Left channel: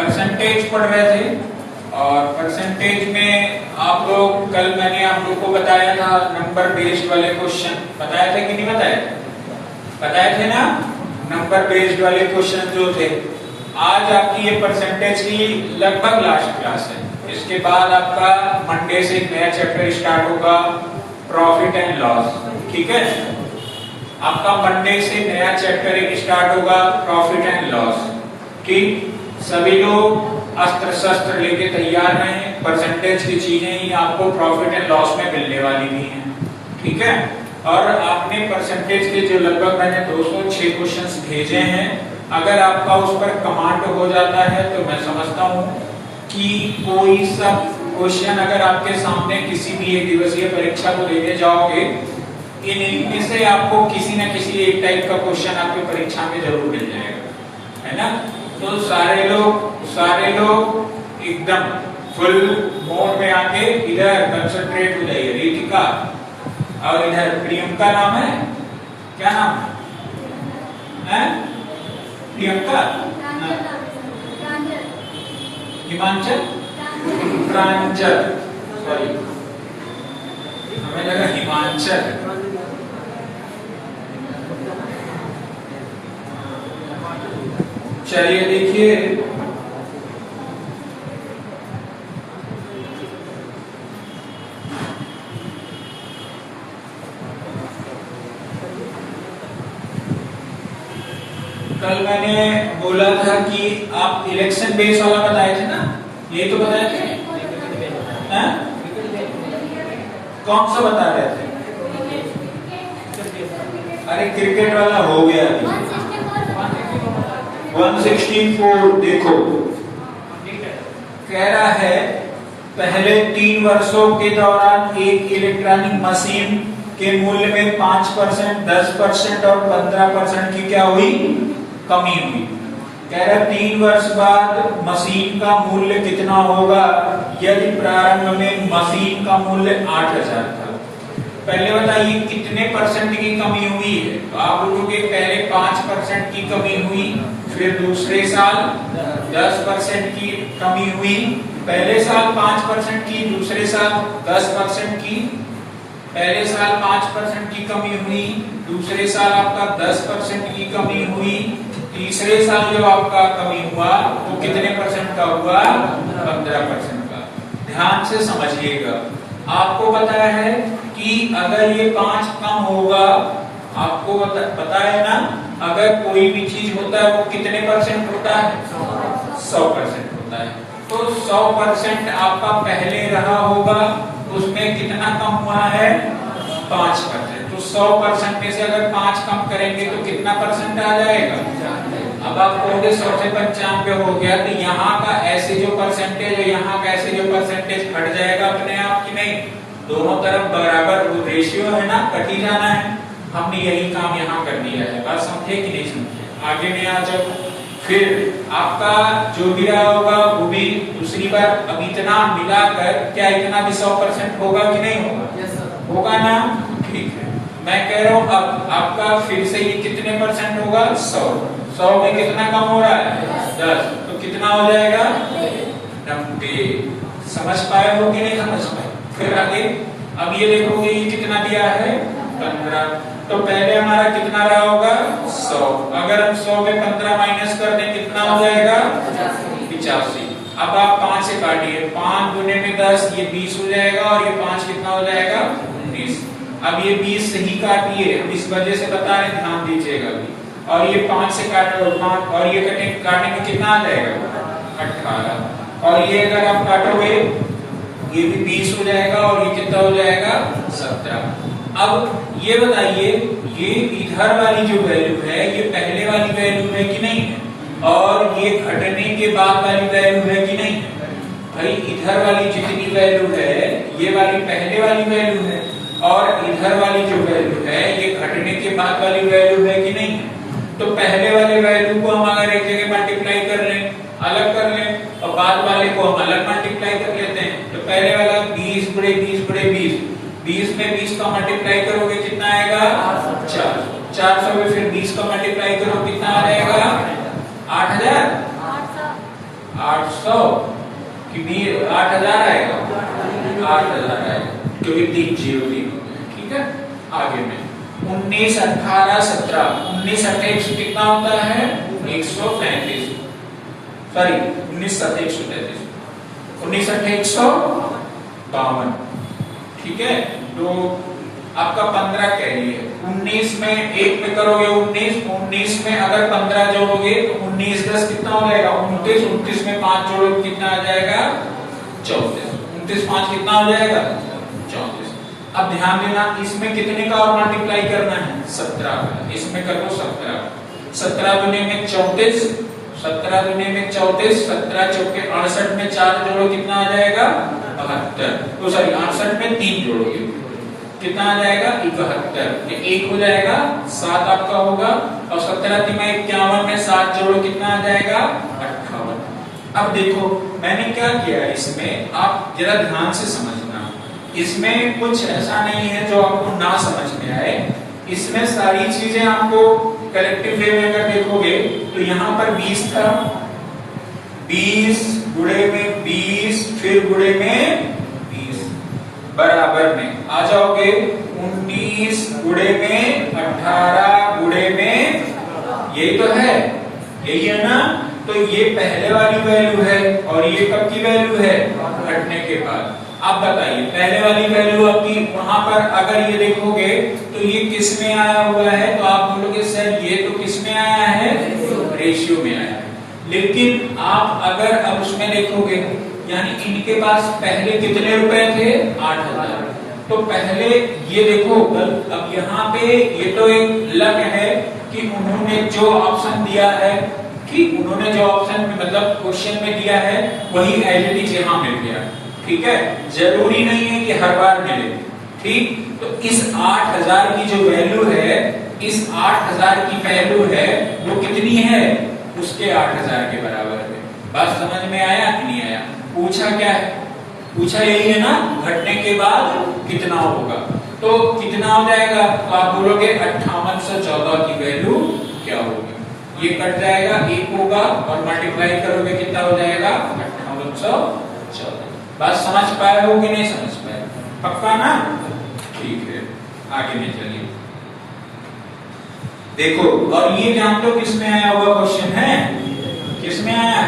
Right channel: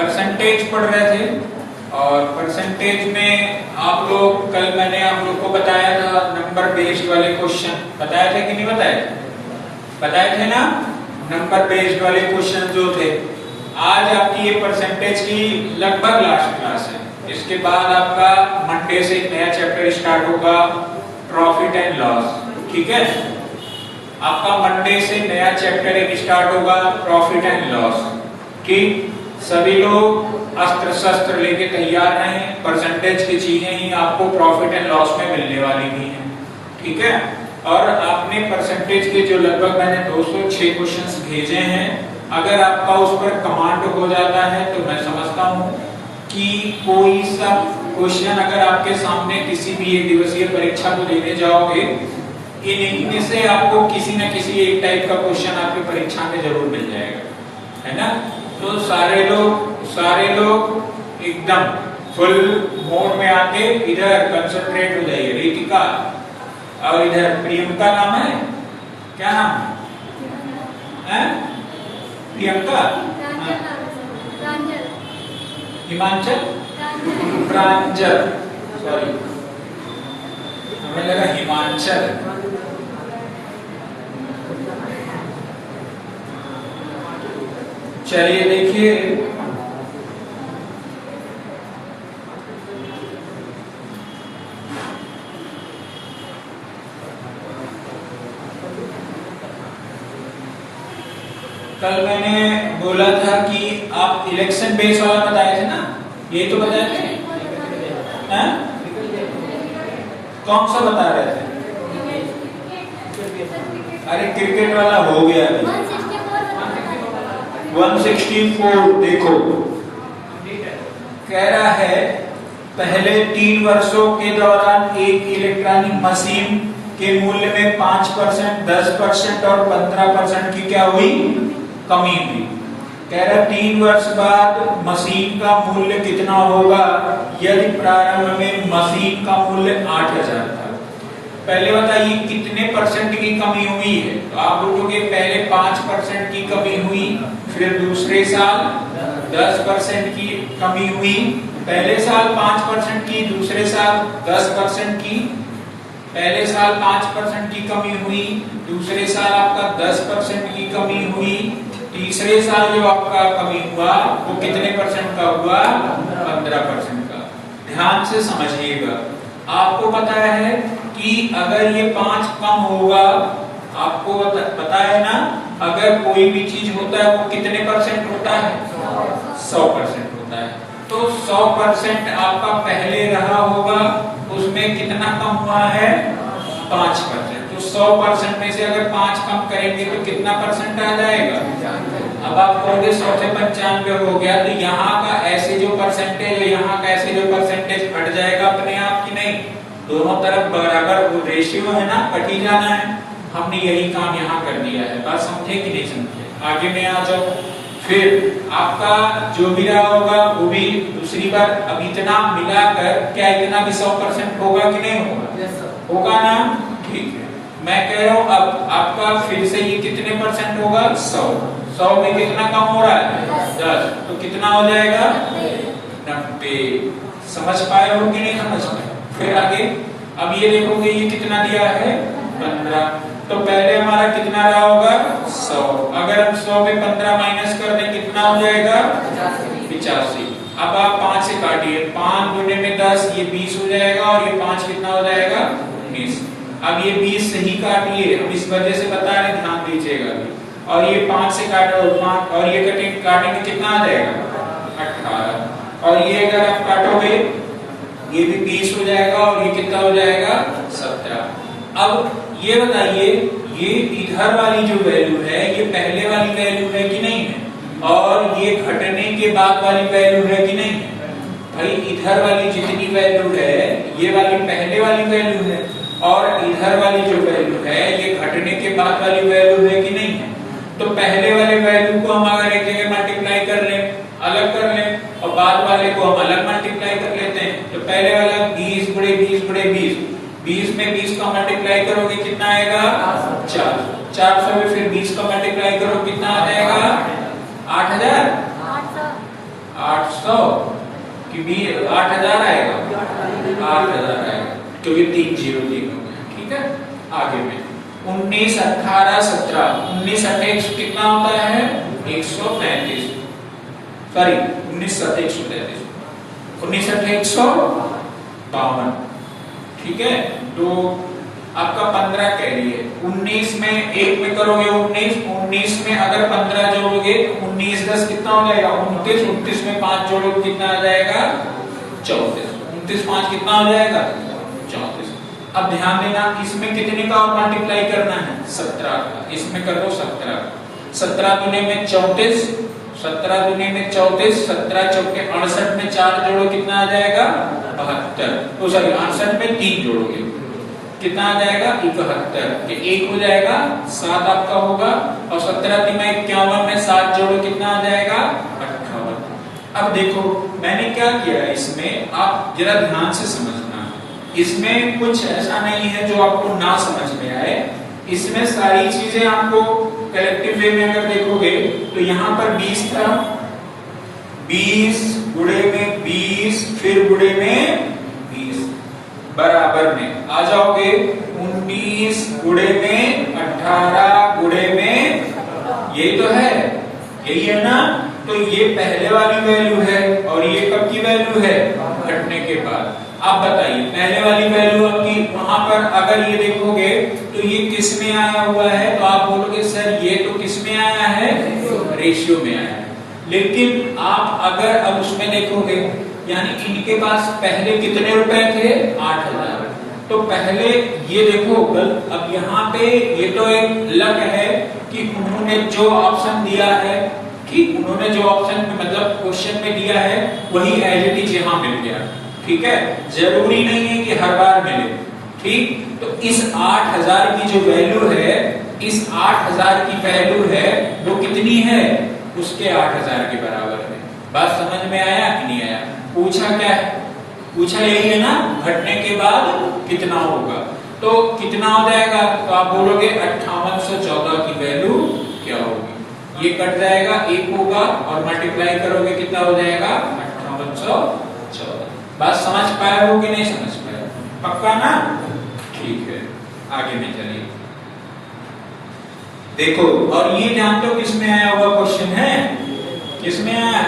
Percentage पढ़ रहे थे और परसेंटेज में आप लोग कल मैंने आप लोग को बताया था नंबर बेस्ड वाले क्वेश्चन बताए थे कि नहीं बताए थे ना। नंबर बेस्ड वाले क्वेश्चन जो थे, आज आपकी ये परसेंटेज की लगभग लास्ट क्लास है। इसके बाद आपका मंडे से एक नया चैप्टर स्टार्ट होगा, प्रॉफिट एंड लॉस। ठीक है, आपका मंडे से नया चैप्टर एक स्टार्ट होगा, प्रॉफिट एंड लॉस। ठीक, सभी लोग अस्त्र शस्त्र लेके तैयार हैं। परसेंटेज की चीजें ही आपको प्रॉफिट एंड लॉस में मिलने वाली भी हैं। ठीक है, और आपने परसेंटेज के जो लगभग मैंने 206 क्वेश्चंस भेजे हैं, अगर आपका उस पर कमांड हो जाता है तो मैं समझता हूं कि कोई सा क्वेश्चन अगर आपके सामने किसी भी एक दिवसीय परीक्षा को देने जाओगे, इनमें से आपको किसी न किसी एक टाइप का क्वेश्चन आपकी परीक्षा में जरूर मिल जाएगा, है ना। तो सारे लोग एकदम फुल मोड में आके इधर कंसंट्रेट हो जाइए। रितिका और इधर प्रियंका नाम है, क्या नाम है? प्रियंका, हिमांचल, प्रांजल, सॉरी हमें लगा हिमांचल। चलिए देखिए, कल मैंने बोला था कि आप इलेक्शन बेस वाला बताए थे ना, ये तो बताए थे। कौन सा बता रहे थे? अरे क्रिकेट वाला हो गया अभी। 164 देखो, कह रहा है पहले 3 वर्षों के दौरान एक इलेक्ट्रॉनिक मशीन के मूल्य में 5%, 10% और 15% की क्या हुई? कमी हुई। कह रहा 3 वर्ष बाद मशीन का मूल्य कितना होगा यदि प्रारंभ में मशीन का मूल्य 8000 था। पहले बताइए कितने परसेंट की कमी हुई है। तो आप बोलोगे पहले 5% की कमी हुई, फिर दूसरे साल 10% की कमी हुई, पहले साल 5% की, दूसरे साल 10% की। पहले साल 5% की कमी हुई, दूसरे साल आपका 10% की कमी हुई, तीसरे साल जो आपका कमी हुआ वो कितने परसेंट का हुआ? 15% का। ध्यान से समझिएगा, आपको पता है कि अगर ये 5 कम होगा, आपको पता है ना, अगर कोई भी चीज होता है वो कितने परसेंट होता है? 100% होता है। तो 100% आपका पहले रहा होगा, उसमें कितना कम हुआ है? 5%। तो 100% में से अगर 5 कम करेंगे तो कितना परसेंट आ जाएगा? अब आप कहोगे 100 से 95 हो गया, तो यहाँ का ऐसे जो परसेंटेज है, यहाँ का ऐसे जो परसेंटेज कट जाएगा अपने आप की नहीं। दोनों तरफ बराबर रेशियो है ना, कट ही जाना है। हमने यही काम यहाँ कर दिया है। बात समझे कि नहीं समझे? आगे में आ जाओ। फिर आपका जो भी रहा होगा वो भी दूसरी बार, अब इतना मिलाकर क्या इतना भी 100% होगा कि नहीं होगा? होगा ना। ठीक है, मैं कह रहा हूँ अब आपका फिर से ये कितने परसेंट होगा? 100 में कितना कम हो रहा है? 10। तो कितना हो जाएगा? 90। समझ पाए हो कि नहीं समझ पाए? फिर आगे अब ये देखोगे ये कितना दिया है? 15। तो पहले हमारा कितना रहा होगा? 100। अगर हम 100 में 15 माइनस कर दें कितना हो जाएगा? 85। अब आप 5 से काटिए, 5 गुने में 10, ये 20 हो जाएगा, और ये 5 कितना हो जाएगा? 19। अब ये 20 सही काटिए, हम इस वजह से बता रहे, ध्यान दीजिएगा। और ये 5 से काटो 5, और ये काटेंगे कितना आ जाएगा? 18। और ये अगर आप काटोगे ये भी 20 हो जाएगा, और ये कितना हो जाएगा? 17। अब ये बताइए, ये इधर वाली जो वैल्यू है ये पहले वाली वैल्यू है कि नहीं है? और ये घटने के बाद वाली वैल्यू है कि नहीं है? भाई इधर वाली जितनी वैल्यू है ये वाली पहले वाली वैल्यू है, और इधर वाली जो वैल्यू है ये घटने के बाद वाली वैल्यू है कि नहीं है? तो पहले वाले वैल्यू को हम अगर एक जगह मल्टीप्लाई कर लें, अलग कर लें, और बाद वाले को हम अलग मल्टीप्लाई कर लेते हैं। तो पहले वाला 20 गुणे 20 गुणे 20, 20 में 20 का मल्टीप्लाई करोगे कितना आएगा? 4। 400 में फिर 20 का मल्टीप्लाई करो कितना आ जाएगा? 8000। 8 800 कि 8000 आएगा, 8000 आएगा क्योंकि 3 जीरो 3 हो गया। ठीक है, आगे में 19 18 17 19 18 कितना होता है 133, सॉरी 19 7 133, 19 8 152। ठीक है, तो आपका 15 कैरी है। 19 में 1 में करोगे 19 में अगर 15 जोड़ोगे तो 19 10 कितना हो जाएगा 29, 29 में 5 जोड़ोगे कितना आ जाएगा 34, 29 5 कितना हो जाएगा 34। अब ध्यान देना इसमें कितने का और मल्टीप्लाई करना है 17 का, इसमें कर दो 17, 17 दुने में 34, 17 दुने में 34, 17 चौके 68 में 4 जोड़ो कितना आ जाएगा 72, तो सॉरी 68 में 3 जोड़ोगे कितना आ जाएगा 71, ये 1 हो जाएगा 7 आपका होगा, और 17 3 51 में 7 जोड़ो कितना आ जाएगा 58। अब देखो मैंने क्या किया इसमें, आप जरा ध्यान से समझना, इसमें कुछ ऐसा नहीं है जो आपको ना समझ में आए, इसमें सारी चीजें आपको कलेक्टिव वे में अगर देखोगे तो यहाँ पर 20 था, 20 गुणे में 20 फिर गुणे में 20 बराबर में आ जाओगे 19 गुणे में 18 गुणे में, यही तो है, यही है ना। तो ये पहले वाली वैल्यू है और ये कब की वैल्यू है घटने के बाद। आप बताइए पहले वाली वैल्यू आपकी वहां पर अगर ये देखोगे तो ये किस में आया हुआ है, तो आप बोलोगे सर ये तो किस में आया है रेशियो में आया है, लेकिन आप अगर अब उसमें देखोगे यानी इनके पास पहले कितने रुपए थे 8000, तो पहले ये देखो अब यहाँ पे ये तो एक लक है कि उन्होंने जो ऑप्शन दिया है, ठीक उन्होंने जो ऑप्शन में मतलब क्वेश्चन में दिया है वही एज इट इज यहाँ मिल गया। ठीक है, जरूरी नहीं है कि हर बार मिले। ठीक, तो इस 8000 की जो वैल्यू है, इस 8000 की वैल्यू है वो कितनी है उसके 8000 के बराबर है। बात समझ में आया कि नहीं आया? पूछा क्या है, पूछा यही है ना घटने के बाद कितना होगा, तो कितना हो जाएगा, तो आप बोलोगे 5814 की वैल्यू क्या होगी, ये कट जाएगा 1 होगा और मल्टीप्लाई करोगे कितना हो जाएगा 5814। बात समझ पाया हो कि नहीं समझ पाया? पक्का ना? ठीक है, आगे में चलिए देखो, और ये जानते हो किसमें आया हुआ क्वेश्चन है, किसमें आया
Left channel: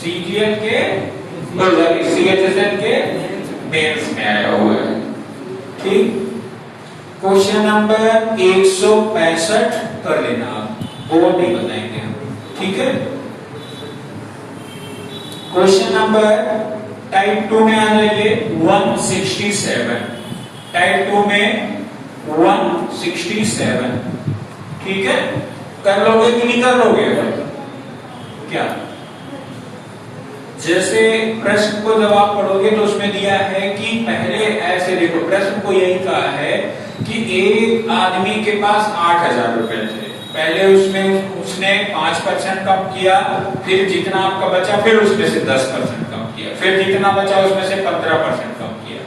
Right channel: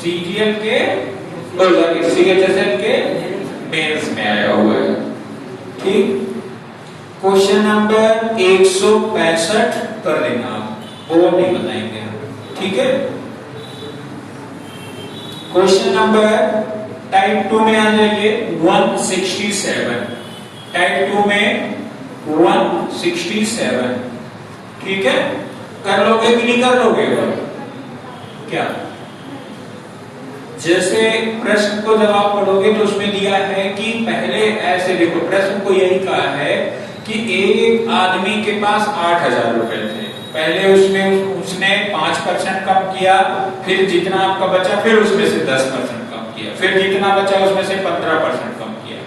CGL के CHSL के मेंस में आया हुआ है। ठीक, क्वेश्चन नंबर 165 कर लेना आप, और नहीं बताएंगे। ठीक है, क्वेश्चन नंबर टाइप 2 में आ जाइए 167, टाइप 2 में 167। ठीक है, कर लोगे कि नहीं कर लोगे? क्या जैसे प्रश्न को जब आप पढ़ोगे तो उसमें दिया है कि पहले ऐसे देखो, प्रश्न को यही कहा है कि एक आदमी के पास 8000 रुपए थे, पहले उसने 5% कम किया, फिर जितना आपका बचा फिर उसमें से 10% कम किया, फिर जितना बचा उसमें से 15% कम किया,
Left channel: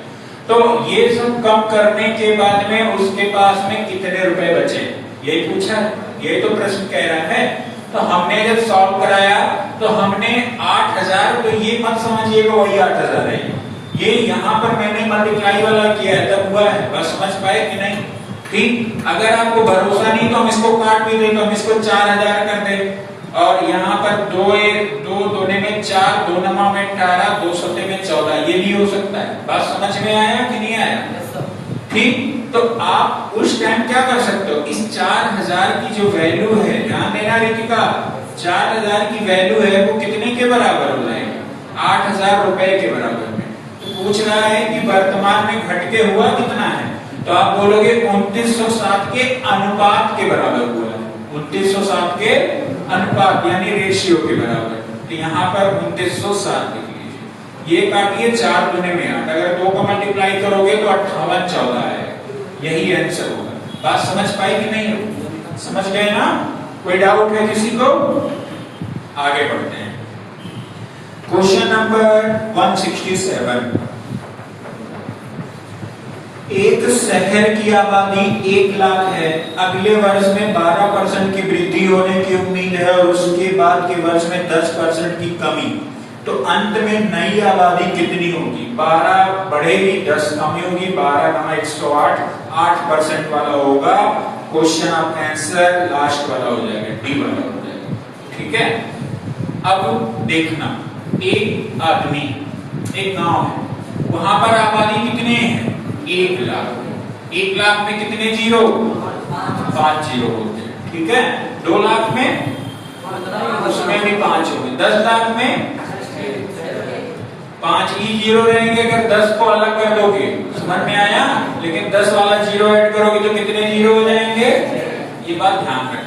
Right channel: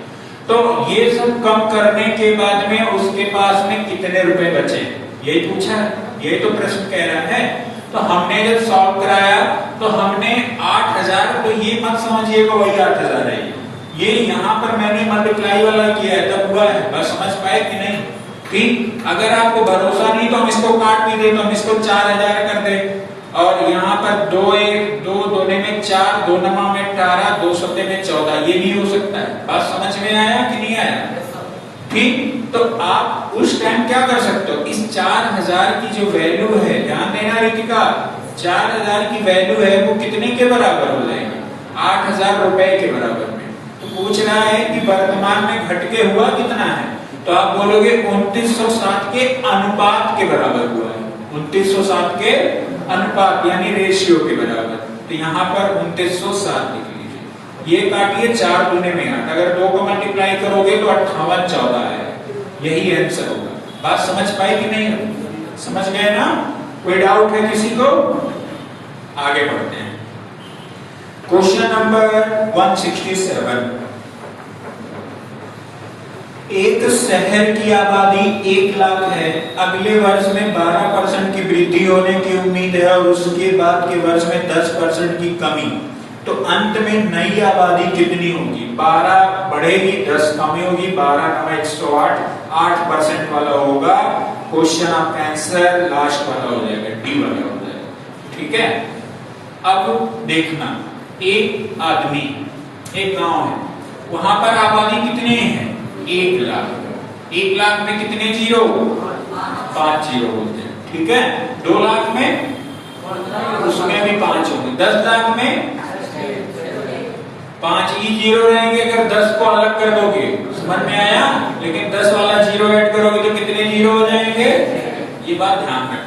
तो ये सब कम करने के बाद में उसके पास में कितने रुपए बचे, यही पूछा है, ये तो प्रश्न कह रहा है। तो हमने जब सॉल्व कराया तो हमने 8000, तो ये मत समझिएगा वही 8000 है, ये यहाँ पर मैंने मल्टीप्लाई वाला किया है तब हुआ है। बस समझ पाए कि नहीं? ठीक, अगर आपको भरोसा नहीं तो हम इसको काट भी दे, तो हम इसको 4000 कर दे, और यहाँ पर 2 दोने में 4, 2 नमा में 18, 2 सत्ते में 14, ये भी हो सकता है। बात समझ में आया कि नहीं आया? ठीक, तो आप उस टाइम क्या कर सकते हो, इस 4000 की जो वैल्यू है, ध्यान देना रितिका, 4000 की वैल्यू है वो कितने के बराबर हो जाएगी 8000 रुपए के बराबर में। तो पूछ रहा है कि वर्तमान में घट के हुआ कितना है, तो आप बोलोगे 2907 के अनुपात के बराबर हुआ है, 2907 के अनुपात यानी रेशियो के बराबर। तो यहाँ पर 2907 लिख लीजिए, ये काटिए 4 दूने में 8, अगर 2 को मल्टीप्लाई करोगे तो 5814 है, यही आंसर होगा। बात समझ पाई कि नहीं? समझ गए ना? कोई डाउट है किसी को? आगे बढ़ते हैं, क्वेश्चन नंबर 167। एक शहर की आबादी 1 लाख है, अगले वर्ष में 12% की वृद्धि होने की उम्मीद है और उसके बाद के वर्ष में 10% की कमी, तो अंत में नई आबादी कितनी होगी? 12 बढ़ेगी, 10 कमी होगी, 12 × 108, 8% वाला होगा क्वेश्चन आपका आंसर, लास्ट वाला हो जाएगा, डी वाला हो जाएगा। ठीक है, अब देखना, एक आदमी, एक गांव है, वहां पर आबादी कितने हैं? 1 लाख। 1 लाख में कितने जीरो? 5 जीरो होते हैं। ठीक है, 2 लाख में उसमें भी 5 होंगे, 10 लाख में 5 ही जीरो रहेंगे। अगर 10 को अलग कर दोगे, समझ में आया? लेकिन 10 वाला जीरो ऐड करोगे तो कितने जीरो हो जाएंगे? ये बात ध्यान रखना।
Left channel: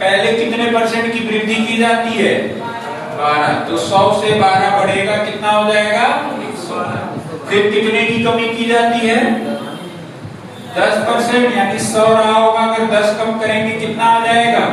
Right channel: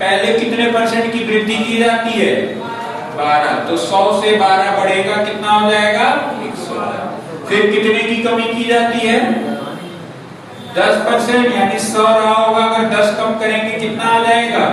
पहले कितने % की वृद्धि की जाती है? 12। तो 100 से 12 बढ़ेगा, कितना हो जाएगा? 112। फिर कितने की कमी की जाती है? 10%, यानी 100 रहा होगा, अगर 10 कम करेंगे कितना आ जाएगा?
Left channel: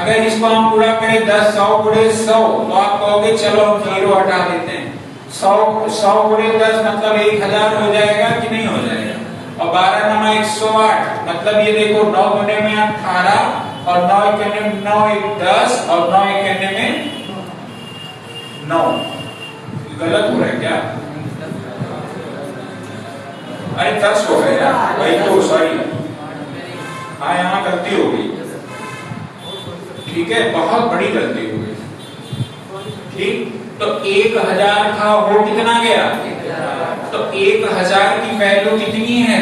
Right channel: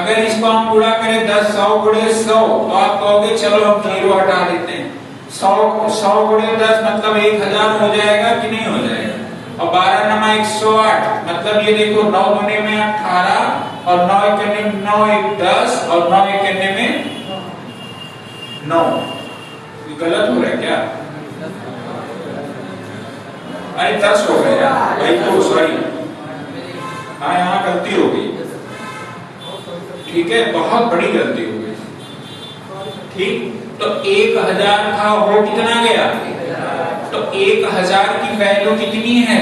अगर इसको हम पूरा करें 10, 100 गुणे 100, तो आप कहोगे चलो हम जीरो हटा देते हैं। 100 गुणे 10 मतलब 1000 हो जाएगा कि नहीं हो जाएगा? और 12 × 108 मतलब ये देखो, 9 गुणे में 18 और 9 इक्याने में 9 1 10 और 9 इक्याने में 9। गलत हो रहा है क्या? अरे 10 हो गया भाई, तो सॉरी, हाँ यहाँ गलती हो गई। ठीक है, बहुत बड़ी गलती हो गई। ठीक, तो 1000 था, हो कितना गया? तो 1000 की वैल्यू कितनी है?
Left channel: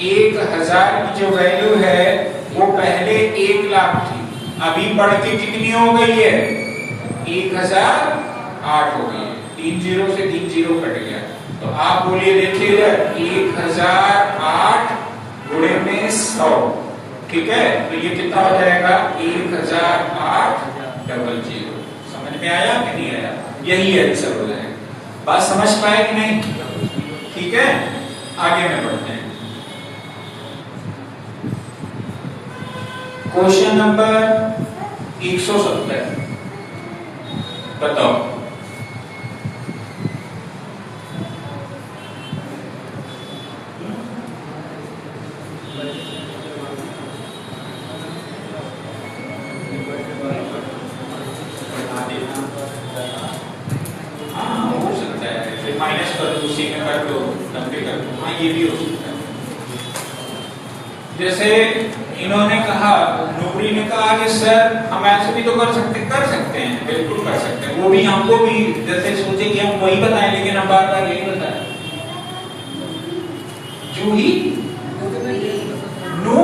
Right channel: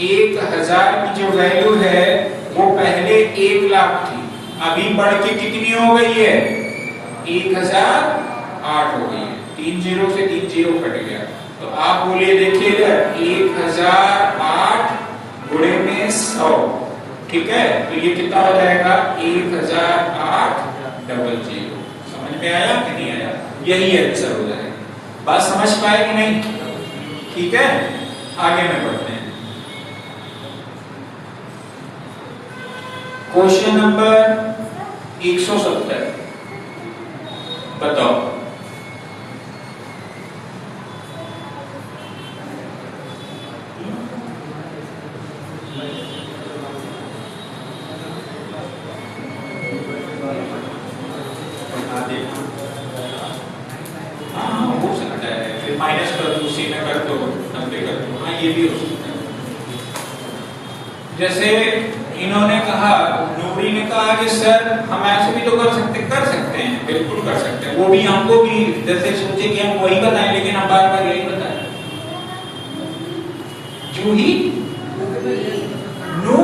1000 की जो वैल्यू है वो पहले 1 लाख थी, अभी बढ़ के कितनी हो गई है? 1008 हो गई है। 3 जीरो से 3 जीरो कट गया, तो आप बोलिए, देखिए इधर 1008 गुणे में 100। ठीक है, तो ये कितना हो जाएगा? 1008 डबल जीरो। समझ में आया कि नहीं आया? यही आंसर हो जाएगा। बात समझ पाए कि नहीं? ठीक है, आगे में बढ़ते हैं। क्वेश्चन नंबर 170 बताओ। माइनस कर दो, उसी में कर दो, 90 कर दो, हाँ ये भी हो सकता है। जैसे इन्होंने कहा, नूरी ने कहा कि सर हम ऐसे भी तो कर सकते हैं, बिल्कुल कर सकते हैं। वो भी हमको भी जैसे सोचे कि हम वही बताएं, लेकिन हम बार बार यही बताएं। जूही नो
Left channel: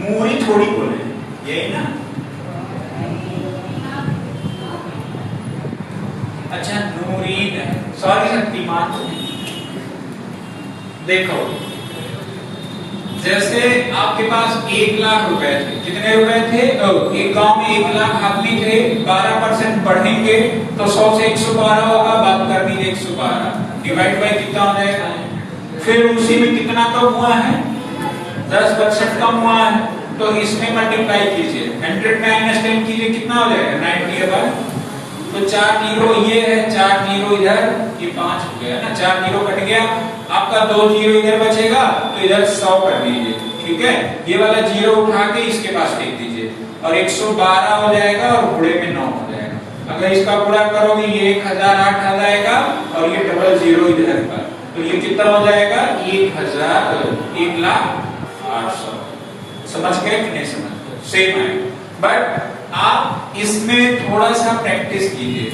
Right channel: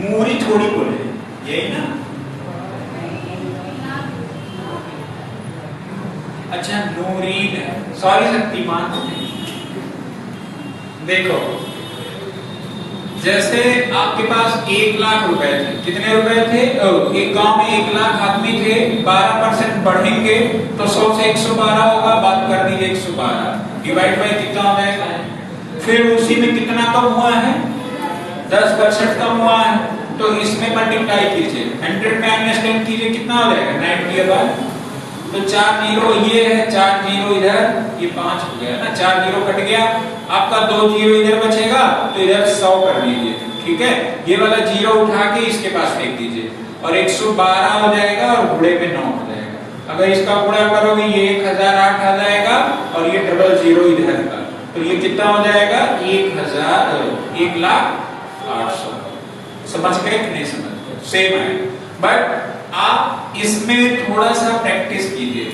मूरी थोड़ी बोले, यही ना? अच्छा, नूरीन, सॉरी शक्तिमान। देखो, जैसे आपके पास 1 लाख रुपए थे, कितने रुपए थे? एक गांव में 1 लाख आदमी थे, 12% बढ़ेंगे तो 100 से 112 होगा, बात कर दीजिए 112 डिवाइड बाय कितना हो जाएगा? फिर उसी में कितना कम हुआ है? 10% कम हुआ है, तो इसमें मल्टीप्लाई कीजिए, 100 में -10 कीजिए, कितना हो जाएगा? 90 होगा। तो 4 जीरो ये है, 4 जीरो इधर, ये 5 हो गया ना, 4 जीरो कट गया, आपका 2 जीरो इधर बचेगा, तो इधर 100 कर दीजिए। ठीक है, ये वाला जीरो उठा के इसके पास फेंक दीजिए और 112 हो जाएगा और गुणे में 9 हो जाएगा। अगर इसका गुणा करोगे ये 1008 आ जाएगा और ये डबल जीरो इधर का, तो ये कितना हो जाएगा? 1,08,000। समझ गए कि नहीं समझ? सेम है, बट आप इसमें थोड़ा सा प्रैक्टिस कीजिए।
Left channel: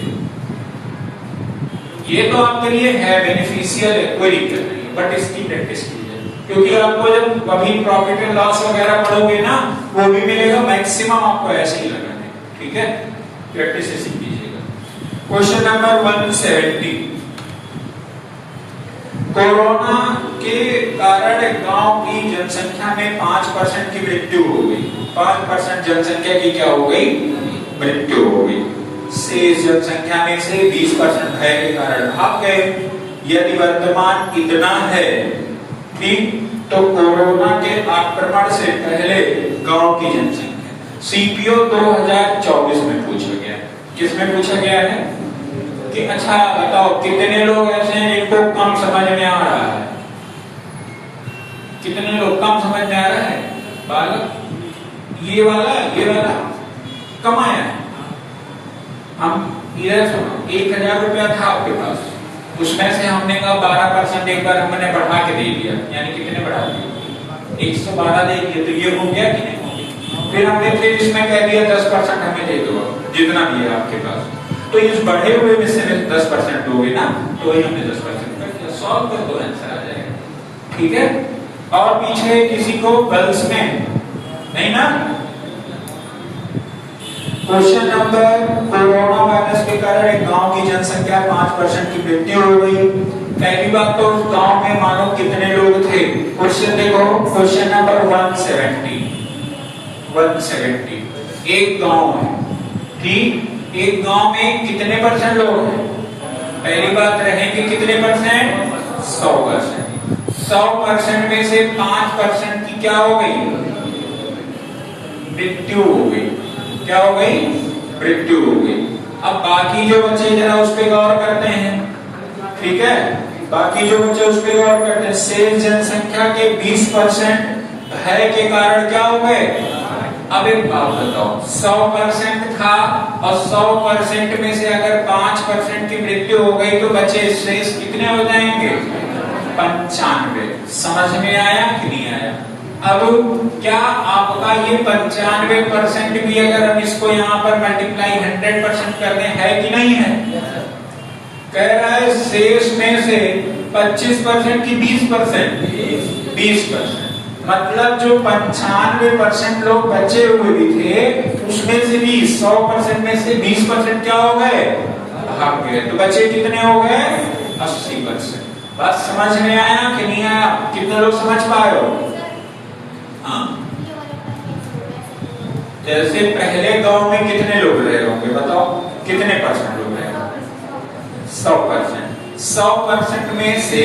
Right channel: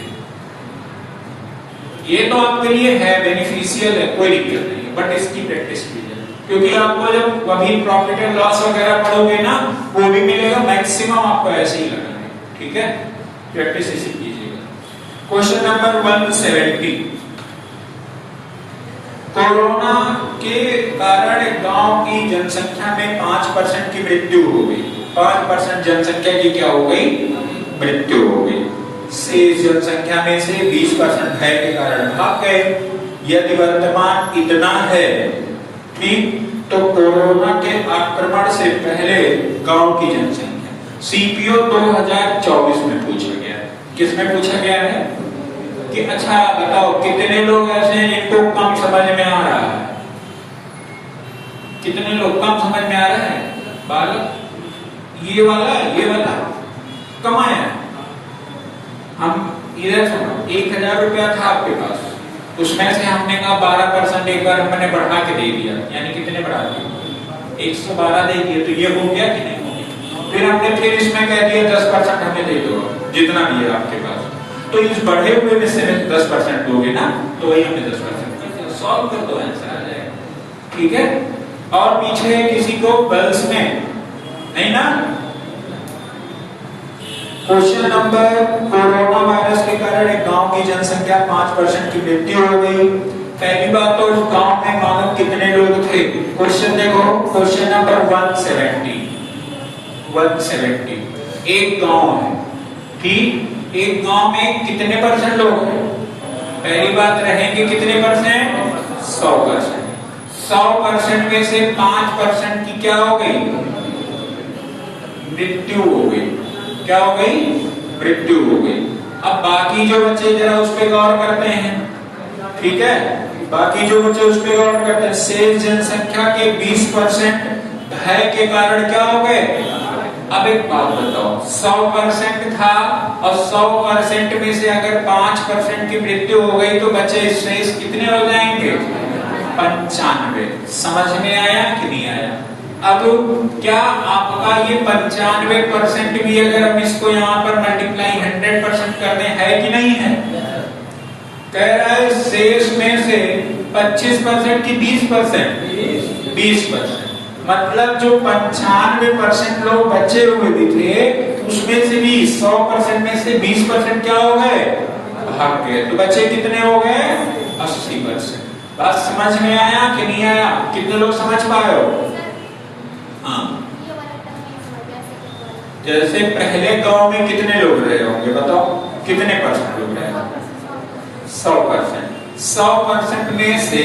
ये तो आपके लिए है, बेनिफिशियल है, कोई दिक्कत नहीं है, बट इसकी प्रैक्टिस कीजिए, क्योंकि आपको जब अभी प्रॉफिट एंड लॉस वगैरह पढ़ोगे ना, वो भी मिलेगा, मैक्सिमम आपको ऐसे ही लगेंगे। ठीक है, प्रैक्टिस इसी कीजिएगा। क्वेश्चन नंबर 170, कोरोना के कारण गांव की जनसंख्या में 5% की मृत्यु हो गई। 5% जनसंख्या की क्या हो गई? मृत्यु हो गई। शेष जनसंख्या में से 20% भय के कारण भाग गए। यदि वर्तमान इतना है, ठीक, तो कोरोना के आक्रमण से पहले गांव की जनसंख्या। सीपीओ 2024 में पूछा गया। किस में पूछा गया है? कि अच्छा बताओ कितने लोग ऐसे हैं जिनको कम समझ में आ रहा है? कितने लोग कम समझ में आ रहा है? बालक ये वाला कमाया हम इधर सुनो 1000 रुपया था आपके पास, उसमें से हमने कहा 12% एक बार हमने बढ़ा के दे दिया, यानी कितने बढ़ा दिए? 112 दे दिए, तो ये हो गया कि नहीं? फिर हमने फिर इसमें कह दिया 10% हमें दे दो जितना दिया आपके पास, तो इस बढ़े हुए में से 10% दोगे ना, तो वही हमने 10% कर दिया। सॉल्व कर दो, आंसर आ जाएगा। ठीक है। और पीछे किसी को गर्ल्स में नहीं ना? क्वेश्चन नंबर, कोरोना वायरस के कारण एक गांव की जनसंख्या 5% की मृत्यु हो गई। पहली बात तो गांव में मानो कितने लोग थे? क्वेश्चन देखो, क्वेश्चन नंबर 170 एक गांव है, ठीक, एक गांव में कितने परसेंट लोग हैं? पहली बात रहेंगे कितने परसेंट? 100%। 100% में से 5% की क्या हो गई? मृत्यु हो गई। क्या हो गई? मृत्यु हो गई। अब बाकी जो बच्चे जरा उस पर गौर करते हैं, ठीक है, बाकी जो बच्चे उस पर गौर करते हैं। शेष जनसंख्या के 20% भय के कारण क्या हो गए? अब एक बात बताओ, 100% था और 100% में से अगर 5% की मृत्यु हो गई तो बचे शेष कितने हो जाएंगे? 95। समझ में आया कि नहीं आया? अब क्या आपका ये 95% भी अगर हम इसको यहाँ पर मल्टीप्लाई 100% कर दें, है कि नहीं है? कह रहा है शेष में से 25% की 20%, मतलब जो 95% लोग बचे हुए भी थे उसमें से भी 100% में से 20% क्या हो गए? भाग गए। तो बचे कितने हो गए? 80%। बस समझ में आया कि नहीं आया? कितने लोग समझ पाए हो? हाँ, जैसे पहले गांव में कितने लोग रहे होंगे बताओ, कितने परसेंट लोग रहे होंगे? 100%। 100% में से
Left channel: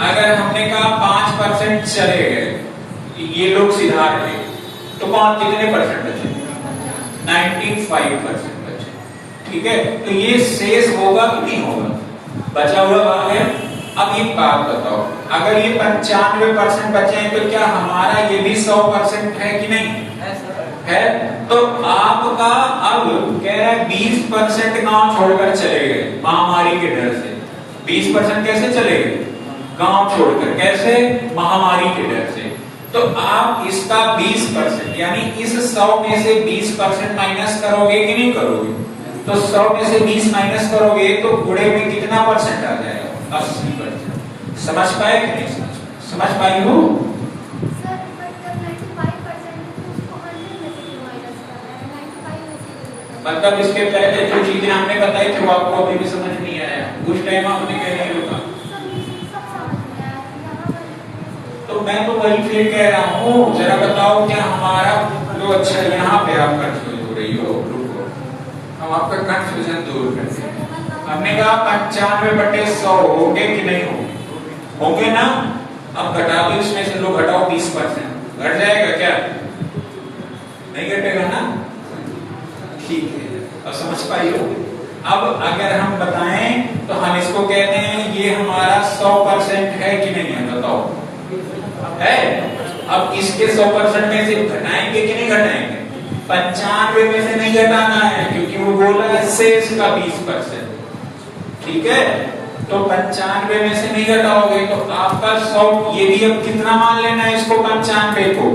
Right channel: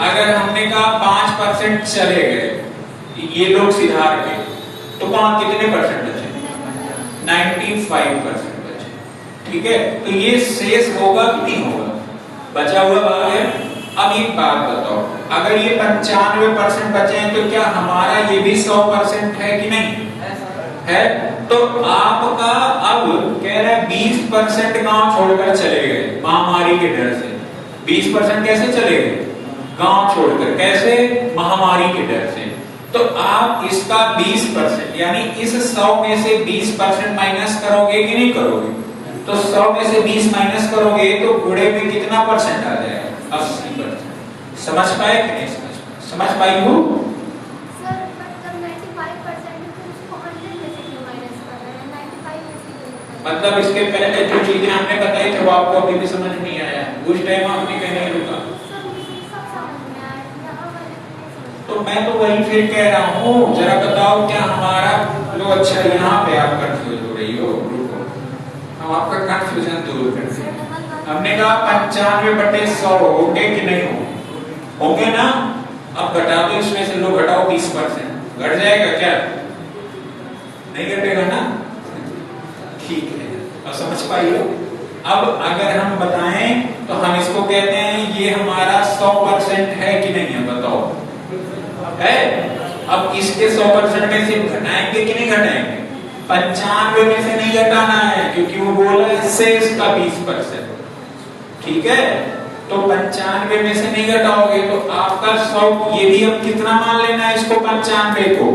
अगर हमने कहा 5% चले गए, ये लोग सिधार गए, तो कौन कितने परसेंट बचे? 95% बचे। ठीक है, तो ये शेष होगा कि नहीं होगा? बचा हुआ भाग है। अब एक बात बताओ, अगर ये 95% बचे हैं तो क्या हमारा ये भी 100% है कि नहीं है? तो आपका अब कह रहा है 20% गांव छोड़कर चले गए महामारी के डर से। 20% कैसे चले गए? गांव छोड़कर। कैसे? महामारी के डर से। तो आप इसका 20% यानी इस 100 में से 20% माइनस करोगे कि नहीं करोगे? तो 100 में से 20 माइनस करोगे तो गुणे में कितना परसेंट आ जाएगा? 80%। समझ पाए कि नहीं समझ पाई हो? मतलब इसके पहले जो चीजें हमने बताई थी वो आपको अभी भी समझ नहीं आया, उस टाइम आपने नहीं रुका। तो मैं तो वही फिर कह रहा हूँ, जरा बताओ क्या हमारा जो अच्छा यहाँ पे आप कंफ्यूज हो रही हो, हम आपका कंफ्यूजन दूर करते हैं। हमने कहा 95/100 होंगे कि नहीं होंगे? होंगे ना? अब घटा दो, इसमें से लो घटाओ 20%, घट जाएगा क्या? नहीं घटेगा ना? ठीक है, और समझ पाई हो? अब अगर हम बताएं तो हम इसको कहते हैं ये हमारा 100% है कि नहीं है? बताओ है। अब इसके 100% में से घटाएंगे कि नहीं घटाएंगे? 95 में से नहीं घटाना है क्योंकि वो बोला है शेष का 20%। ठीक है, तो 95 में से नहीं घटाओगे तो आपका 100, ये भी अब कितना मान लेना है इसको? 95 को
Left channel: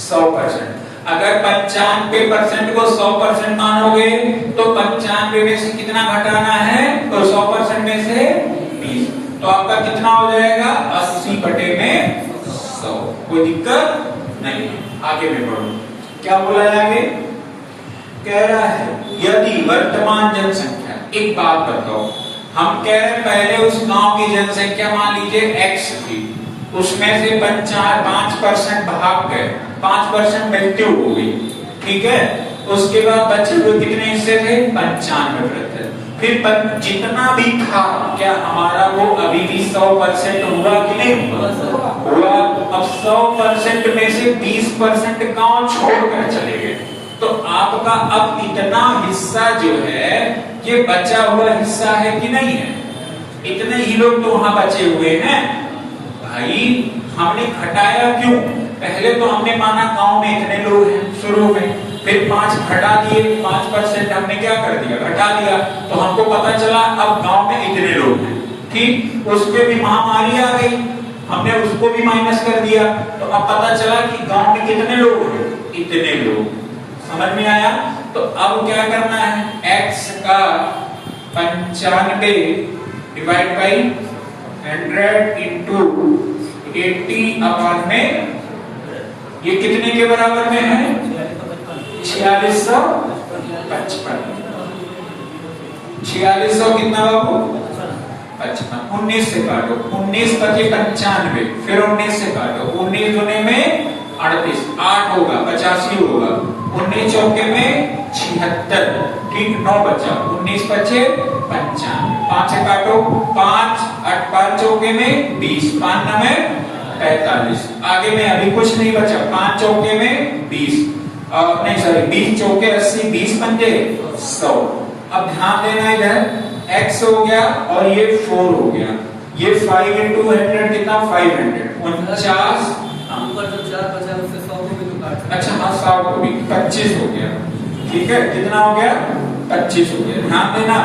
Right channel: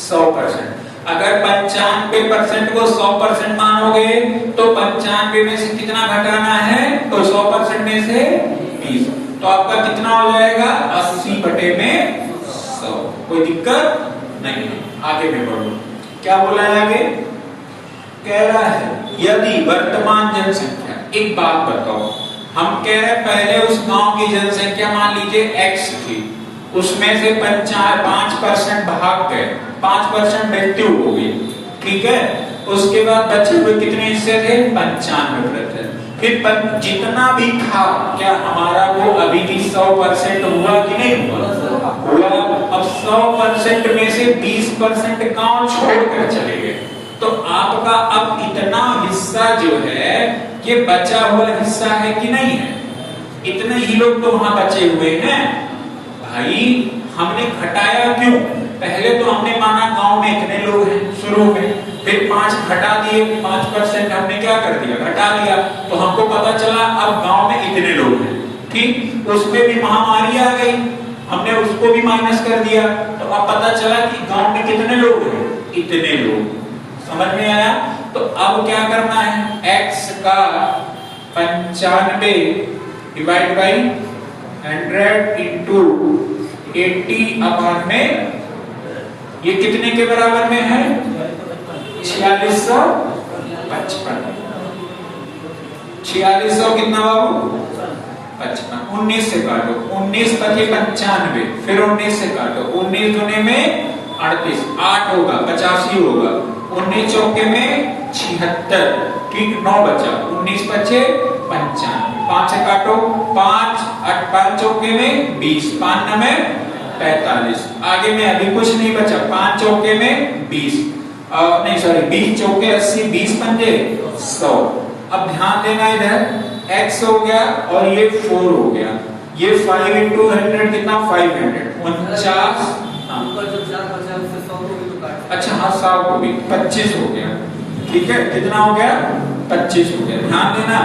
100%। अगर 95% को 100% मानोगे तो 95 में से कितना घटाना है? तो 100% में से 20, तो आपका कितना हो जाएगा? 80/100। कोई दिक्कत नहीं। आगे में बढ़ो, क्या बोला है आगे? कह रहा है यदि वर्तमान जनसंख्या, एक बात बताओ, हम कह रहे हैं पहले उस गांव की जनसंख्या मान लीजिए x थी, उसमें से 5% भाग गए, 5% मृत्यु हो गई। ठीक है, उसके बाद बचे हुए कितने हिस्से थे? 95%। फिर जितना भी था क्या हमारा वो अभी भी 100% हुआ कि नहीं हुआ? अब 100% में से 20% गांव छोड़कर चले गए, तो आपका अब इतना हिस्सा जो है ये बचा हुआ हिस्सा है कि नहीं है? इतने ही लोग तो वहां बचे हुए हैं भाई। हमने घटाया क्यों? पहले तो हमने माना गांव में इतने लोग हैं शुरू में, फिर 5 घटा दिए, 5% हमने क्या कर दिया, घटा दिया, तो हमको पता चला अब गांव में इतने लोग हैं। ठीक, उसमें भी महामारी आ गई, हमने उसको भी माइनस कर दिया, तो अब पता चला कि गांव में कितने लोग हैं, इतने लोग। समझ में आया? तो अब क्या करना है, x का 95 डिवाइड बाई 100 इंटू 80 अपान में, ये कितने के बराबर में है? 4655। 4600 कितना बाबू? 55। 19 से काटो, 19 पचे 95, फिर 19 से काटो, 19 दुने में 38, 8 होगा 85 होगा, 19 चौके में 76, ठीक, 9 बचा, 19 पचे 95, 5 से काटो, 5 8 5 चौके में 20, 5 में 45, आगे में अभी कुछ नहीं बचा, 5 चौके में 20, नहीं सॉरी 20 चौके 80, 20 पंजे 100। अब ध्यान देना, इधर x हो गया और ये 4 हो गया, ये 5 into 100 कितना? 500, 49। अच्छा हाँ 100 को भी 25 हो गया, ठीक है, कितना हो गया? 25 हो गया। ध्यान देना,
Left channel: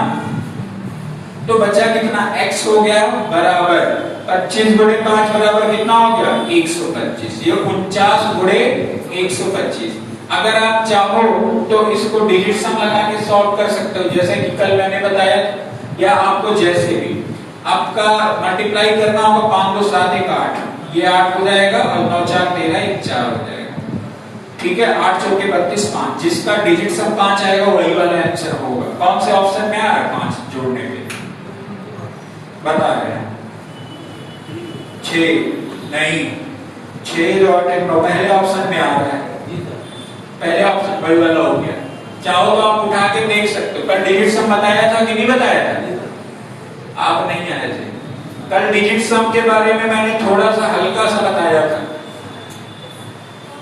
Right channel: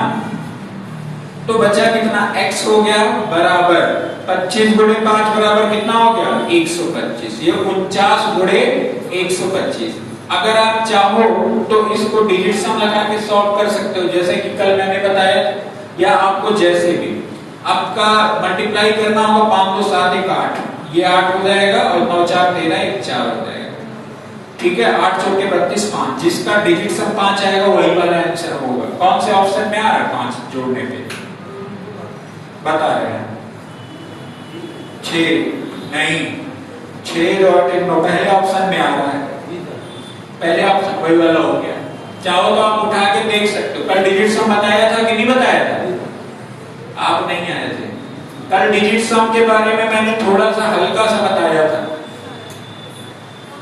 तो बचा कितना? x हो गया बराबर 25 गुणे 5 बराबर कितना हो गया? 125। ये 49 गुणे 125। अगर आप चाहो तो इसको डिजिट सम लगा के सॉल्व कर सकते हो, जैसे कि कल मैंने बताया, या आपको जैसे भी आपका मल्टीप्लाई करना होगा, 5 2 7 1 8, ये 8 हो जाएगा और 9 4 13 1 4 हो जाएगा, ठीक है। 8 चौके 32, 5, जिसका डिजिट सम 5 आएगा वही वाला आंसर होगा। कौन से ऑप्शन में आ रहा है? 5 जोड़ने पे बता रहे हैं। 6 नहीं, 6 और 9 पहले ऑप्शन में आ रहा है, पहले ऑप्शन वही वाला हो गया। चाहो तो आप उठा के देख सकते हो, कल डिजिट सम बताया था कि नहीं बताया था? आप नहीं आए थे कल, डिजिट सम के बारे में मैंने थोड़ा सा हल्का सा बताया था।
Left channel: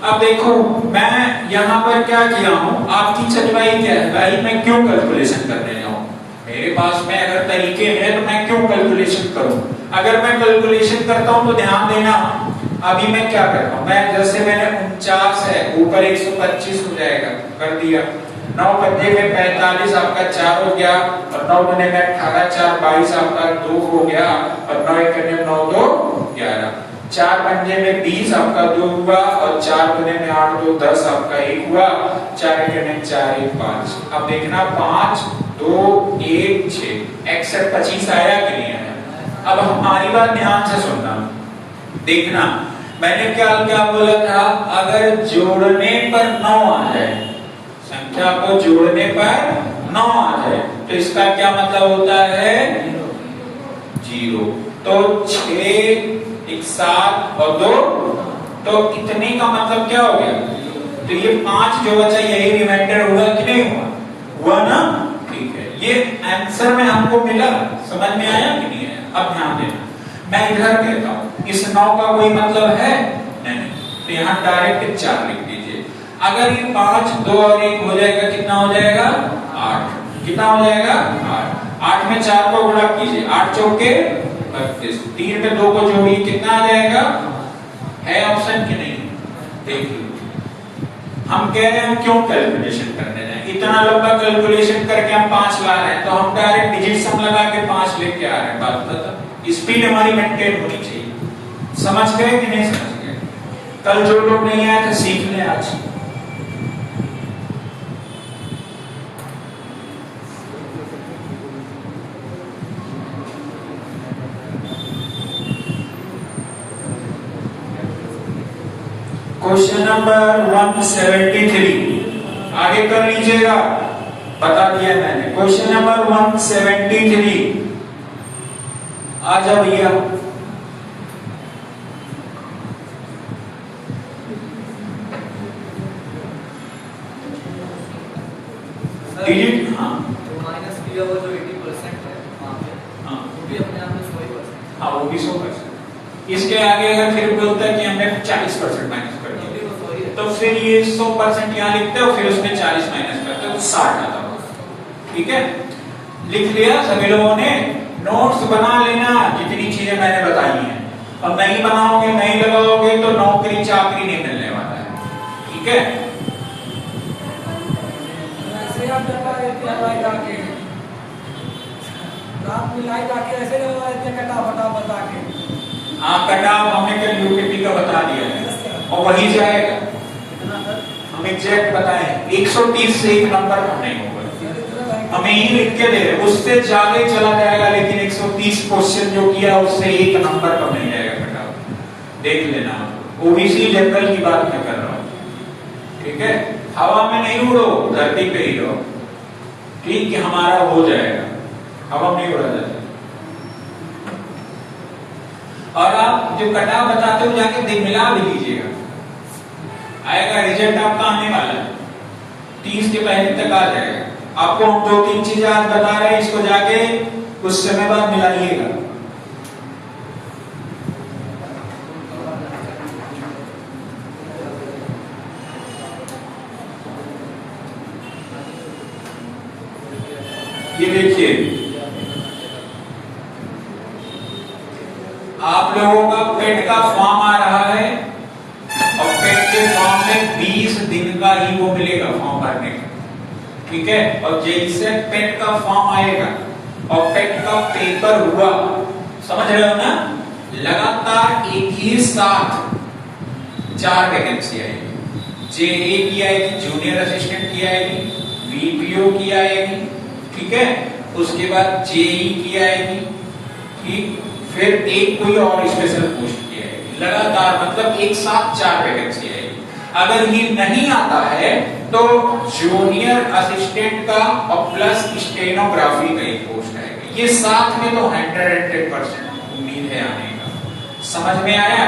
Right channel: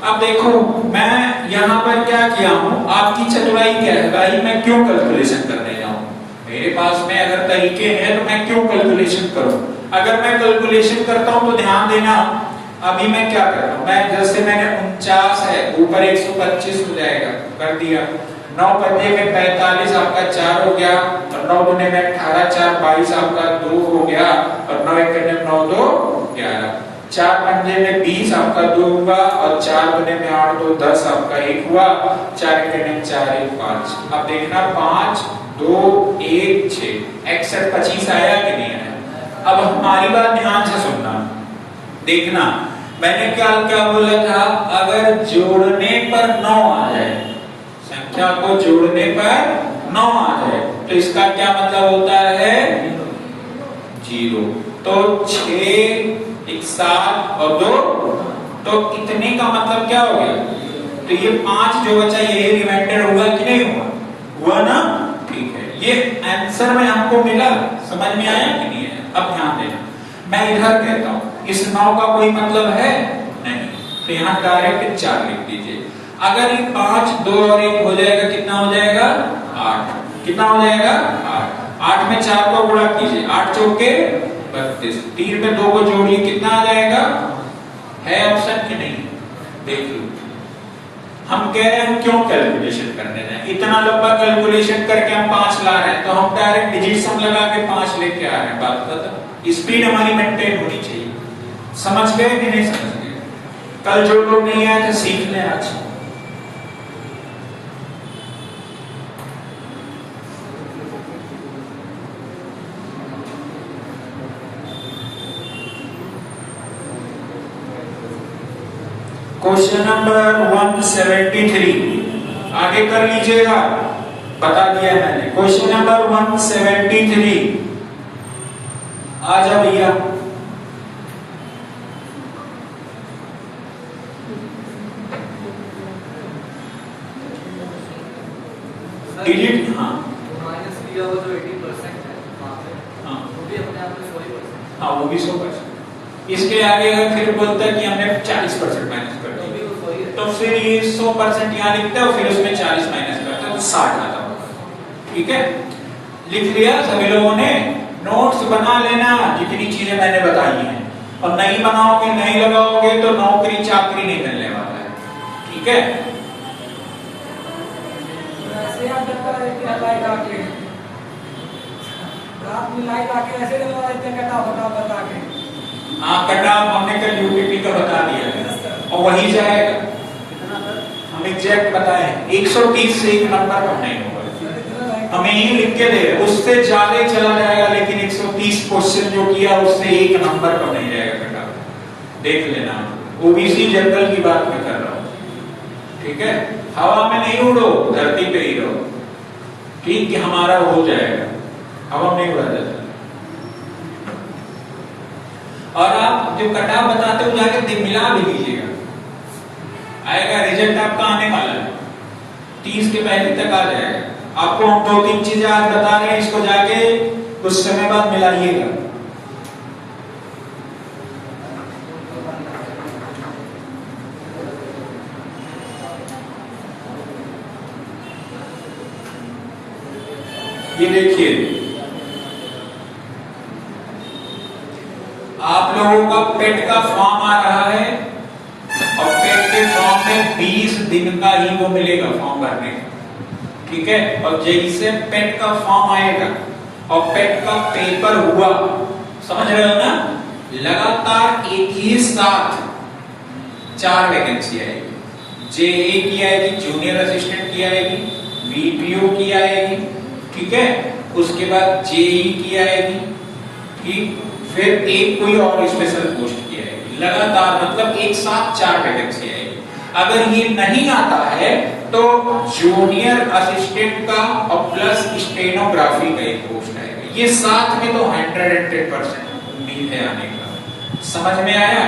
अब देखो मैं यहाँ पर क्या किया हूँ, आपकी चतुराई क्या है भाई, मैं क्यों कैलकुलेशन कर रहा हूँ? मेरे पास में अगर तरीके हैं तो मैं क्यों कैलकुलेशन करूं? अगर मैं कैलकुलेशन करता हूं तो ध्यान देना, अभी मैं क्या कर रहा हूं, मैं जैसे मैंने 49 है, ऊपर 125 हो जाएगा, कर दिया, 9 पंजे में 45 आपका 4 हो गया, और 9 दुने में 18, 4 22 आपका 2 हो गया, और 9 एकने में 9 2 11, 4 पंजे में 20 आपका 2 हुआ, और 4 दुने में 8 2 10 आपका 1 हुआ, 4 एकने में 4 1 5। अब देखना 5 2 1 6, 61 25 आया कि नहीं आया? अब हमारी बात ध्यान से सुनना, देखना मैंने क्या बोला था, अगर जोड़ने पर 9 आ जाए, संख्या को जोड़ने पर 9 आ जाए, तो इसका क्या मतलब होता है? 0। तो 6 1 7 और 2, तो इतने का मतलब क्या हो गया? तो ये 5 जो बचा यही रिमाइंडर हुआ कि नहीं हुआ? हुआ ना, ठीक है। ये आंसर में हमको मिला, समझ में आया कि नहीं है? अब ध्यान देना, मैं इधर कहता हूं इस 9 का कोई मतलब है नहीं, तो यहाँ डायरेक्ट 4 लिख दीजिए। अगर ये 5 2 और 1 हो जाएगा, कितना हो जाएगा? 8। कितना हो जाएगा? 8। 8 में 4 को गुणा कीजिए, 8 चौके 32, 3 में 2 को जोड़िए, कितना आ जाएगा? है ऑप्शन की नहीं? देख लो, हम कह रहे हैं क्यों कैलकुलेशन करने जाए, इतना लंबा कैलकुलेशन करके हम 5 ला रहे हैं, तो हम डायरेक्ट डिजिट सम लगा के 5 लेके आ रहे हैं। बात बता, स्पीड हमारी मेंटेन होनी चाहिए। समझ गए कि नहीं समझ गए? कल जो लोग नहीं आए थे सीख लें आज। क्वेश्चन नंबर 173 आगे कर लीजिएगा, बता दिया मैंने। क्वेश्चन नंबर 173, आ जा भैया। डिजिट, हाँ माइनस किया हुआ जो 80% है वहां पे, हाँ वो भी अपने आप में 100%। हाँ वो भी 100%। इसके आगे अगर फिर बोलता है कि हमने 40% माइनस कर दिया, तो फिर ये 100% यहाँ लिखते हो, फिर उसमें 40 माइनस करते हो, तो 60 आता है। ठीक है, लिख लिया सभी लोगों ने? नोट्स बना लेना जितनी चीजें मैंने बताई हैं, और नहीं बनाओगे नहीं लगाओगे तो नौकरी चाकरी नहीं मिलने वाला है, ठीक है? ऐसे आप करता है कि हलवाई लाके रात में लाई लाके ऐसे दबा देते कटा फटा बता के। हाँ, कटा हमने कल यूपीपी का बता दिया है और वही जाएगा। हम एग्जैक्ट बताएं 130 से एक नंबर कम नहीं होगा, हमें ही लिख के दे, उससे ज्यादा चला जाएगा, लेकिन 130 क्वेश्चन जो किया उससे एक नंबर कम नहीं जाएगा बेटा, देख लेना। ओबीसी जनरल की बात मैं कर रहा हूँ, ठीक है? हवा में नहीं उड़ो, धरती पे ही रहो, ठीक? कि हमारा हो जाएगा, हवा में नहीं उड़ा जाता। और आप जो कटा बताते हो जाके मिला भी लीजिएगा, आएगा रिजल्ट आपका आने वाला है, 30 के पहले तक आ जाएगा। आपको हम 2-3 चीजें आज बता रहे हैं, इसको जाके कुछ समय बाद मिलाइएगा। ये देखिए, आप लोगों का पेट का फॉर्म आ रहा है और पेट के फॉर्म में 20 दिन का ही वो मिलेगा फॉर्म भरने का, ठीक है? और जैसे पेट का फॉर्म आएगा और पेट का पेपर हुआ, समझ रहे हो ना, लगातार एक ही साथ 4 वैकेंसी आएगी। जेए की आएगी, जूनियर असिस्टेंट की आएगी, वीपीओ की आएगी, ठीक है? उसके बाद जेई की आएगी, ठीक? फिर एक कोई और स्पेशल पोस्ट की आएगी, लगातार मतलब एक साथ 4 वैकेंसी आएगी। अगर ये नहीं आता है तो जूनियर असिस्टेंट का और प्लस स्टेनोग्राफी का एक पोस्ट आएगा। ये साथ में तो 110% उम्मीद है आने का। समझ में आया?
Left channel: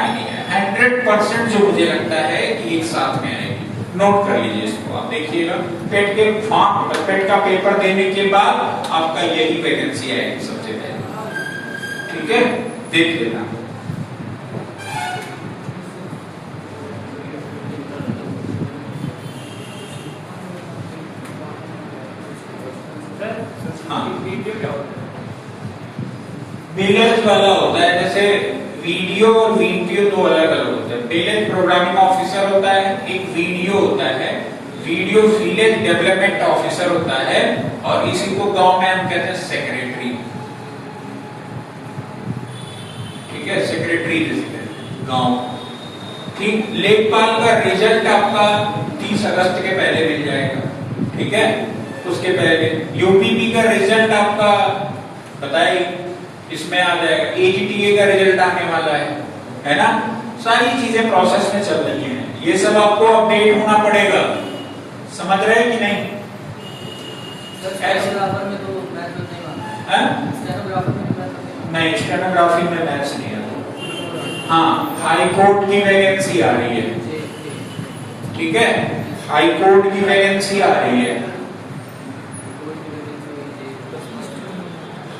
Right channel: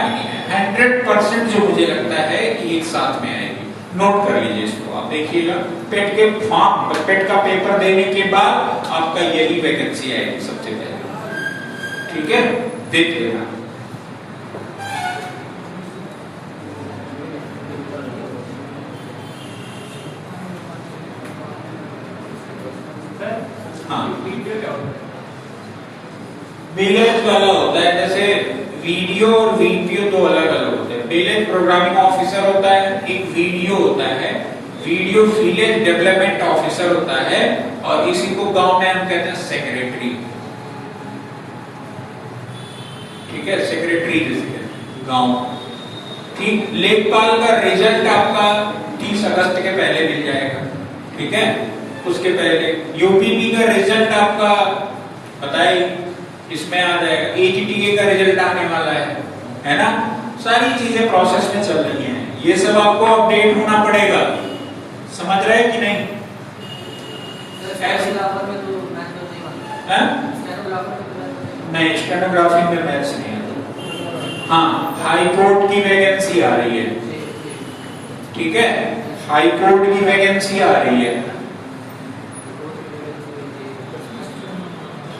100% जो मुझे लगता है कि एक साथ में आएगी। नोट कर लीजिए इसको, आप देखिएगा पेट के फॉर्म, पेट का पेपर देने के बाद आपका यही वैकेंसी आएगी सबसे पहले, ठीक है? देख लेना। बिलेज वाला होता है, जैसे वीडियो और वीपीओ दो अलग अलग होते हैं। बिलेज प्रोग्रामिंग ऑफिसर होता है, एक वीडियो होता है, वीडियो विलेज डेवलपमेंट ऑफिसर होता है, और इसी को गांव में हम कहते हैं सेक्रेटरी, ठीक है? सेक्रेटरी जिसे गांव, ठीक? लेखपाल का रिजल्ट आपका 30 अगस्त के पहले मिल जाएगा, ठीक है? उसके पहले यूपीपी का रिजल्ट आपका बताइए, इसमें आ जाएगा। एजीटीए का रिजल्ट आने वाला है ना? सारी चीजें प्रोसेस में चल रही हैं, ये सब आपको अपडेट होना पड़ेगा। समझ रहे हैं कि नहीं? स्टेनोग्राफर में तो मैथ नहीं मानता है, स्टेनोग्राफर में नहीं, स्टेनोग्राफी में मैथ्स नहीं है। हाँ, हाई कोर्ट की वैकेंसी आ रही है, ठीक है? हाई कोर्ट की वैकेंसी आ रही है,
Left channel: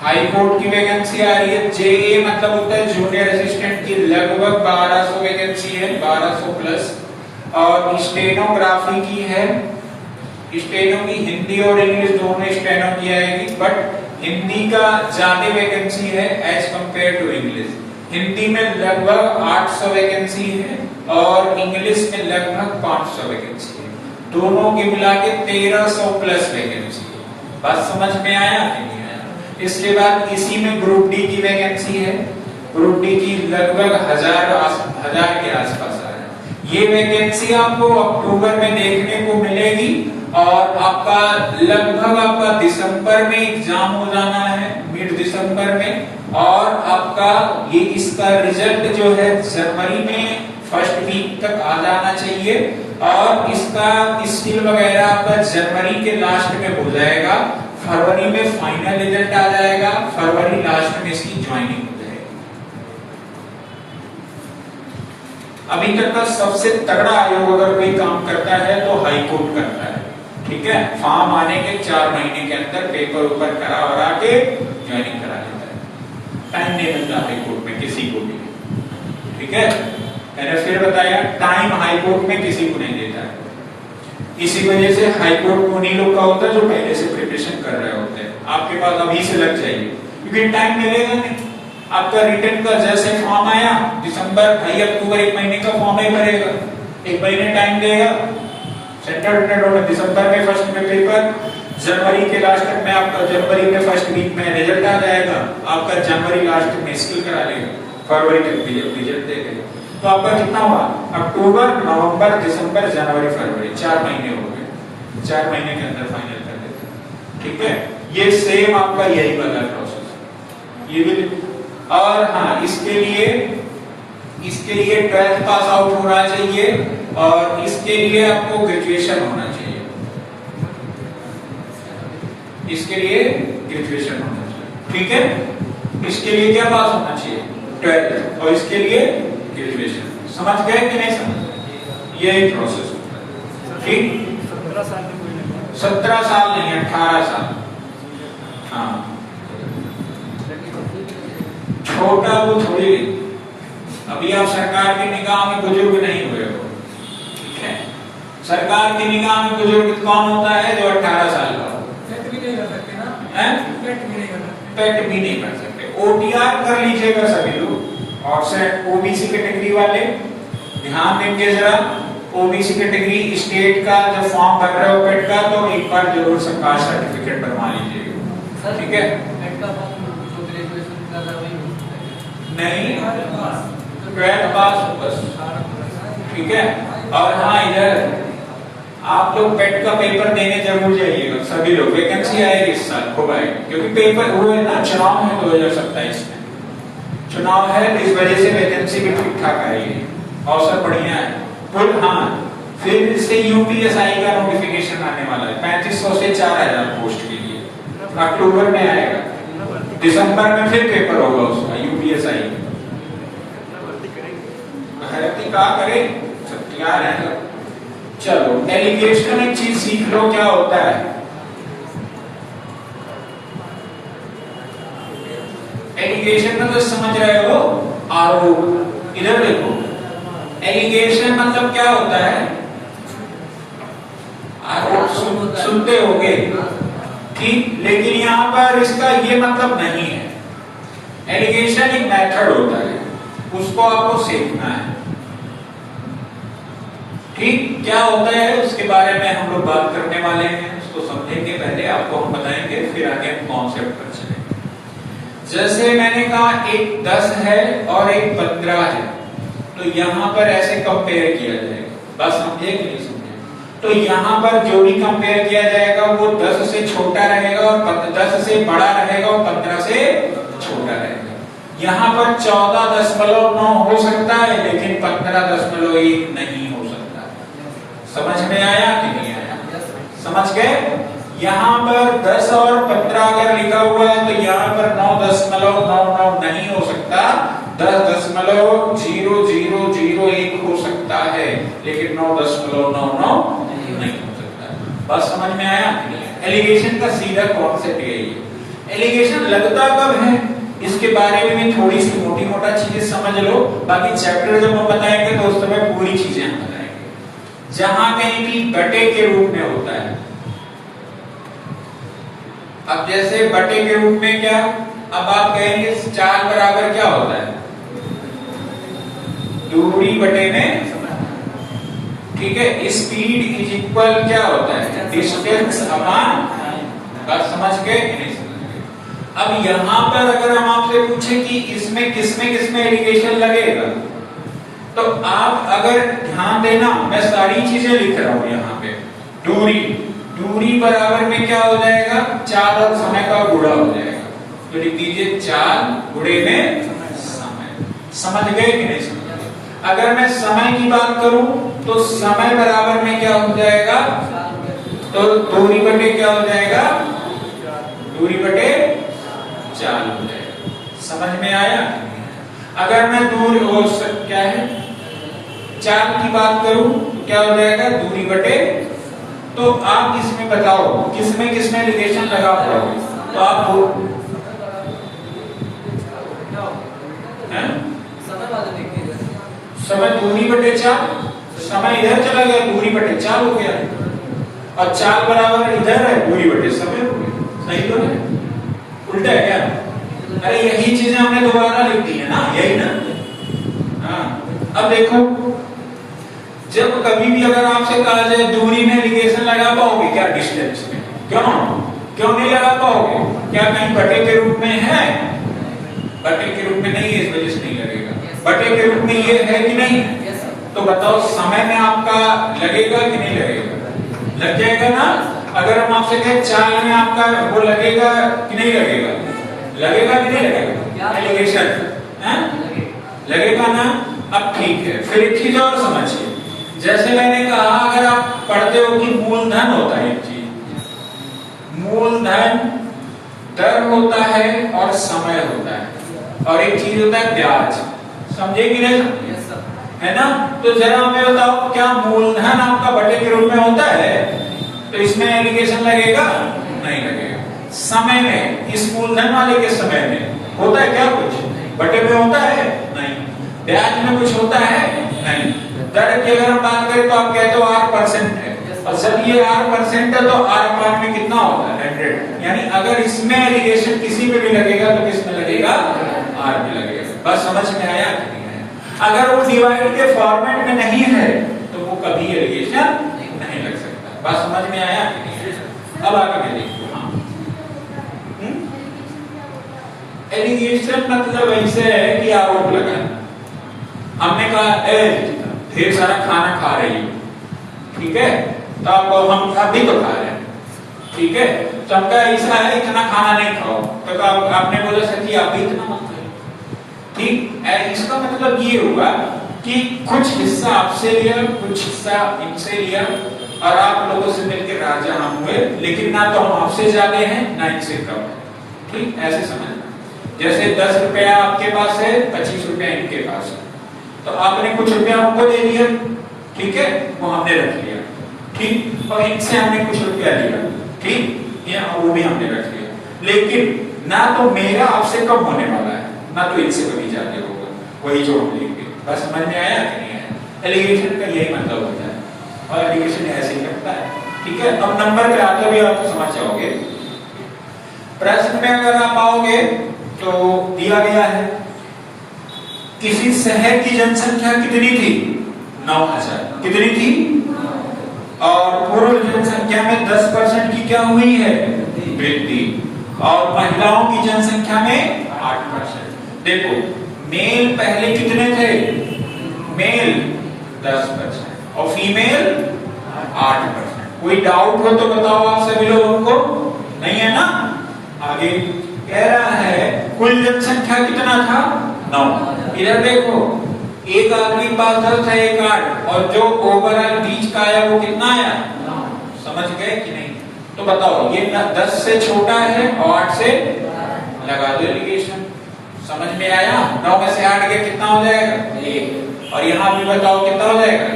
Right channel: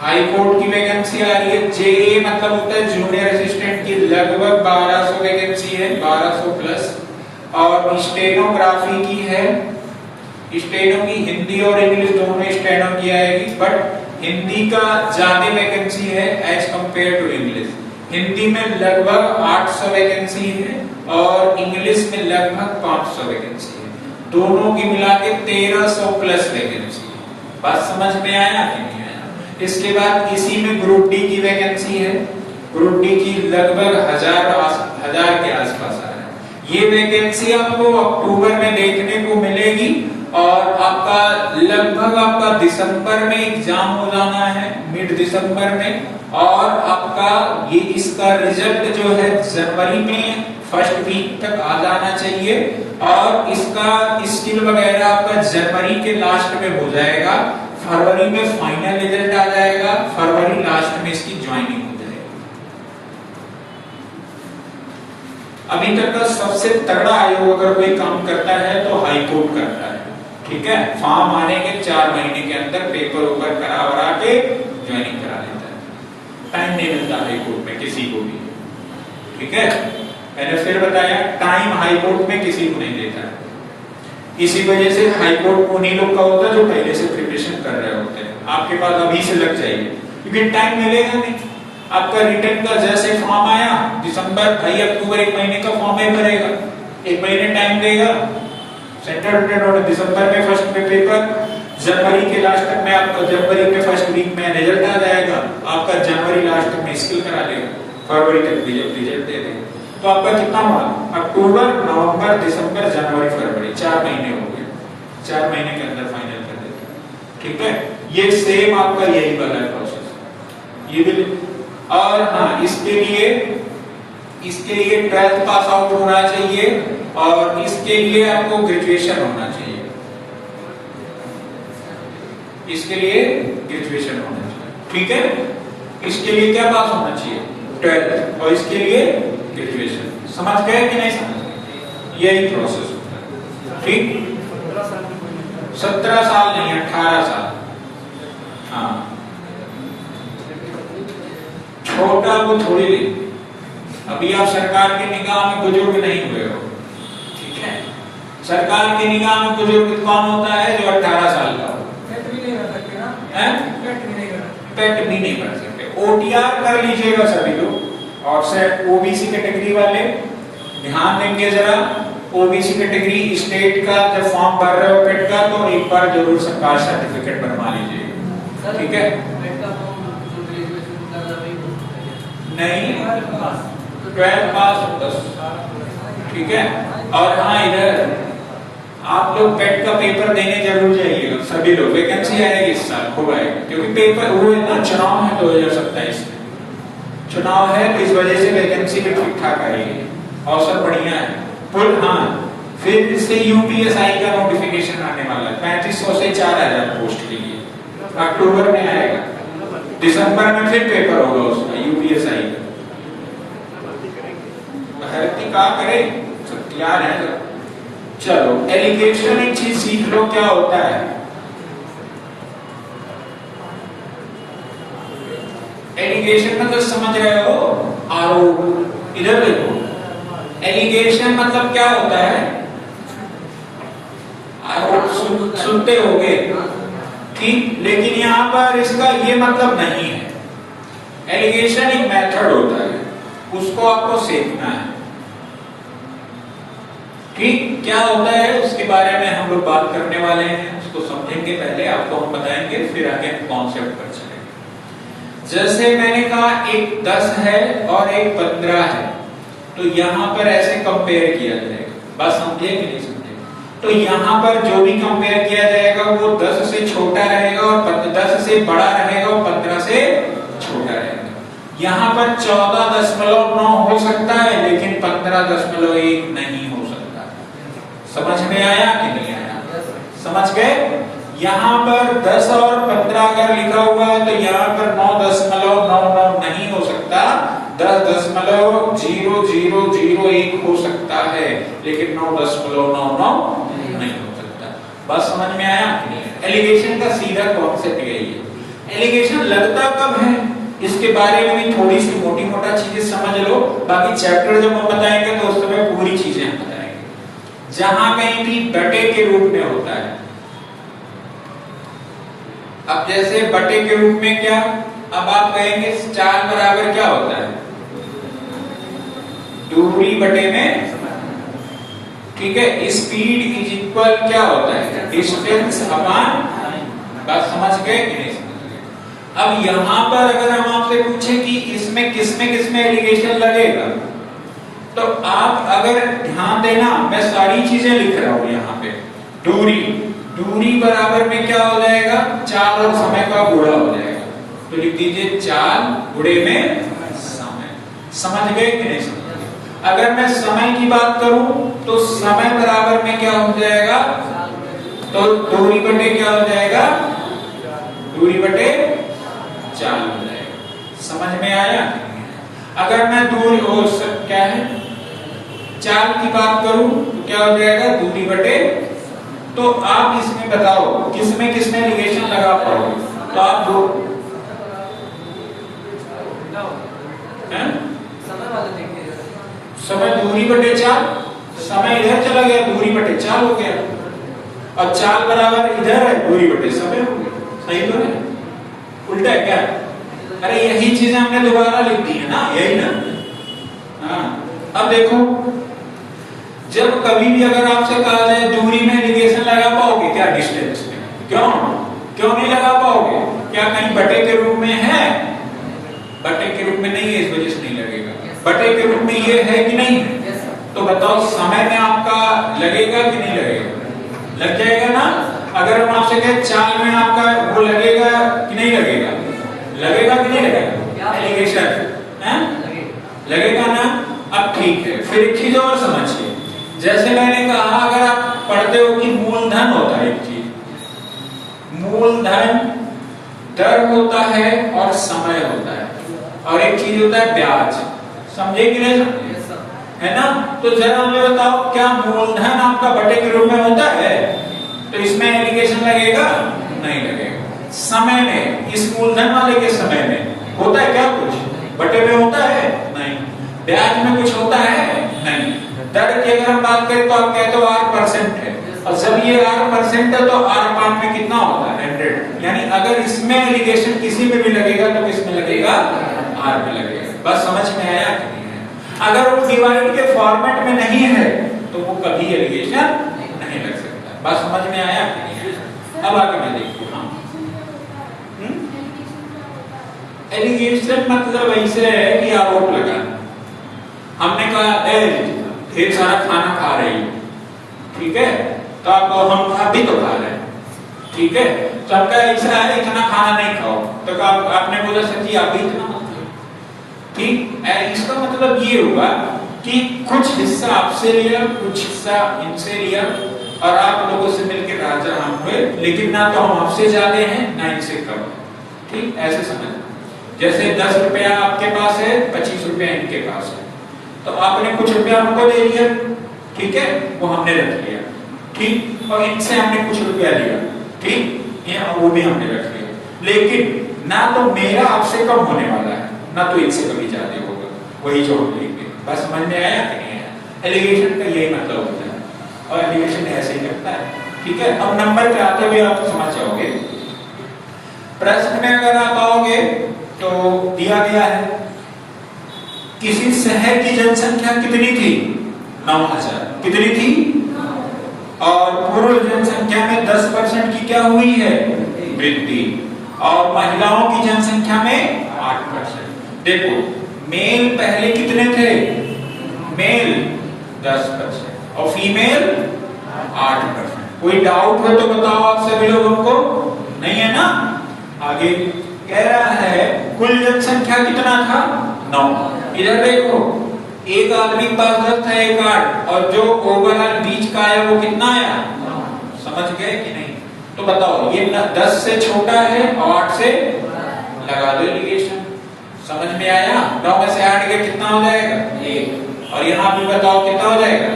हाई कोर्ट की वैकेंसी आ रही है। जेए मतलब होता है जूनियर असिस्टेंट की, लगभग 1200 वैकेंसी है, 1200 प्लस। और स्टेनोग्राफी की है, स्टेनो की हिंदी और इंग्लिश दोनों स्टेनो की आएगी, बट हिंदी का ज्यादा वैकेंसी है as compare to English. Hindi में लगभग 800 वैकेंसी है और इंग्लिश में लगभग 500 वैकेंसी है, दोनों की मिला के 1300 प्लस वैकेंसी है। बात समझ में आया कि नहीं? इसके बाद इसी में ग्रुप डी की वैकेंसी है, ग्रुप डी की लगभग 1000 के आसपास आ रहा है। ये वैकेंसी आपको अक्टूबर में देखने को मिलेगी और आपका लगभग आपका दिसंबर में एग्जाम हो जाना है, मिड दिसंबर में, और आपका ये इसका रिजल्ट जो है जनवरी में फर्स्ट वीक तक आ जाना चाहिए, और इसका स्किल वगैरह आपका जनवरी के लास्ट में हो जाएगा, फरवरी में फाइनल रिजल्ट आ जाएगा, फरवरी लास्ट में इसकी ज्वाइनिंग हो जाएगी। अभी तक का सबसे तगड़ा आयोग अगर कोई काम करता है तो हाई कोर्ट करता है, ठीक है? फॉर्म आने के 4 महीने के अंदर पेपर ऊपर करा के ज्वाइनिंग करा लेता है, टाइम नहीं मिलता हाई कोर्ट में किसी को भी, ठीक है? मैंने फिर बताया टाइम हाई कोर्ट में किसी को नहीं देता है, इसी वजह से हाई कोर्ट उन्हीं लोग का होता है जो पहले से प्रिपरेशन कर रहे होते हैं। आपके पास अभी से लग जाइए, क्योंकि टाइम मिलेगा नहीं। आपका रिटर्न का जैसे फॉर्म आया दिसंबर, भाई अक्टूबर 1 महीने का फॉर्म ही भरेगा, 1 महीने टाइम देगा, सेंट्रल रिटर्न होगा दिसंबर में फर्स्ट में पेपर, जनवरी के लास्ट तक में आपका जनवरी में फर्स्ट वीक में रिजल्ट आ जाएगा, आपका जनवरी लास्ट में स्किल करा लेगा, फरवरी तक रिजल्ट दे देगा। तो आपका कितना हुआ, अक्टूबर नवंबर दिसंबर जनवरी फरवरी, 4 महीने हो गए, 4 महीने के अंदर फाइनल कर देते। ठीक है, ये सेम आपका यही वाला प्रोसेस, ये भी। और हाँ, इसके लिए 12th पास आउट होना चाहिए और इसके लिए आपको ग्रेजुएशन होना चाहिए, इसके लिए ग्रेजुएशन होना चाहिए। ठीक है, इसके लिए क्या पास होना चाहिए, 12th, और इसके लिए ग्रेजुएशन। समझ गए कि नहीं समझ गए, ये एक प्रोसेस होता है। ठीक, 17 साल नहीं, 18 साल। हाँ, छोटा वो थोड़ी, अभी आप सरकार की निगाह में बुजुर्ग नहीं हुए हो। ठीक है, सरकार की निगाह में बुजुर्ग कौन होता है, जो 18 साल का हो। पेट भी नहीं कर सकते ना, पेट भी नहीं कर सकते, पेट भी नहीं कर सकते। ओटीआर कर लीजिएगा सभी लोग। और सर ओबीसी कैटेगरी वाले ध्यान देंगे जरा, ओबीसी कैटेगरी स्टेट का जब फॉर्म भर रहे हो पेट का, तो एक बार जरूर से कास्ट सर्टिफिकेट बनवा लीजिएगा। ठीक है, नहीं 12th पास बस। ठीक है, और हाँ इधर आप लोग पेट का पेपर देने जरूर जाइएगा सभी लोग, वैकेंसी आएगी इस साल खूब आएगी, क्योंकि पेपर वो है ना, चुनाव है 2027 में, चुनाव है, इस वजह से वैकेंसी भी ठीक ठाक आएगी, अवसर बढ़िया है। पुल हाँ, फिर इससे यूपीएसआई का नोटिफिकेशन आने वाला है, 3500 से 4000 पोस्ट के लिए, अक्टूबर में आएगा, दिसंबर में फिर पेपर होगा उसका यूपीएसआई का। भर्ती का करे तैयार है। चलो एलिगेशन एक चीज सीख लो, क्या होता है एलिगेशन, मतलब समझ रहे हो, आरोप। इधर देखो, एलिगेशन मतलब क्या होता है, आरोप सुनते होगे, ठीक, लेकिन यहाँ पर इसका ये मतलब नहीं है। एलिगेशन एक मेथड होता है, उसको आपको सीखना है। ठीक, क्या होता है उसके बारे में हम लोग बात करने वाले हैं, उसको समझेंगे, पहले आपको हम बताएंगे, फिर आगे हम कॉन्सेप्ट पर चलेंगे। जैसे मैंने कहा एक 10 है और एक 15 है, तो यहाँ पर ऐसे कंपेयर किया जाएगा, बस समझे कि नहीं समझे। तो यहाँ पर जो भी कंपेयर किया जाएगा वो 10 से छोटा रहेगा और 10 से बड़ा रहेगा और 15 से छोटा रहेगा। यहाँ पर 14.9 हो सकता है, लेकिन 15.1 नहीं हो सकता। समझ में आया कि नहीं आया, समझ गए। यहाँ पर 10 और 15 अगर लिखा हुआ है तो यहाँ पर 9.99 नहीं हो सकता, 10.0001 हो सकता है, लेकिन 9.99 नहीं हो सकता। बात समझ में आया कि नहीं? एलिगेशन का सीधा कॉन्सेप्ट यही है। एलिगेशन लगता कब है, इसके बारे में भी थोड़ी सी मोटी मोटा चीजें समझ लो, बाकी चैप्टर जब हम बताएंगे तो उस समय पूरी चीजें हम बताएंगे। जहां कहीं भी बटे के रूप में होता है, अब जैसे बटे के रूप में क्या, अब आप कहेंगे चाल बराबर क्या होता है, दूरी बटे में, ठीक है, स्पीड इज इक्वल क्या होता है, डिस्टेंस अपॉन, बात समझ गए कि नहीं समझ गए। अब यहां पर अगर हम आपसे पूछे कि इसमें किसमें एलिगेशन लगेगा, तो आप अगर ध्यान देना, मैं सारी चीजें लिख रहा हूं यहाँ पे। दूरी बराबर में क्या हो जाएगा, चाल और समय का गुणा हो जाएगा, तो लिख दीजिए चाल गुणे में समय। समझ गए कि नहीं समझ गए। अगर मैं समय की बात करूं तो समय बराबर में क्या हो जाएगा, तो दूरी बटे क्या हो जाएगा, दूरी बटे चाल हो जाएगा। समझ में आया। अगर मैं दूरी क्या है, चाल की बात करूं तो क्या हो जाएगा, दूरी बटे, तो आप इसमें बताओ किसमें एलिगेशन लगा पाओगे, तो आप दो समय दूरी बटे चाल, समय इधर चला गया, दूरी बटे चाल हो गया, और चाल बराबर इधर है, दूरी बटे समय हो गया। सही तो है। उल्टा है क्या? अरे यही चीजें हमने दोबारा लिख दी है ना, यही ना। हाँ, अब देखो, जब कभी भी अगर आपसे कहा जाए दूरी में एलिगेशन लगा पाओगे क्या? डिस्टेंस में क्यों नहीं लगा पाओगे? क्या कहीं बटे के रूप में है? बटे के रूप में नहीं है, इस वजह से नहीं लगेगा। बटे के रूप में ये है कि नहीं? तो बताओ समय में आपका लगेगा कि नहीं लगेगा? लग जाएगा ना। अगर हम आपसे कहें चाल में आपका वो लगेगा कि नहीं लगेगा? लगेगा कि नहीं लगेगा? एलिगेशन है, लगेगा ना। अब ठीक है, फिर एक चीज और समझिए। जैसे मैंने कहा, अगर आप पढ़ते हो कि मूलधन होता है एक चीज, मूलधन दर होता है और समय होता है, और एक चीज होता है ब्याज। समझे कि नहीं समझे? है ना। तो जरा हमें बताओ, क्या मूलधन आपका बटे के रूप में होता है? तो इसमें एलिगेशन लगेगा? नहीं लगेगा। समय में, इस मूलधन वाले के समय में होता है क्या कुछ? बटे में होता है? नहीं। ब्याज में कुछ होता है? नहीं। दर की अगर हम बात करें तो आप कहते हो R% है, और जब ये R% है तो R में कितना होता है? 100। यानी अगर इसमें एलिगेशन किसी में भी लगेगा तो किसमें लगेगा? R में लगेगा। बस समझ में आया कि नहीं है? अगर वो डिवाइड के फॉर्मेट में नहीं है तो वो कभी एलिगेशन नहीं लग सकता। बस समझ में आया कि नहीं है? अब आगे मैं देखो। एलिगेशन मतलब ऐसे है कि आरोप लगाना। हमने कहा ढेर सारा खाना खा रही है, ठीक है, तो आप हम अभी तो खा रहे हैं, ठीक है, तो आपका ऐसा है इतना खाना नहीं खाओ, तो आपने बोला सर जी अभी इतना मत खाओ, ठीक है। इसका मतलब ये हुआ कि कुछ हिस्सा आपसे लिया, कुछ हिस्सा इनसे लिया, और आप लोगों से मिलकर राजा हम हुए, लेकिन ना तो हम आपसे ज्यादा हैं ना इनसे कम, ठीक, ऐसे समझना। जैसे 10 रुपया आपके पास है, 25 रुपया इनके पास है, तो आपने कुछ रुपया हमको दे दिया, ठीक है, वो हमने रख लिया, ठीक, और इनसे हमने कुछ रुपया लिया, ठीक, ये वो भी हमने रख लिया, लेकिन ना तो मेरा आपसे कम होने वाला है, ना तो इनसे कभी ज्यादा होगा, वही जो हम लेंगे। बस समझ में आया कि नहीं आया? एलिगेशन का यही मतलब होता है, और एलिगेशन ऐसे ही करता है, ठीक है। अब नंबर पे आते हुए आप समझ जाओगे। प्रश्न में अगर आप आओगे तो दिया गया है किसी शहर की जनसंख्या कितनी थी? 9000। कितनी थी? और पूर्ण जनसंख्या में 10% की क्या हुई है? वृद्धि। और महिलाओं की जनसंख्या में 8%। देखो, मेल पहले कितने थे? मेल 10% और फीमेल 8%। कोई डाउट हो तो बताओ आप सभी लोगों को, नहीं है ना? आगे कह रहा है कुल जनसंख्या कितना था? 9। इधर देखो, एक आदमी के पास 10 था, एक 8, और जो ओवरऑल बीच का आया वो कितना आया? 9। समझ गए कि नहीं? तो बताओ, ये 10 से छोटा है और 8 से लगा दो एलिगेशन। समझ में आया? 9 में से 8 गया कितना हो जाएगा? 1। और यहाँ भी बताओ कितना हो जाएगा?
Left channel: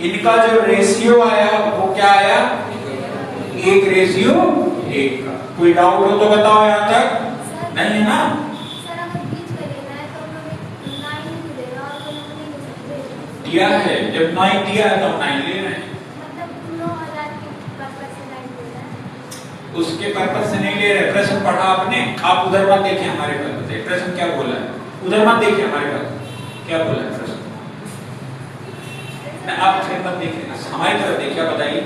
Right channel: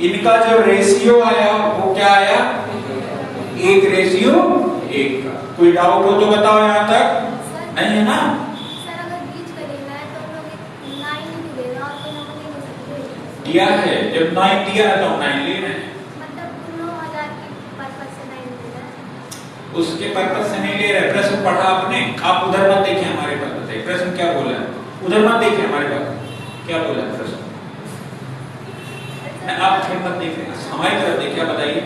इनका जो रेशियो आया वो क्या आया? 1:1 का। कोई डाउट हो तो बताओ यहाँ तक, नहीं है ना? दिया है, जब 9 दिया है तो 9 ले रहे हैं, उसके पर्पज से नहीं ले रहे। प्रश्न पढ़ा आपने, आप उधर मत देखिए हमारे पास, प्रश्न क्या बोला है उधर मत देखिए हमारे पास क्या बोला है प्रश्न, आप फिर मत देखिए, हमारी तरफ देखिए, बताइए।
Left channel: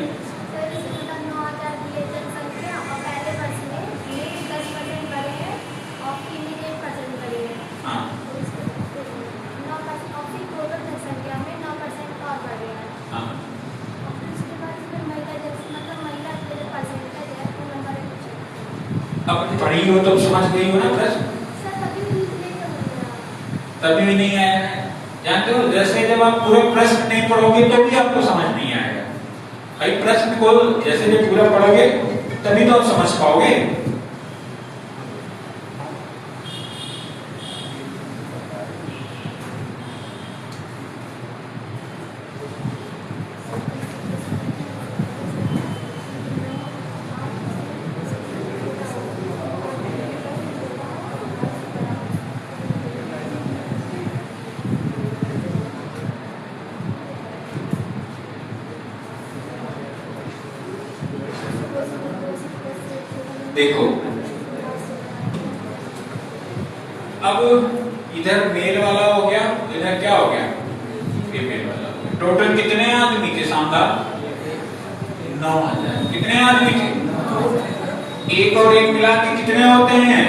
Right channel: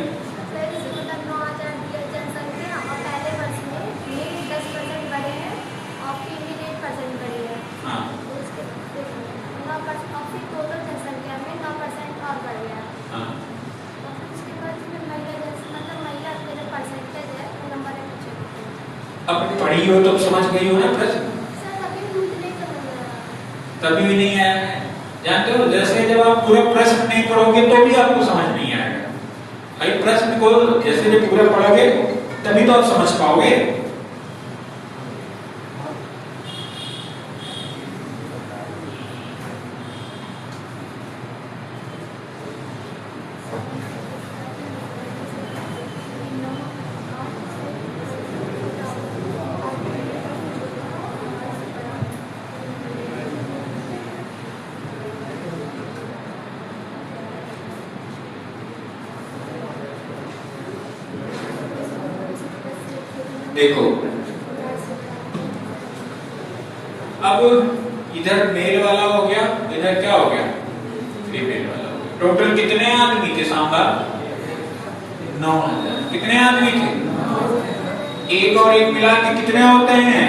अब पढ़ी हो तो समझ गई हो ना प्रश्न? तभी भी नहीं आया, जानते हो, जैसे जब आप पूरा प्रश्न नहीं पढ़ोगे तो भी आपको समझ नहीं आएगा। भाई प्रश्न को जैसे जब पूरा पढ़ोगे तभी तो आप समझ पाओगे। देखो, अब इधर मेल वाला हो गया, इधर क्या हो गया, फीमेल वाला हो गया। टोटल कितने आदमी थे शानदार? 9,000। कितने आदमी थे? एक और एक मिला के कितने होते हैं?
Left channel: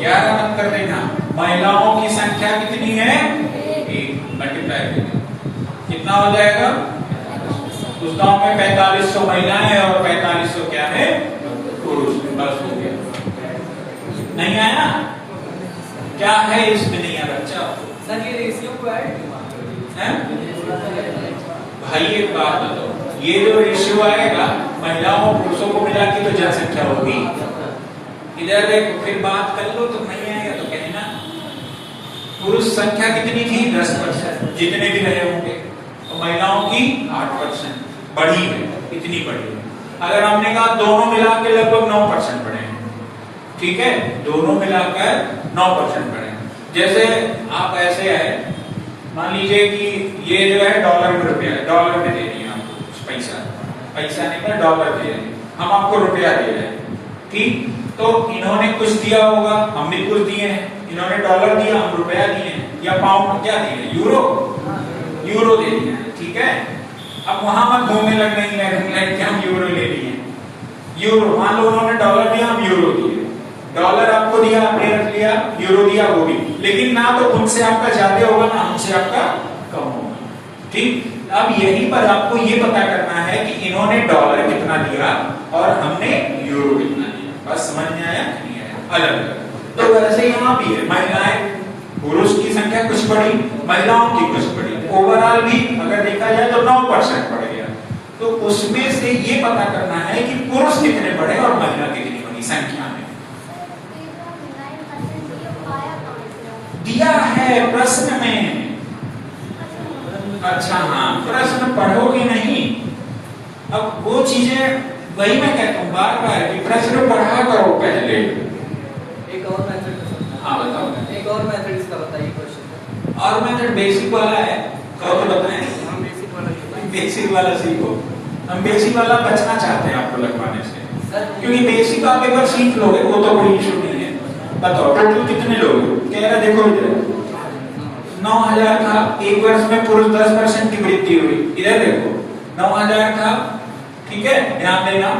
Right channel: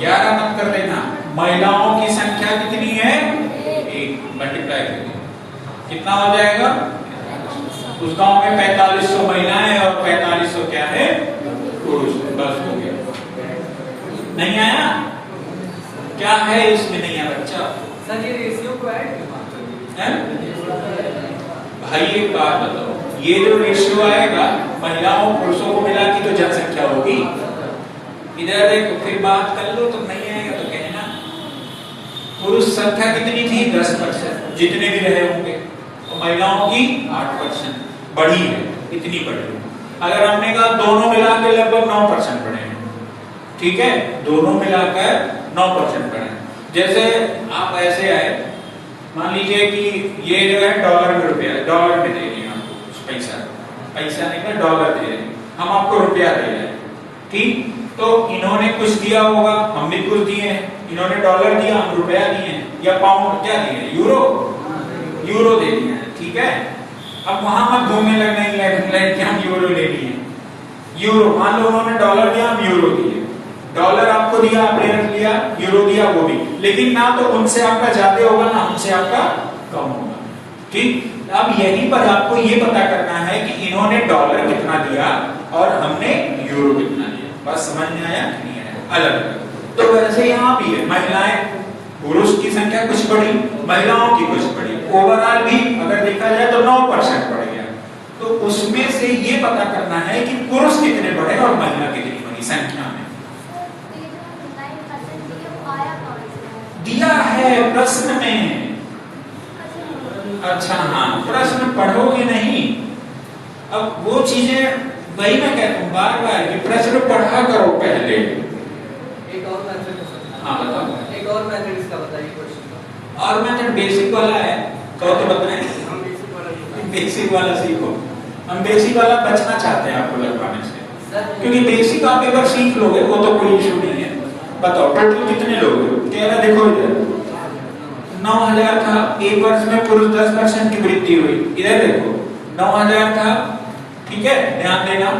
11 मत कर देना। महिलाओं की संख्या कितनी है? 1 मल्टीप्लाई करिए, कितना हो जाएगा? उस गांव में 4500 महिलाएं और 4500 क्या है? पुरुष। बस हो गया। नहीं आया? क्या है इसमें नहीं आया बच्चा? सर ये रेशियो को ऐड क्यों बात कर रही है? भाई एक बात बताओ, ये जो रेशियो आएगा महिलाओं पुरुषों को मिला के तो जनसंख्या होगी। इधर देखो, फिर बात कर लो तो नहीं आएगा तो कहना। पुरुष संख्या कितनी थी? 10%, जितने भी रहे होंगे, और महिलाओं की 8% बढ़ी है। इतनी बढ़ी है। अगर हमने कहा दोनों मिलाकर लगभग 9% बढ़े हैं, ठीक है, दोनों मिलाकर 9% बढ़े हैं। जैसे आप ऐसे आए, मान लीजिए कि ये जो है डॉलर में रुपया, डॉलर में दे रही है आपको पैसा, पैसा नहीं है डॉलर दे रहे हैं, हम आपको रुपया दे रहे हैं, ठीक। तो इन्होंने कुछ दिया होगा, हम भी कुछ दिए हैं। इन्होंने डॉलर दिया, हम रुपया दिए हैं, या पाउंड क्या दिए, यूरो, यूरो दे दिए हैं, ठीक है। अब वहां मत घूमने लगने कि हम यूरो ले लिए, यूरो, मान लो उन्होंने डॉलर दिया, हम यूरो दिए, डॉलर आपको दिया, आपने रख लिया, यूरो दिया वो भी, लेकिन ना तो उनसे आपका ज्यादा होगा ना हमसे आपका कम होगा, ठीक। अब यहीं पर आपको ये पता करना है कि इन्होंने डॉलर कितना दिया और हमने यूरो कितना दिया। बस समझ में आया कि नहीं आया? अलग। तो वैसे यहाँ भी है, महिलाएं पुरुष की संख्या कुछ बढ़ी, महिलाओं की कुछ बढ़ी, ओवरऑल भी अगर देखा जाए तो 9% बढ़ गया। तो उसमें से ये पता करना है कि पुरुष कितने बढ़े और महिला कितनी बढ़ी संख्या में। दिया है प्रश्न में। अच्छा हाँ, प्रश्न पढ़ोगे नहीं। अब वो चीजें, वही मैं कहता हूँ बार बार कि प्रश्न पढ़ा करो पहले। एक और मेथड का समझा। हाँ बताओ। एक और मेथड इसका बताइए क्वेश्चन का। और मेथड बेसिक वाला है, तो बताएं। हम बेसिक वाला सीखो। हम बेसिक वाला बचना चाहते हैं आपको लगवाने से, सर क्योंकि बेसिक आप एक बार सीख लोगे वो तो कोई इशू नहीं है। बताओ टोटल कितने लोग? कह रहा देखो इधर 9,000 था, एक वर्ष में पुरुष 10% की वृद्धि हुई। इधर देखो 9,000 था, ठीक है, ध्यान देना।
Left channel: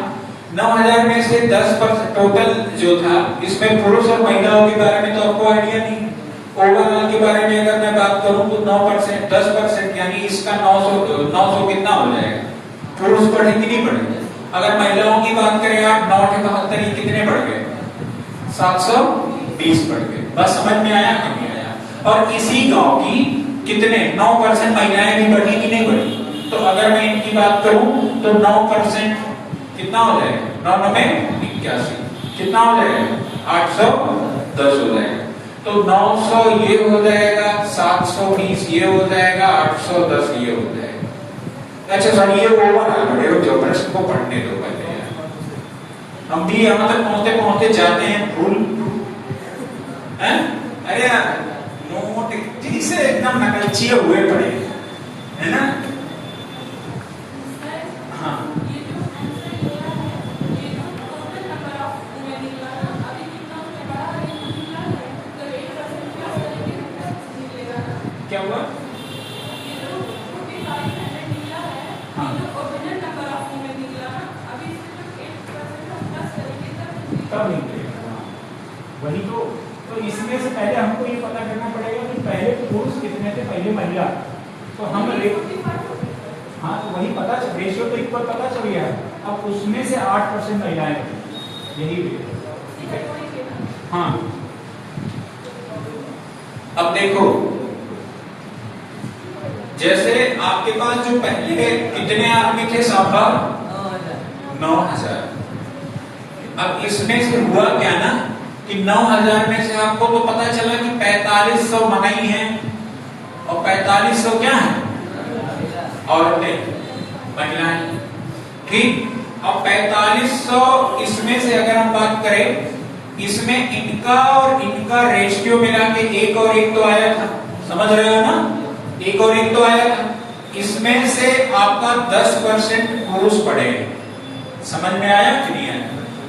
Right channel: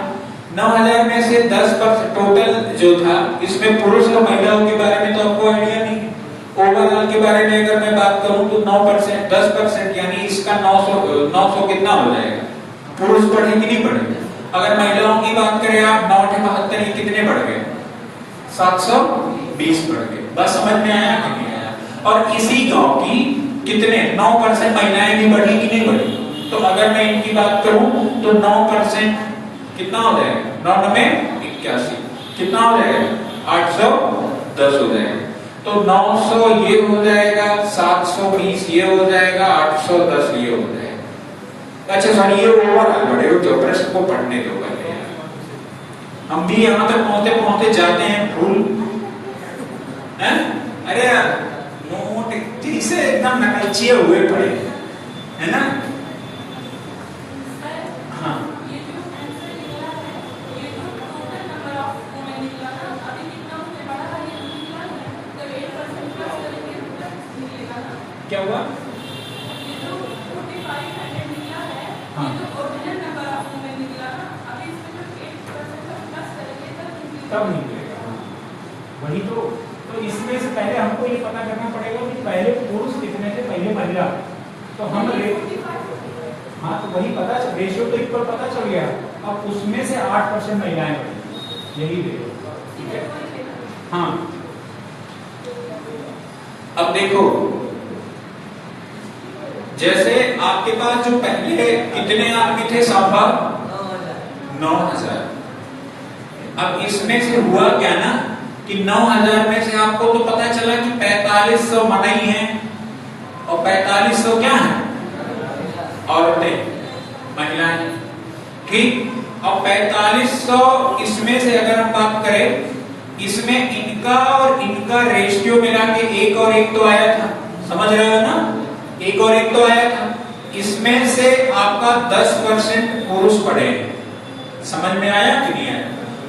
9,000 में से 10% टोटल जो था, इसमें पुरुष और महिलाओं के बारे में तो आपको आइडिया नहीं है। ओवरऑल के बारे में अगर मैं बात करूं तो 9%, 10%, यानी इसका 900 कितना हो जाएगा? पुरुष बढ़े कि नहीं बढ़े? अगर महिलाओं की बात करें आप, 9 के 72 ये कितने बढ़ गए? 720 बढ़ गए। बस समझ में आया कि नहीं आया? और इसी गांव की कितने 9% महिलाएं भी बढ़ी कि नहीं बढ़ी? तो अगर मैं इनकी बात करूं तो 9% कितना हो जाएगा? 9 में 81 कितना हो जाएगा? 810 हो जाएगा। तो 900 ये हो जाएगा, 720 ये हो जाएगा, 810 ये हो जाएगा। अच्छा सर ये ओवरऑल बढ़े हो, जो प्रश्न को पढ़ने दो पहले। हम भी यहाँ तक पहुंचते पहुंचते जाते हैं भूल हैं? अरे यार नोट ठीक से एकदम नकलचिए हुए पड़े है ना? हाँ क्या हुआ? हाँ कब नहीं करेगा? वही तो इसमें से पहले हमको ये पता करना पड़ेगा कि पहले पुरुष कितने थे, पहले महिला। तो हम हाँ तो वही पता चल, रेशियो तो एक पर पता चल गया। अब उसमें से 8% महिलाएं, यही ठीक है। हाँ अब देखो, जैसे आपके पास जो पहले कितने आदमी थे साहबा? 9,000। अब इसमें से हुआ क्या ना कि 9,000 में से आपको तो पता चला कि 4500 मनाई है और 4500 क्या है? औरतें, महिलाएं, ठीक। और 4500 इसमें से अगर हम बात करें, इसमें इनका और इनका रेशियो मिला के 1 और 1 तो आया था, समझ रहे हो ना? 1 और 1 तो आया था। इसमें से आपका 10% पुरुष पड़े, समझ में आया कि नहीं आया?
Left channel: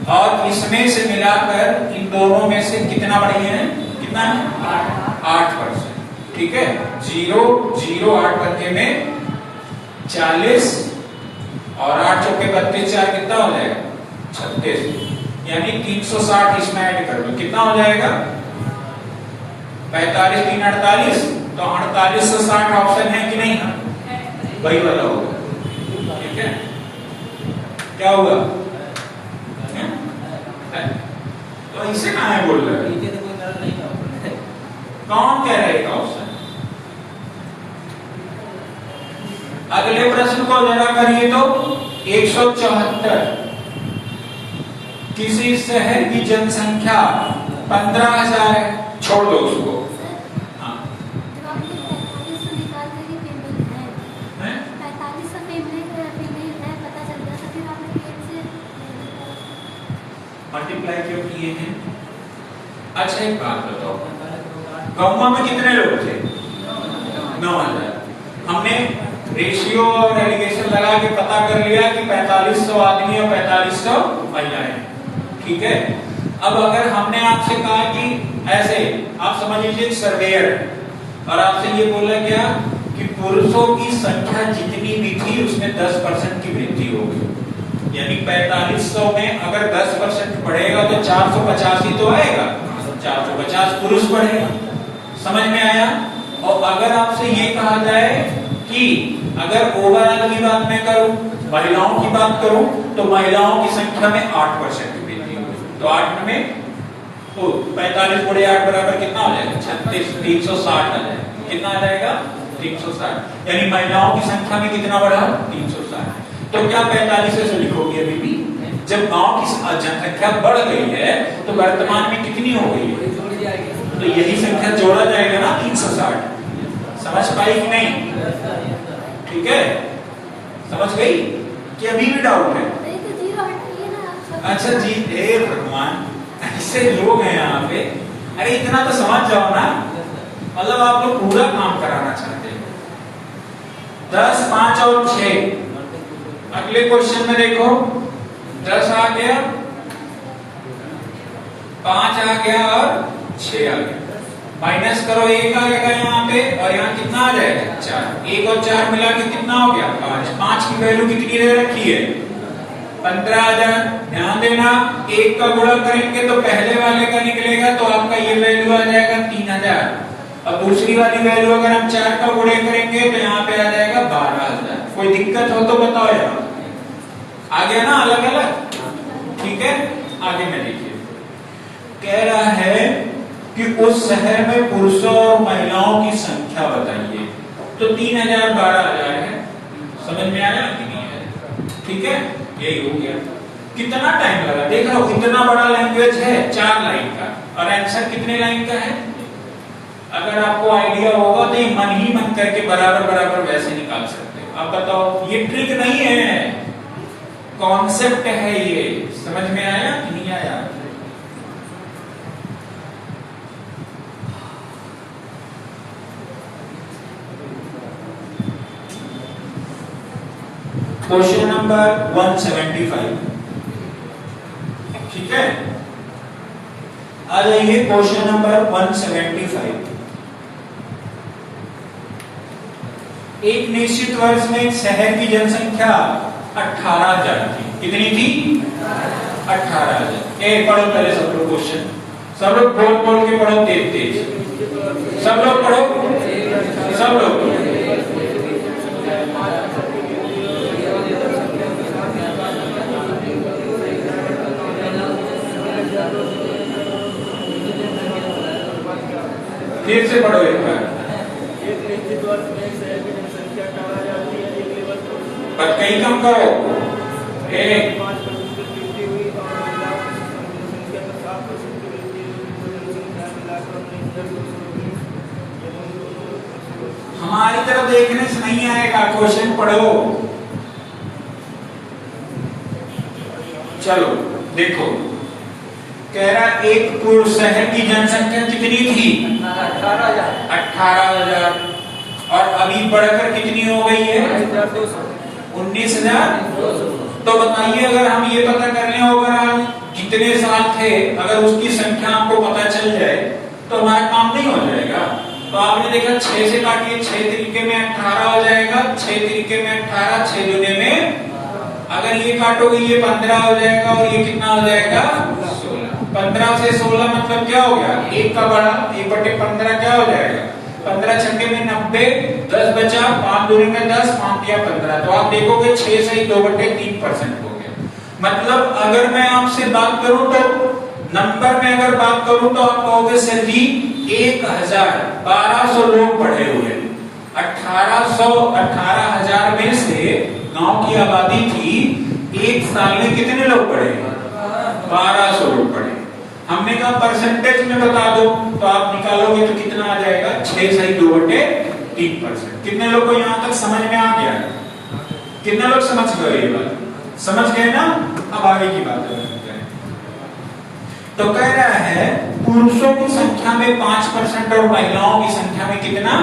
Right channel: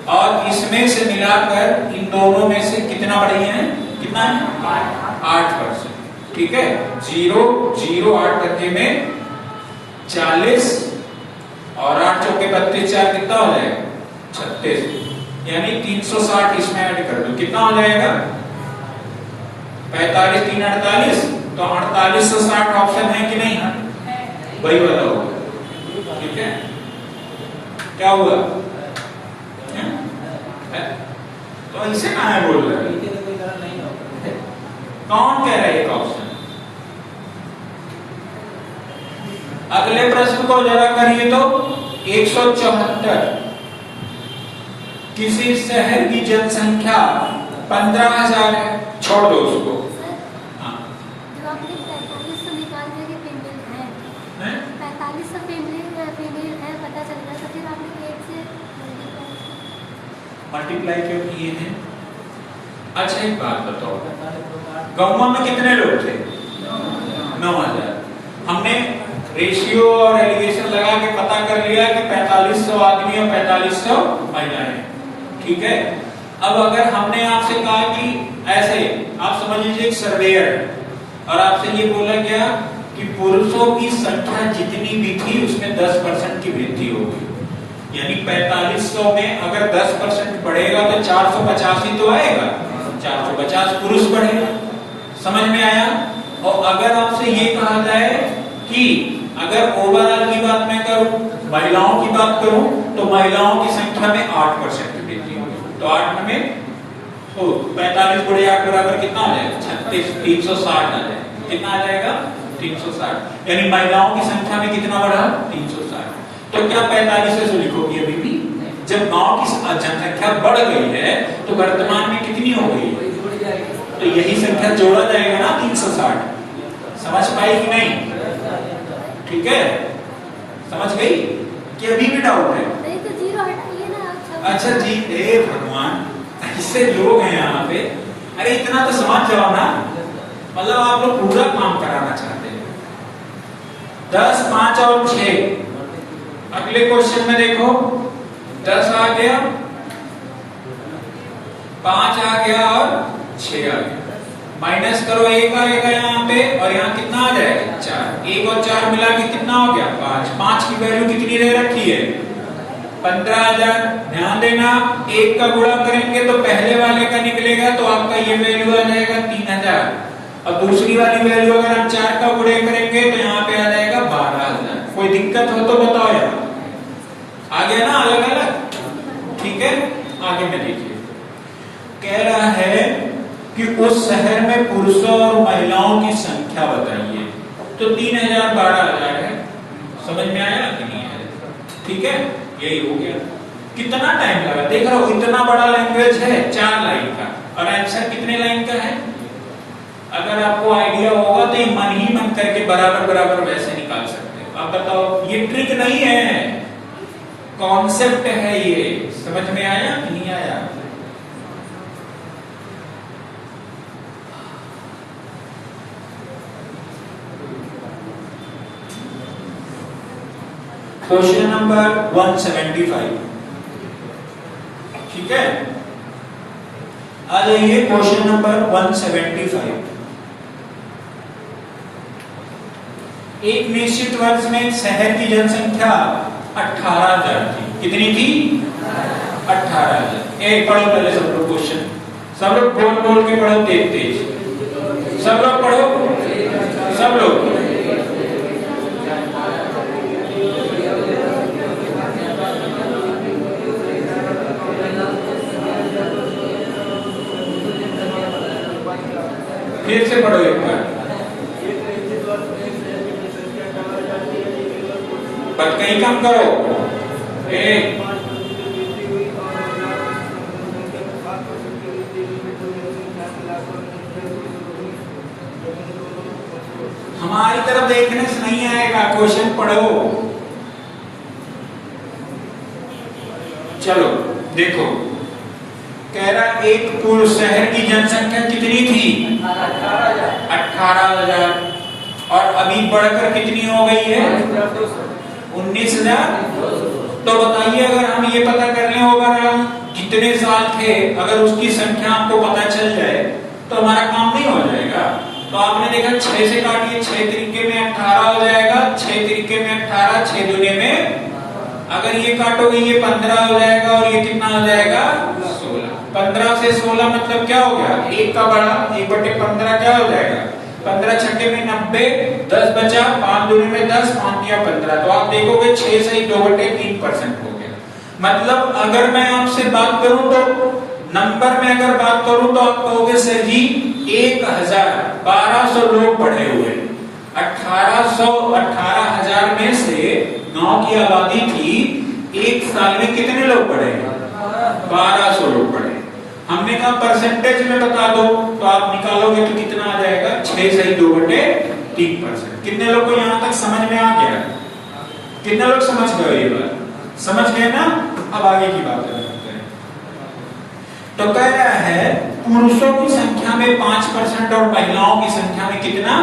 और इसमें से मिलाकर इन दोनों में से कितना बढ़ी है? कितना है 8%। ठीक है, 0.08% में 40 और 8 चौके 32, 4 कितना हो जाएगा 36, यानी 360 इसमें ऐड कर दो, कितना हो जाएगा 45 3 48, तो 48 से 60 ऑप्शन है कि नहीं, वही वाला होगा। ठीक है, क्या हुआ तो ऐसे कहां है बोल रहे हैं, कौन कह रहा है एक ऑप्शन। अगले प्रश्न को जरा करिए तो 174, किसी शहर की जनसंख्या 15,000 है, छोड़ दो उसको। हाँ, 45 पता चल गया, तो फिर आपने पेट से मल्टीप्लाई क्यों किए हैं। अच्छा एक बात बताओ, गांव में कितने लोग थे 9,000, हमने रेशियो और एलिगेशन लगा के पता कर लिया कि 4500 आदमी और 4500 महिलाएं। ठीक है, अब अगर हमने आपसे कहा कि ऐसे आप समझ लीजिए एक सर्वेयर, और आपसे ये बोला गया कि पुरुषों की संख्या जितनी भी थी उसमें 10% की वृद्धि होगी, यानी 4500 में अगर 10% बढ़ेगा तो 450 ही तो आएगा, 450 पुरुष बढ़ेगा। समझ में आया। और अगर आपसे ये कहा जाए कि अगर ओवरऑल की बात मैं करूं, महिलाओं की बात करूं, तो महिलाओं की संख्या में 8% की वृद्धि होगी, तो 8 में तो 45 गुणे 8 बराबर कितना आ जाएगा 36, 360 आ जाएगा, कितना आ जाएगा 360, यानी महिलाओं की संख्या में कितना बढ़ा 360। तो क्या 45 से लिखोगे अभी भी, जब गांव की जनसंख्या बढ़ गई है तो वर्तमान में कितनी हो गई है, तो यही संख्या जोड़ा जाएगा ना 360। समझ पाई कि नहीं। ठीक है, समझ गई कि अभी भी डाउट है। अच्छा जी, हे भगवान, ऐसे लोग हैं यहाँ पे, अरे इतना तो समझ जाओ ना, मतलब आप लोग पूरा काम कराना चाहते हैं। 10, 5 और 6, अगले क्वेश्चन में देखो 10 आ गया, 5 आ गया और 6 आ गया, माइनस करो 1 आएगा यहाँ पे, और यहाँ कितना आ जाएगा 4, 1 और 4 मिला के कितना हो गया 5, 5 की वैल्यू कितनी दे रखी है 15,000। ध्यान देना, 1 का गुणा करेंगे तो पहले वाले का निकलेगा, तो आपका ये वैल्यू आ जाएगा 3,000। अब दूसरी वाली वैल्यू अगर हम 4 का गुणे करेंगे तो यहाँ पे आ जाएगा 12,000। कोई दिक्कत हो तो बताओ यार, आ गया ना अलग अलग। ठीक है, आगे में देखिए, कह रहा है कि उस शहर में पुरुषों और महिलाओं की संख्या बताइए, तो 3,000 12,000 है। समझ में आया कि नहीं है। ठीक है, यही हो गया। कितना टाइम लगा, देख रहा हूं इतना बड़ा लैंग्वेज है 4 लाइन का, और आंसर कितने लाइन का है। अगर आपको आइडिया होगा तो मन ही मन करके बराबर बराबर वैसे निकाल सकते हो। आप बताओ, ये ट्रिक नहीं है, कॉन्सेप्ट है ये। समझ में आया कि नहीं आया। Question number 175। ठीक है, आ जाइए क्वेश्चन नंबर 175। एक निश्चित वर्ष में शहर की जनसंख्या 18,000 थी। कितनी थी 18,000। पढ़ो पहले सब लोग क्वेश्चन, सब लोग बोल बोल के पढ़ो, तेज तेज सब लोग पढ़ो, सब लोग। फिर से पढ़ो एक बार, पर कहीं कम करो। हमारी तरफ देखने से नहीं आएगा, क्वेश्चन पढ़ो। चलो देखो, कह रहा एक शहर की जनसंख्या कितनी थी 18,000, और अभी बढ़कर कितनी हो गई है 19,000। तो बताइए, अगर हम ये पता कर लें ओवरऑल कितने साल थे, अगर उसकी संख्या आपको पता चल जाए तो हमारा काम नहीं हो जाएगा। तो आपने देखा 6 से काटिए, 6 तरीके में 18 हो जाएगा, 6 तरीके में 18, 6 दूने में, अगर ये काटोगे ये 15 हो जाएगा और ये कितना हो जाएगा 16। 15 से 16 मतलब क्या हो गया, 1 का बड़ा, 1/15 क्या हो जाएगा 15 छठे में 90, 10 बचा, 5 दूनी में 10, 5 किया 15। तो आप देखोगे 6 से 2/3% हो गया। मतलब अगर मैं आपसे बात करूं तो नंबर में अगर बात करूं तो आप कहोगे सर जी 1200 लोग पढ़े हुए, 18,000 में से गांव की आबादी थी, एक साल में कितने लोग पढ़े, 1200 लोग पढ़े। हमने कहा परसेंटेज में बता दो, तो आप निकालोगे तो कितना आ जाएगा 6 से 2/3%। कितने लोग को यहाँ तक समझ में आ गया, कितने लोग समझ गए, ये बात समझ गए ना। अब आगे की बात करते हैं। तो कह रहा है पुरुषों की संख्या में 5% और महिलाओं की संख्या में कितना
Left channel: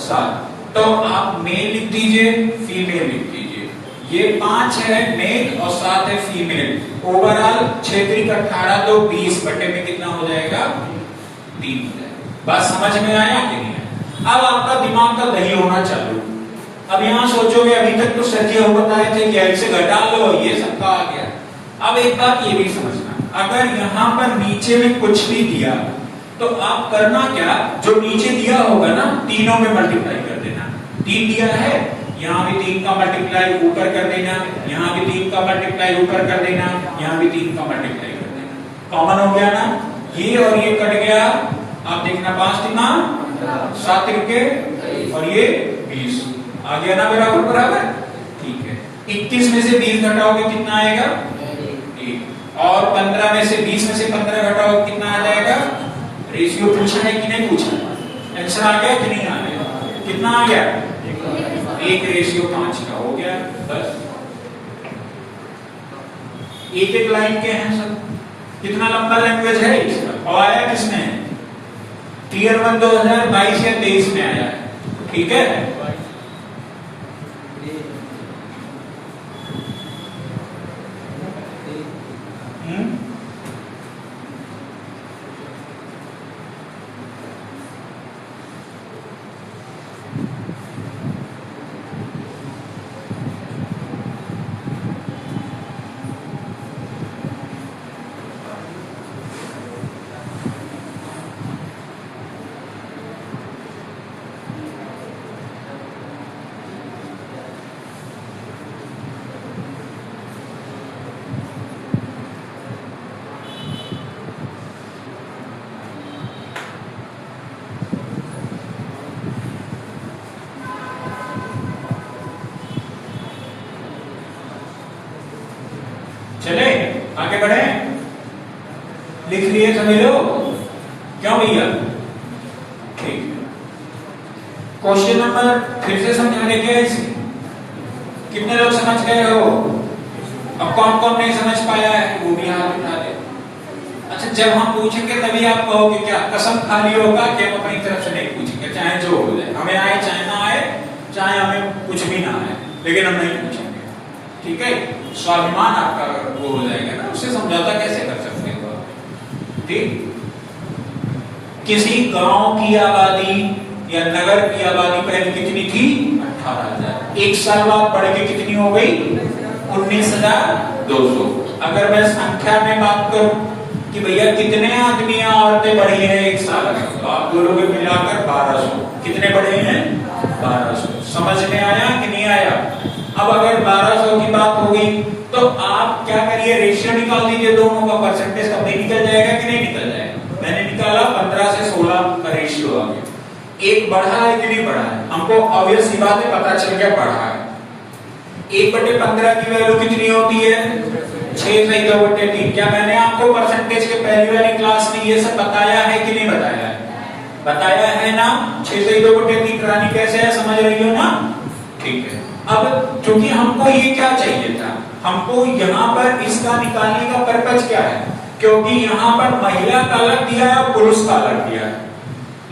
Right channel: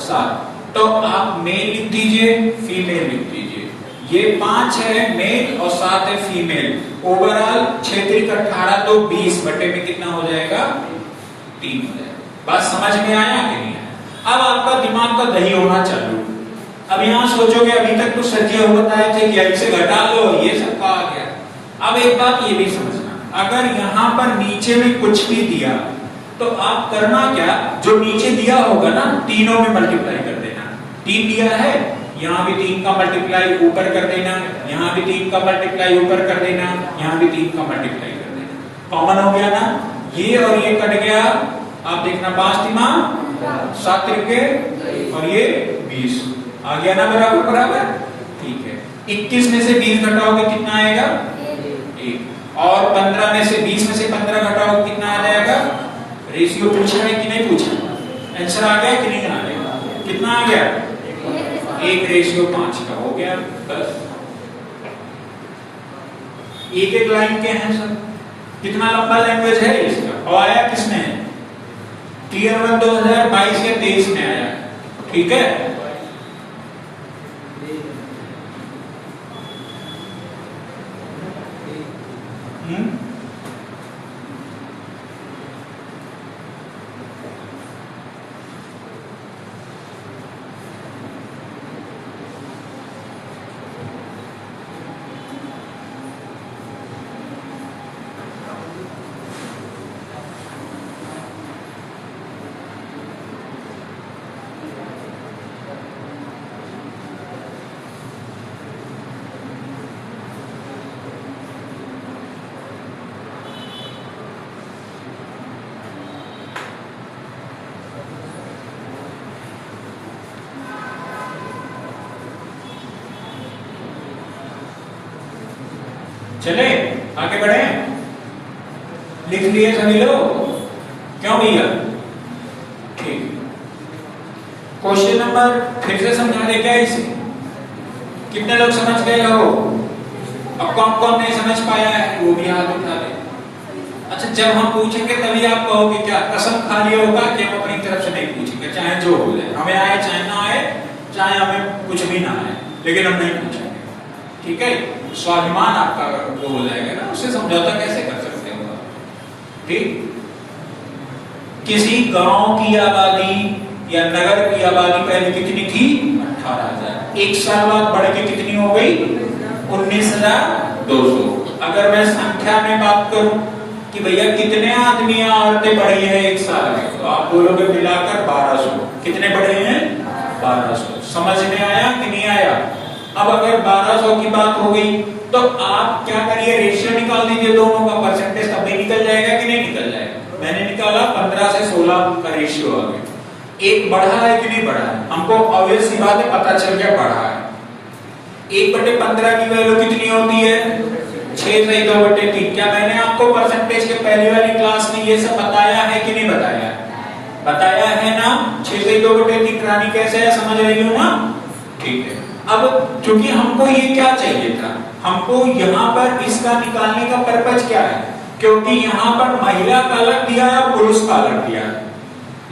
7। तो आप मेल लिख दीजिए, फीमेल लिख दीजिए। ये 5 है मेल और 7 है फीमेल। ओवरऑल 6 3 18 तो 20 बटे में कितना हो जाएगा 3 हो जाएगा। बात समझ में आया कि नहीं आया। अब आपका दिमाग का दही होना चालू। अब यहाँ सोचोगे अभी तक तो सर जी बताए थे कि ऐसे घटा लो, ये सबका आ गया। अब एक बात ये भी समझना, अगर यहाँ पर नीचे में कुछ भी दिया तो आप करना क्या, जो नीचे दिया होगा ना तीनों में मल्टीप्लाई कर देना। 3 दिया है, यहाँ भी 3 का मल्टीप्लाई ऊपर कर देना, यहाँ भी 3 का मल्टीप्लाई ऊपर कर देना, यहाँ भी 3 का मल्टीप्लाई कर देना। कॉमन हो गया ना, ये और ये कट गया। आप देखना 5 3 7 त्रिके और ये 20 आ गया ना, बराबर बराबर, ठीक है। 21 में से 20 घटाओगे कितना आएगा 1, और 15 में से 20 में से 15 घटाओ कितना आ जाएगा। रेशियो पूछा है कि नहीं पूछा, आंसर आ गया कि नहीं आ गया, कितना आ गया 1:5 का हो गया। बस एक लाइन के हैं सब, कितना लंबा लैंग्वेज है इसका। और आया किसने, टीयर 1 2022 या 23 में आया, ठीक है। चले आगे बढ़े, लिख लिए सभी लोग, क्यों भैया, ठीक है। क्वेश्चन नंबर फिर से समझा दे क्या इसे, कितने लोग समझ गए हो। अब कौन कौन नहीं समझ पाया है वो भी हाथ उठा दे। अच्छा, जब हम पूछेंगे तभी आप कहोगे क्या, कसम खाली होगा कि हम अपनी तरफ से नहीं पूछेंगे, चाहे जो हो जाए, हमें आए चाहे ना आए, चाहे हमें कुछ भी ना आए, लेकिन हम नहीं पूछेंगे, ठीक है। स्वाभिमान आपका वो हो जाएगा ना, उससे समझौता कैसे कर सकते हो आप, ठीक। किसी गांव की आबादी या नगर की आबादी पहले कितनी थी 18,000, एक साल बाद बढ़ के कितनी हो गई 19,200। अगर मैं संख्या में बात करूं कि भैया कितने आदमी या औरतें बढ़ी हैं एक साल में, तो आप बोलोगे मिलाकर 1200। कितने बढ़े हैं 1200। समझ में आया कि नहीं आया। अब अगर 1200 की बात हो गई तो आप क्या करिए, रेशियो निकाल दीजिए दोनों का, परसेंटेज तब भी निकल जाएगा कि नहीं निकल जाएगा। मैंने निकाला 15 से 16 का रेशियो आ गया। एक बढ़ा है कि नहीं बढ़ा है, हमको ऑब्वियस सी बात है पता चल गया बढ़ा है। 1/15 की वैल्यू कितनी होती है 6 से 2/3। क्या मैंने आपको परसेंटेज के पहली वाली क्लास में ये सब बताया है कि नहीं बताया, बताया है ना। 6 से 2/3 करानी कैसे है, समझ रही हो ना, ठीक है। अब क्योंकि हमको ये क्या चाहिए था, हमको यहाँ पर इसका निकालने का पर्पज क्या है, क्योंकि यहाँ पर महिला का अलग दिया है और पुरुष का अलग दिया है,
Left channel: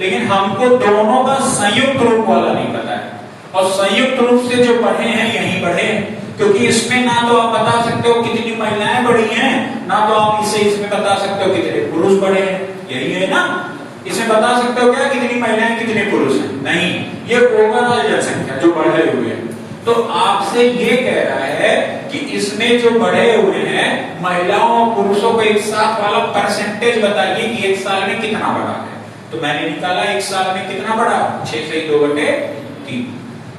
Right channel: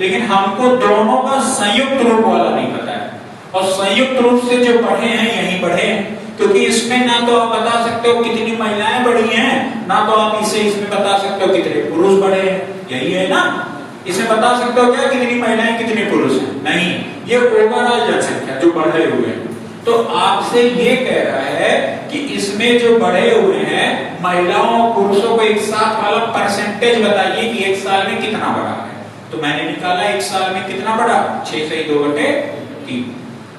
लेकिन हमको दोनों का संयुक्त रूप वाला नहीं पता है। और संयुक्त रूप से जो बढ़े हैं यही बढ़े हैं, क्योंकि इसमें ना तो आप बता सकते हो कितनी महिलाएं बढ़ी हैं, ना तो आप इसे इसमें बता सकते हो कितने पुरुष बढ़े हैं, यही है ना। इसमें बता सकते हो क्या कितनी महिलाएं कितने पुरुष हैं? नहीं, ये ओवरऑल जनसंख्या जो बढ़े हुए हैं। तो आपसे ये कह रहा है कि इसमें जो बढ़े हुए हैं महिलाओं और पुरुषों को एक साथ वाला परसेंटेज बताइए कि एक साल में कितना बढ़ा है। तो मैंने निकाला एक साल में कितना बढ़ा, 6 से 2/3।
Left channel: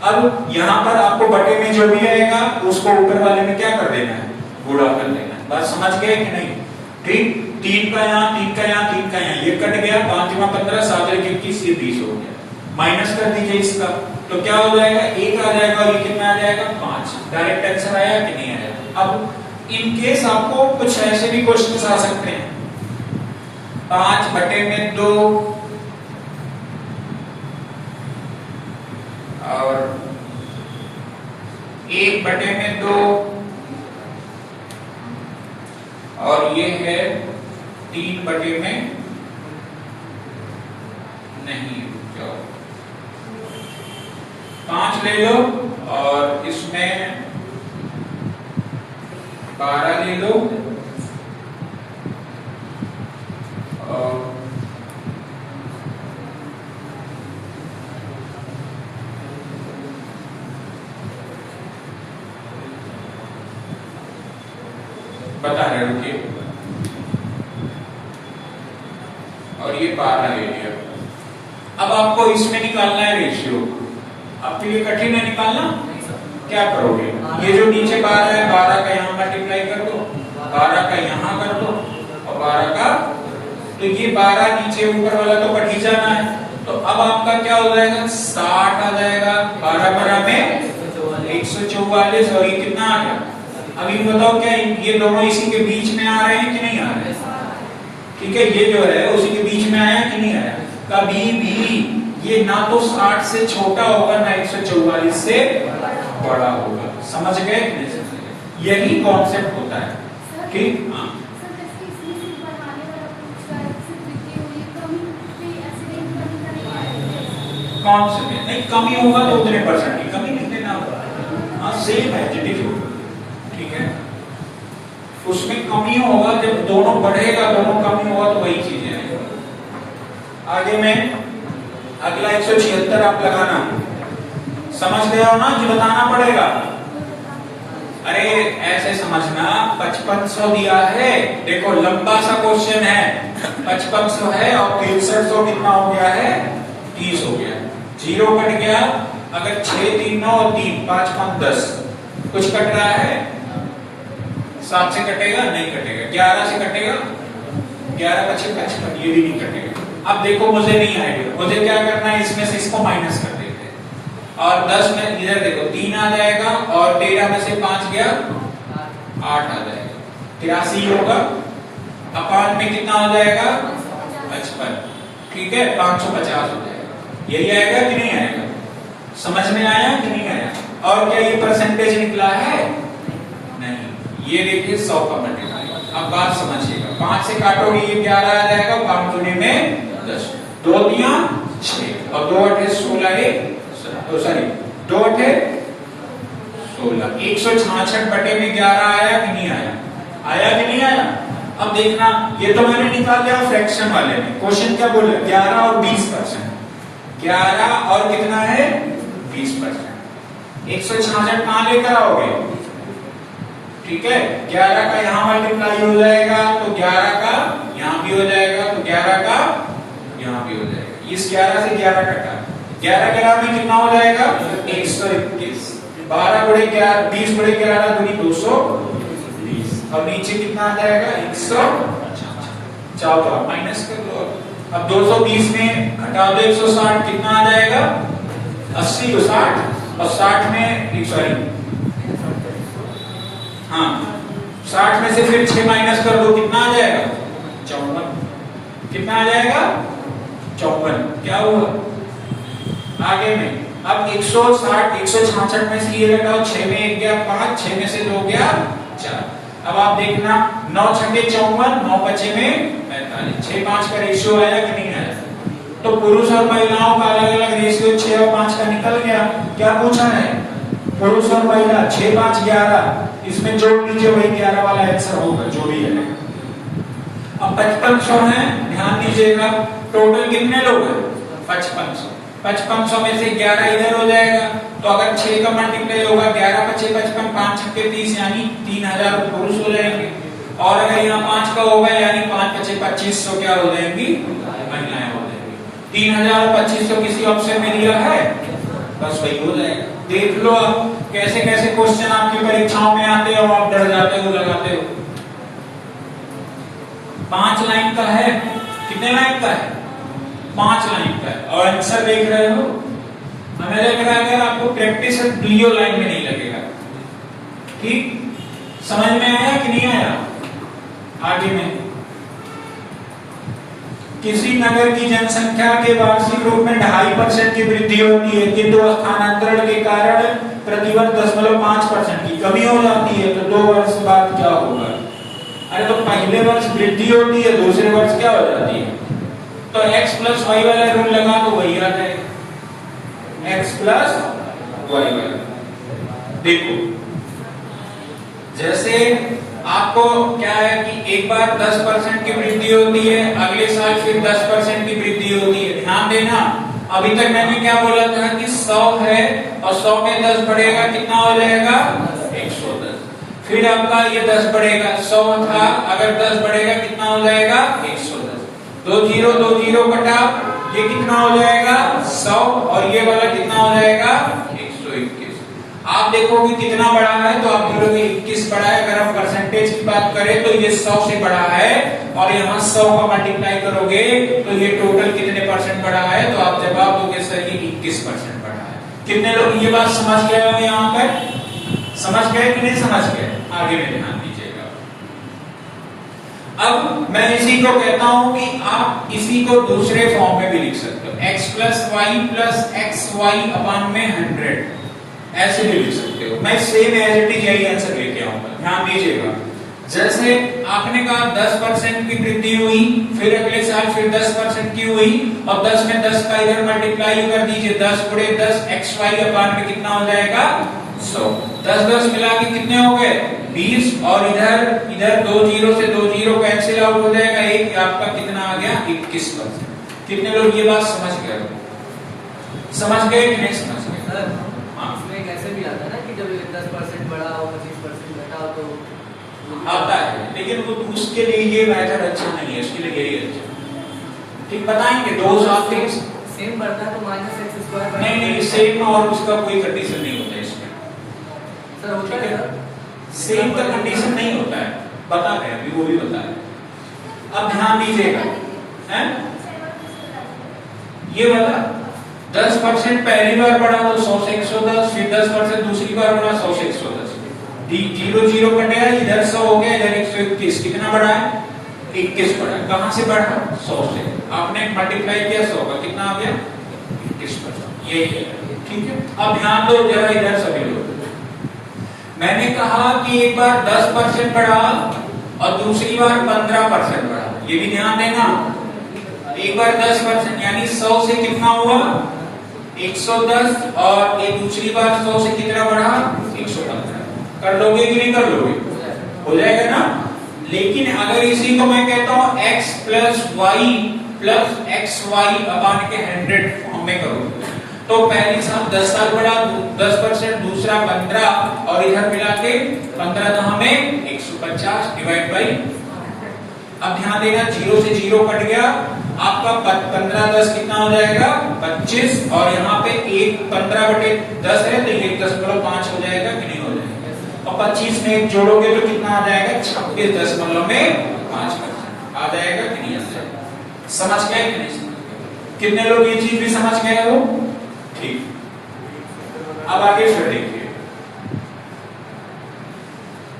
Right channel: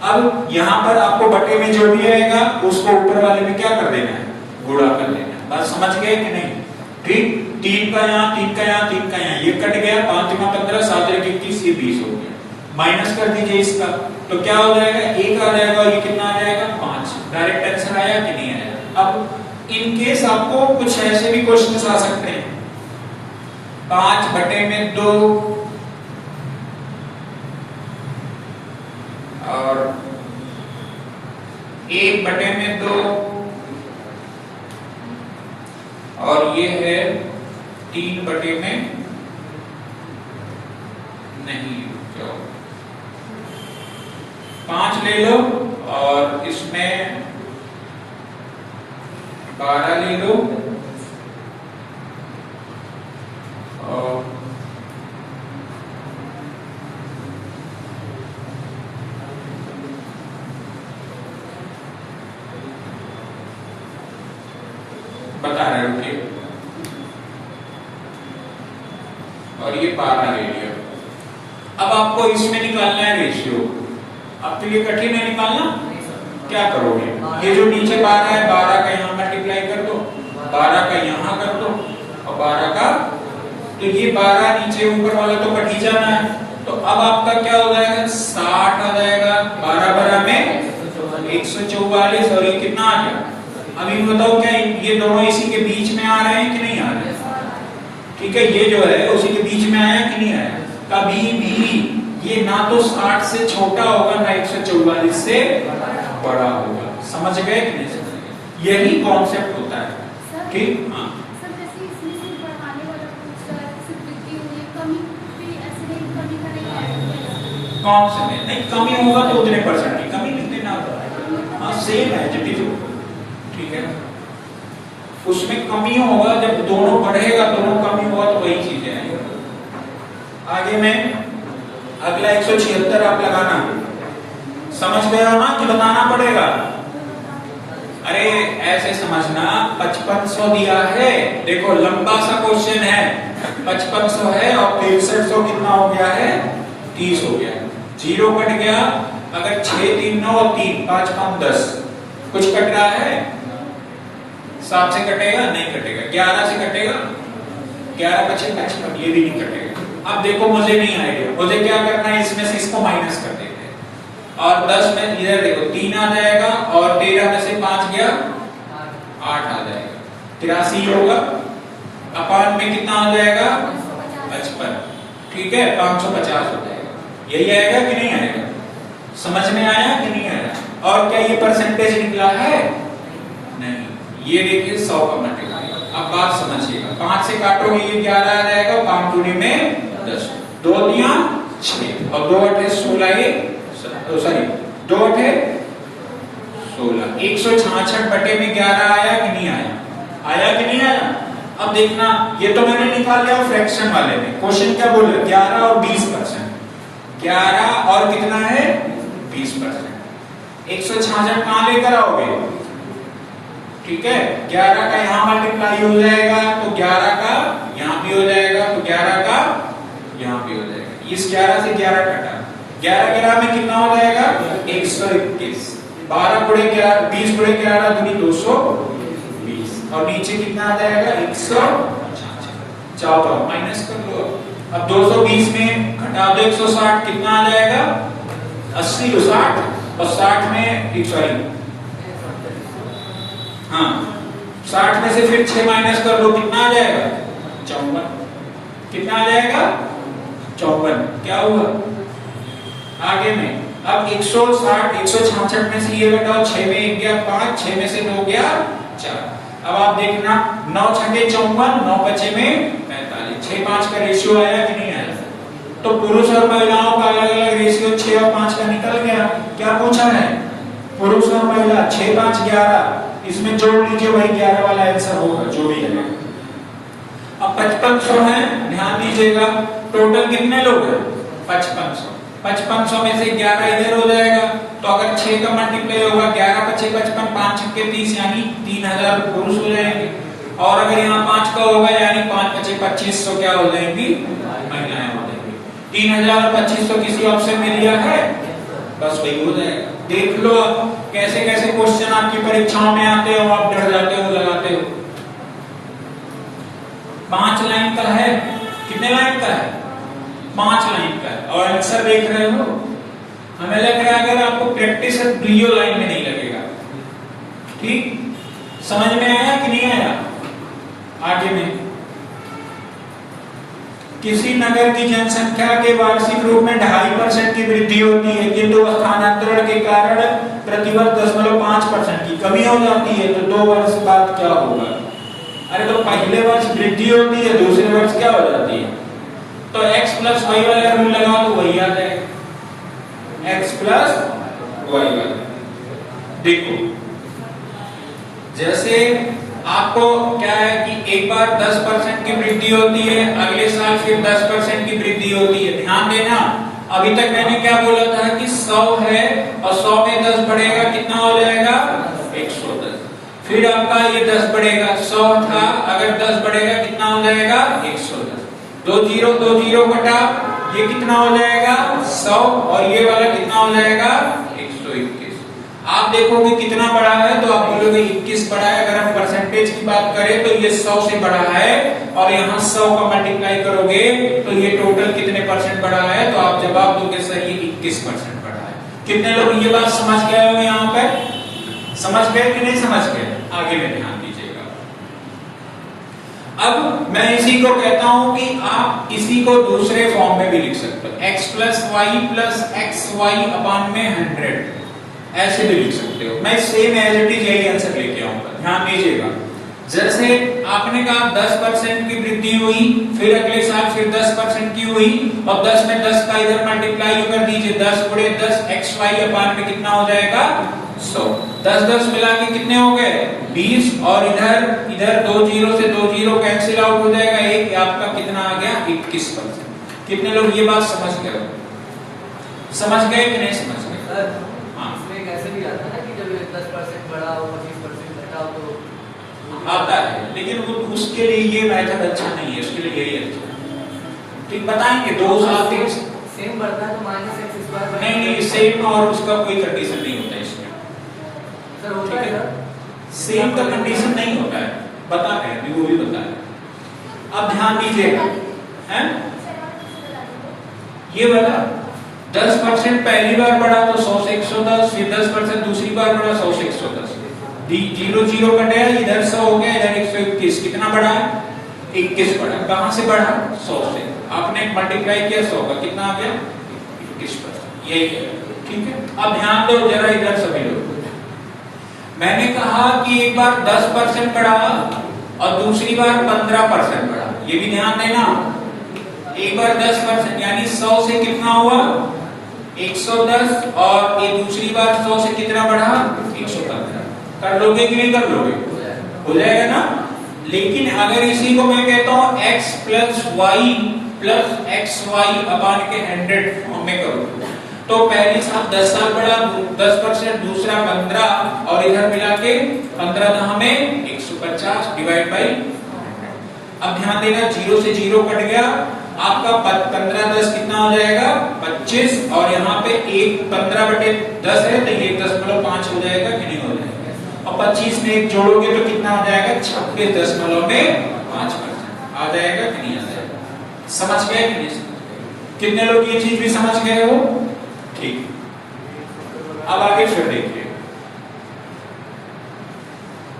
अब यहाँ पर आपको बटे में जो भी आएगा उसको ऊपर वाले में क्या कर देना है, गुणा कर देना है। बात समझ गए कि नहीं? ठीक, 3 का यहाँ, 3 का यहाँ, 3 का यहाँ, ये कट गया, 5 में 15, 7 में 21, ये 20 हो गया। माइनस कर दीजिए इसका, तो क्या हो जाएगा, 1 आ जाएगा और ये कितना आ जाएगा, 5। डायरेक्ट आंसर आया कि नहीं आया? अब इन केस आपको कुछ ऐसे भी क्वेश्चन आ सकते हैं, 5/2 और 1/2 और ये है 3/, नहीं क्या 5 ले लो और इसमें 12 ले लो और बता रहे हो कि और ये 12 ले लिया। अब आपको इसमें निकालना है रेशियो। आपके लिए कठिन है निकालना, क्या करोगे, ये जो नीचे 12 है 12 का यहाँ मल्टीप्लाई कर दो, 12 का यहाँ कर दो और 12 का, तो ये 12 नीचे ऊपर वाला तो कट ही जाना है। तो अब आपका क्या हो जाएगा, 60 आ जाएगा, 12 में 144 और ये कितना आ गया। अब इन बताओ क्या ये दोनों इसी के बीच में आ रहे हैं कि नहीं आ रहे? ठीक है, ये जो है उसी के बीच में आया कि नहीं आया? कभी भी ये ना तो 60 से छोटा होगा ना 144 से बड़ा होगा। समझ गए कि नहीं? यही कॉन्सेप्ट होता है। ठीक, हाँ कौन से में नहीं कमी होगा तो उतने परसेंट की कमी नहीं देना होगा। हाँ सेम है जितनी जो, ठीक है, उसमें कमी होगा जब दोनों बढ़ेगा दोनों कमी होगा तो वही चीज है। आगे में अगला 176 आप लगाना, समझ गए हो ना, जो बताना पड़ेगा। अरे ऐसे समझना, 5500 दिया है, देखो लंबा सा क्वेश्चन है, 5500 है और 6300 कितना हो गया है, 30 हो गया, 0 कट गया। अगर 6 3 9 और 3 5 5 10 कुछ कट रहा है, 7 से कटेगा नहीं कटेगा, 11 से कटेगा, 11 25 55, ये भी नहीं कटेगा। अब देखो मुझे नहीं आएगा, मुझे क्या करना है, इसमें से इसको माइनस कर देते हैं और 10 में इधर देखो 3 आ जाएगा और 13 में से 5 गया 8 आ जाएगा, 83 होगा। अपान में कितना आ जाएगा 55, ठीक है, 550 हो जाएगा। यही आएगा कि नहीं आएगा? समझ में आया कि नहीं आया? और क्या ये परसेंटेज निकला है? नहीं, ये देखिए 100 का मल्टीप्लाई। अब बात समझिएगा, 5 से काटोगे ये 11 आ जाएगा, 5 दूनी में 10, 2 दिया 6 और 2 8 16, तो सॉरी 2 8 16, 166/11 आया कि नहीं आया? आया कि नहीं आया? अब देखना, ये तो मैंने निकाल लिया फ्रैक्शन वाले में। क्वेश्चन क्या बोल रहा है, 11 और 20%, 11 और कितना है 20%। 166 कहां लेकर आओगे, ठीक है, 11 का यहाँ मल्टीप्लाई हो जाएगा तो 11 का यहाँ भी हो जाएगा, तो 11 का यहाँ भी हो जाएगा। इस 11 से 11 कटा, 11 में कितना हो जाएगा 121, 12 गुणे 11 20 गुणे 11 दूनी 220 और नीचे कितना आ जाएगा 166। चाहो तो आप माइनस कर लो। अब 220 में घटा दो 160, कितना आ जाएगा 80 को 60 और 60 में सॉरी हाँ 60 में से फिर 6 माइनस कर दो, कितना आ जाएगा 54, कितना आ जाएगा 54। क्या हुआ आगे में, अब 160 166 में से ये घटाओ, 6 में 1 गया 5, 6 में से 2 गया 4। अब आप देखना 9 छठे 54, 9 बचे में 45, 6 5 का रेशियो आया कि नहीं आया? तो पुरुष और महिलाओं का अलग अलग रेशियो 6 और 5 का निकल गया। क्या पूछा है, पुरुष और महिला 6 5 11, इसमें जोड़ लीजिए वही 11 वाला आंसर होगा जो भी है। अब 5500 है, ध्यान दीजिएगा टोटल कितने लोग हैं 5500। 5500 में से 11 इधर हो जाएगा, तो अगर 6 का मल्टीप्लाई होगा 11 × 6 55, 5 × 6 30, यानी 3000 पुरुष हो जाएंगे। और अगर यहाँ 5 का होगा यानी 5 × 5 2500 क्या हो जाएंगी, महिलाएं हो जाएंगी। 3000 और 2500 किसी ऑप्शन में दिया है, बस वही हो जाएगा। देख लो अब कैसे कैसे क्वेश्चन आपकी परीक्षाओं में आते हो, आप डर जाते हो, लगाते हो। 5 लाइन का है, कितने लाइन का है, 5 लाइन का है, और आंसर देख रहे हो। हमें लग रहा है अगर आपको प्रैक्टिस है दुइयों लाइन में नहीं लगेगा। ठीक, समझ में आया कि नहीं आया? आगे में किसी नगर की जनसंख्या के वार्षिक रूप में 2.5% की वृद्धि होती है, किंतु स्थानांतरण के कारण प्रतिवर्ष 0.5% की कमी हो जाती है, तो 2 वर्ष बाद क्या होगा? अरे तो पहले वर्ष वृद्धि होती है, दूसरे वर्ष क्या हो जाती है? तो x + y वाला रूल लगा तो वही आ जाएगा, x + y वाला। देखो जैसे आपको क्या है कि एक बार 10% की वृद्धि होती है, अगले साल फिर 10% की वृद्धि होती है। ध्यान देना, अभी तक मैंने क्या बोला था कि 100 है और 100 में 10 बढ़ेगा, कितना हो जाएगा 110। फिर आपका ये 10 बढ़ेगा, 100 था, अगर 10 बढ़ेगा कितना हो जाएगा 110। 2 0 कटा, ये कितना हो जाएगा 100, और ये वाला कितना हो जाएगा 121। आप देखोगे कितना बड़ा है तो आप बोलोगे 21 बड़ा है। अगर हम परसेंटेज की बात करें तो ये 100 से बड़ा है, और यहाँ 100 का मल्टीप्लाई करोगे तो ये टोटल कितने परसेंट बड़ा है, तो आप जवाब दोगे सर ये 21% बड़ा है। कितने लोग ये बात समझ गए हो? यहाँ पे समझ गए कि नहीं समझ गए? आगे में ध्यान दीजिएगा। अब मैं इसी को कहता हूं कि आप इसी को दूसरे फॉर्म में भी लिख सकते हो, x + y + xy/100 ऐसे भी लिख सकते हो। मैं सेम एज इट इज यही आंसर लेके आऊंगा, ध्यान दीजिएगा। जैसे आपने कहा 10% की वृद्धि हुई, फिर अगले साल फिर 10% की हुई, और 10 में 10 का इधर मल्टीप्लाई कर दीजिए, 10 × 10 xy/में कितना हो जाएगा 100। 10 मिला के कितने हो गए 20, और इधर 2 0 से 2 0 कैंसिल आउट हो जाएगा, एक आपका कितना आ गया 21%। कितने लोग ये बात समझ गए? समझ गए कि नहीं समझ गए? ऐसे भी आता है ना कि जब 10% बढ़ा हो 25% घटा हो तो आता है, लेकिन उसके लिए ये मेथड अच्छा नहीं है, उसके लिए यही अच्छा। ठीक, बताएंगे 2 साल तक सेम बढ़ता है तो -x²। नहीं, सेम और उसका कोई कंडीशन नहीं होता इसमें सर। होता है सर, सेम का कंडीशन नहीं होता है, बता रहे हैं वो भी बता रहे। अब ध्यान दीजिएगा, हैं ये वाला 10% पहली बार बढ़ा तो 100 से 110, फिर 10% दूसरी बार बढ़ा 100 से 110। 0 0 कटा, इधर 100 हो गया, इधर 121। कितना बढ़ा है 21 बढ़ा। कहां से बढ़ा 100 से। आपने मल्टीप्लाई किया 100 का, कितना आ गया 21%। यही है, ठीक है। अब ध्यान दो जरा इधर सभी लोग, मैंने कहा कि एक बार 10% बढ़ा और दूसरी बार 15% बढ़ा, ये भी ध्यान देना। एक बार 10% यानी 100 से कितना हुआ 110, और ये दूसरी बार 100 से कितना बढ़ा 115। कर लोगे कि नहीं कर लोगे? हो जाएगा ना। लेकिन अगर इसी को मैं कहता हूं x + y + xy/100 फॉर्म में करूं, तो पहले साल 10 साल बढ़ा 10%, दूसरा 15, और इधर मिला के 15 हमें 150 डिवाइड बाई। अब ध्यान देना 0 से 0 कट गया, आपका 15 10 कितना हो जाएगा 25, और यहाँ पे 15/10 है तो ये 10.5 हो जाएगा कि नहीं हो जाएगा। और 25 में 1 जोड़ोगे तो कितना आ जाएगा 26.5% आ जाएगा कि नहीं आ जाएगा? समझ गए कि नहीं समझ गए? कितने लोग ये चीज भी समझ गए हो? ठीक, अब आगे फिर देखिए।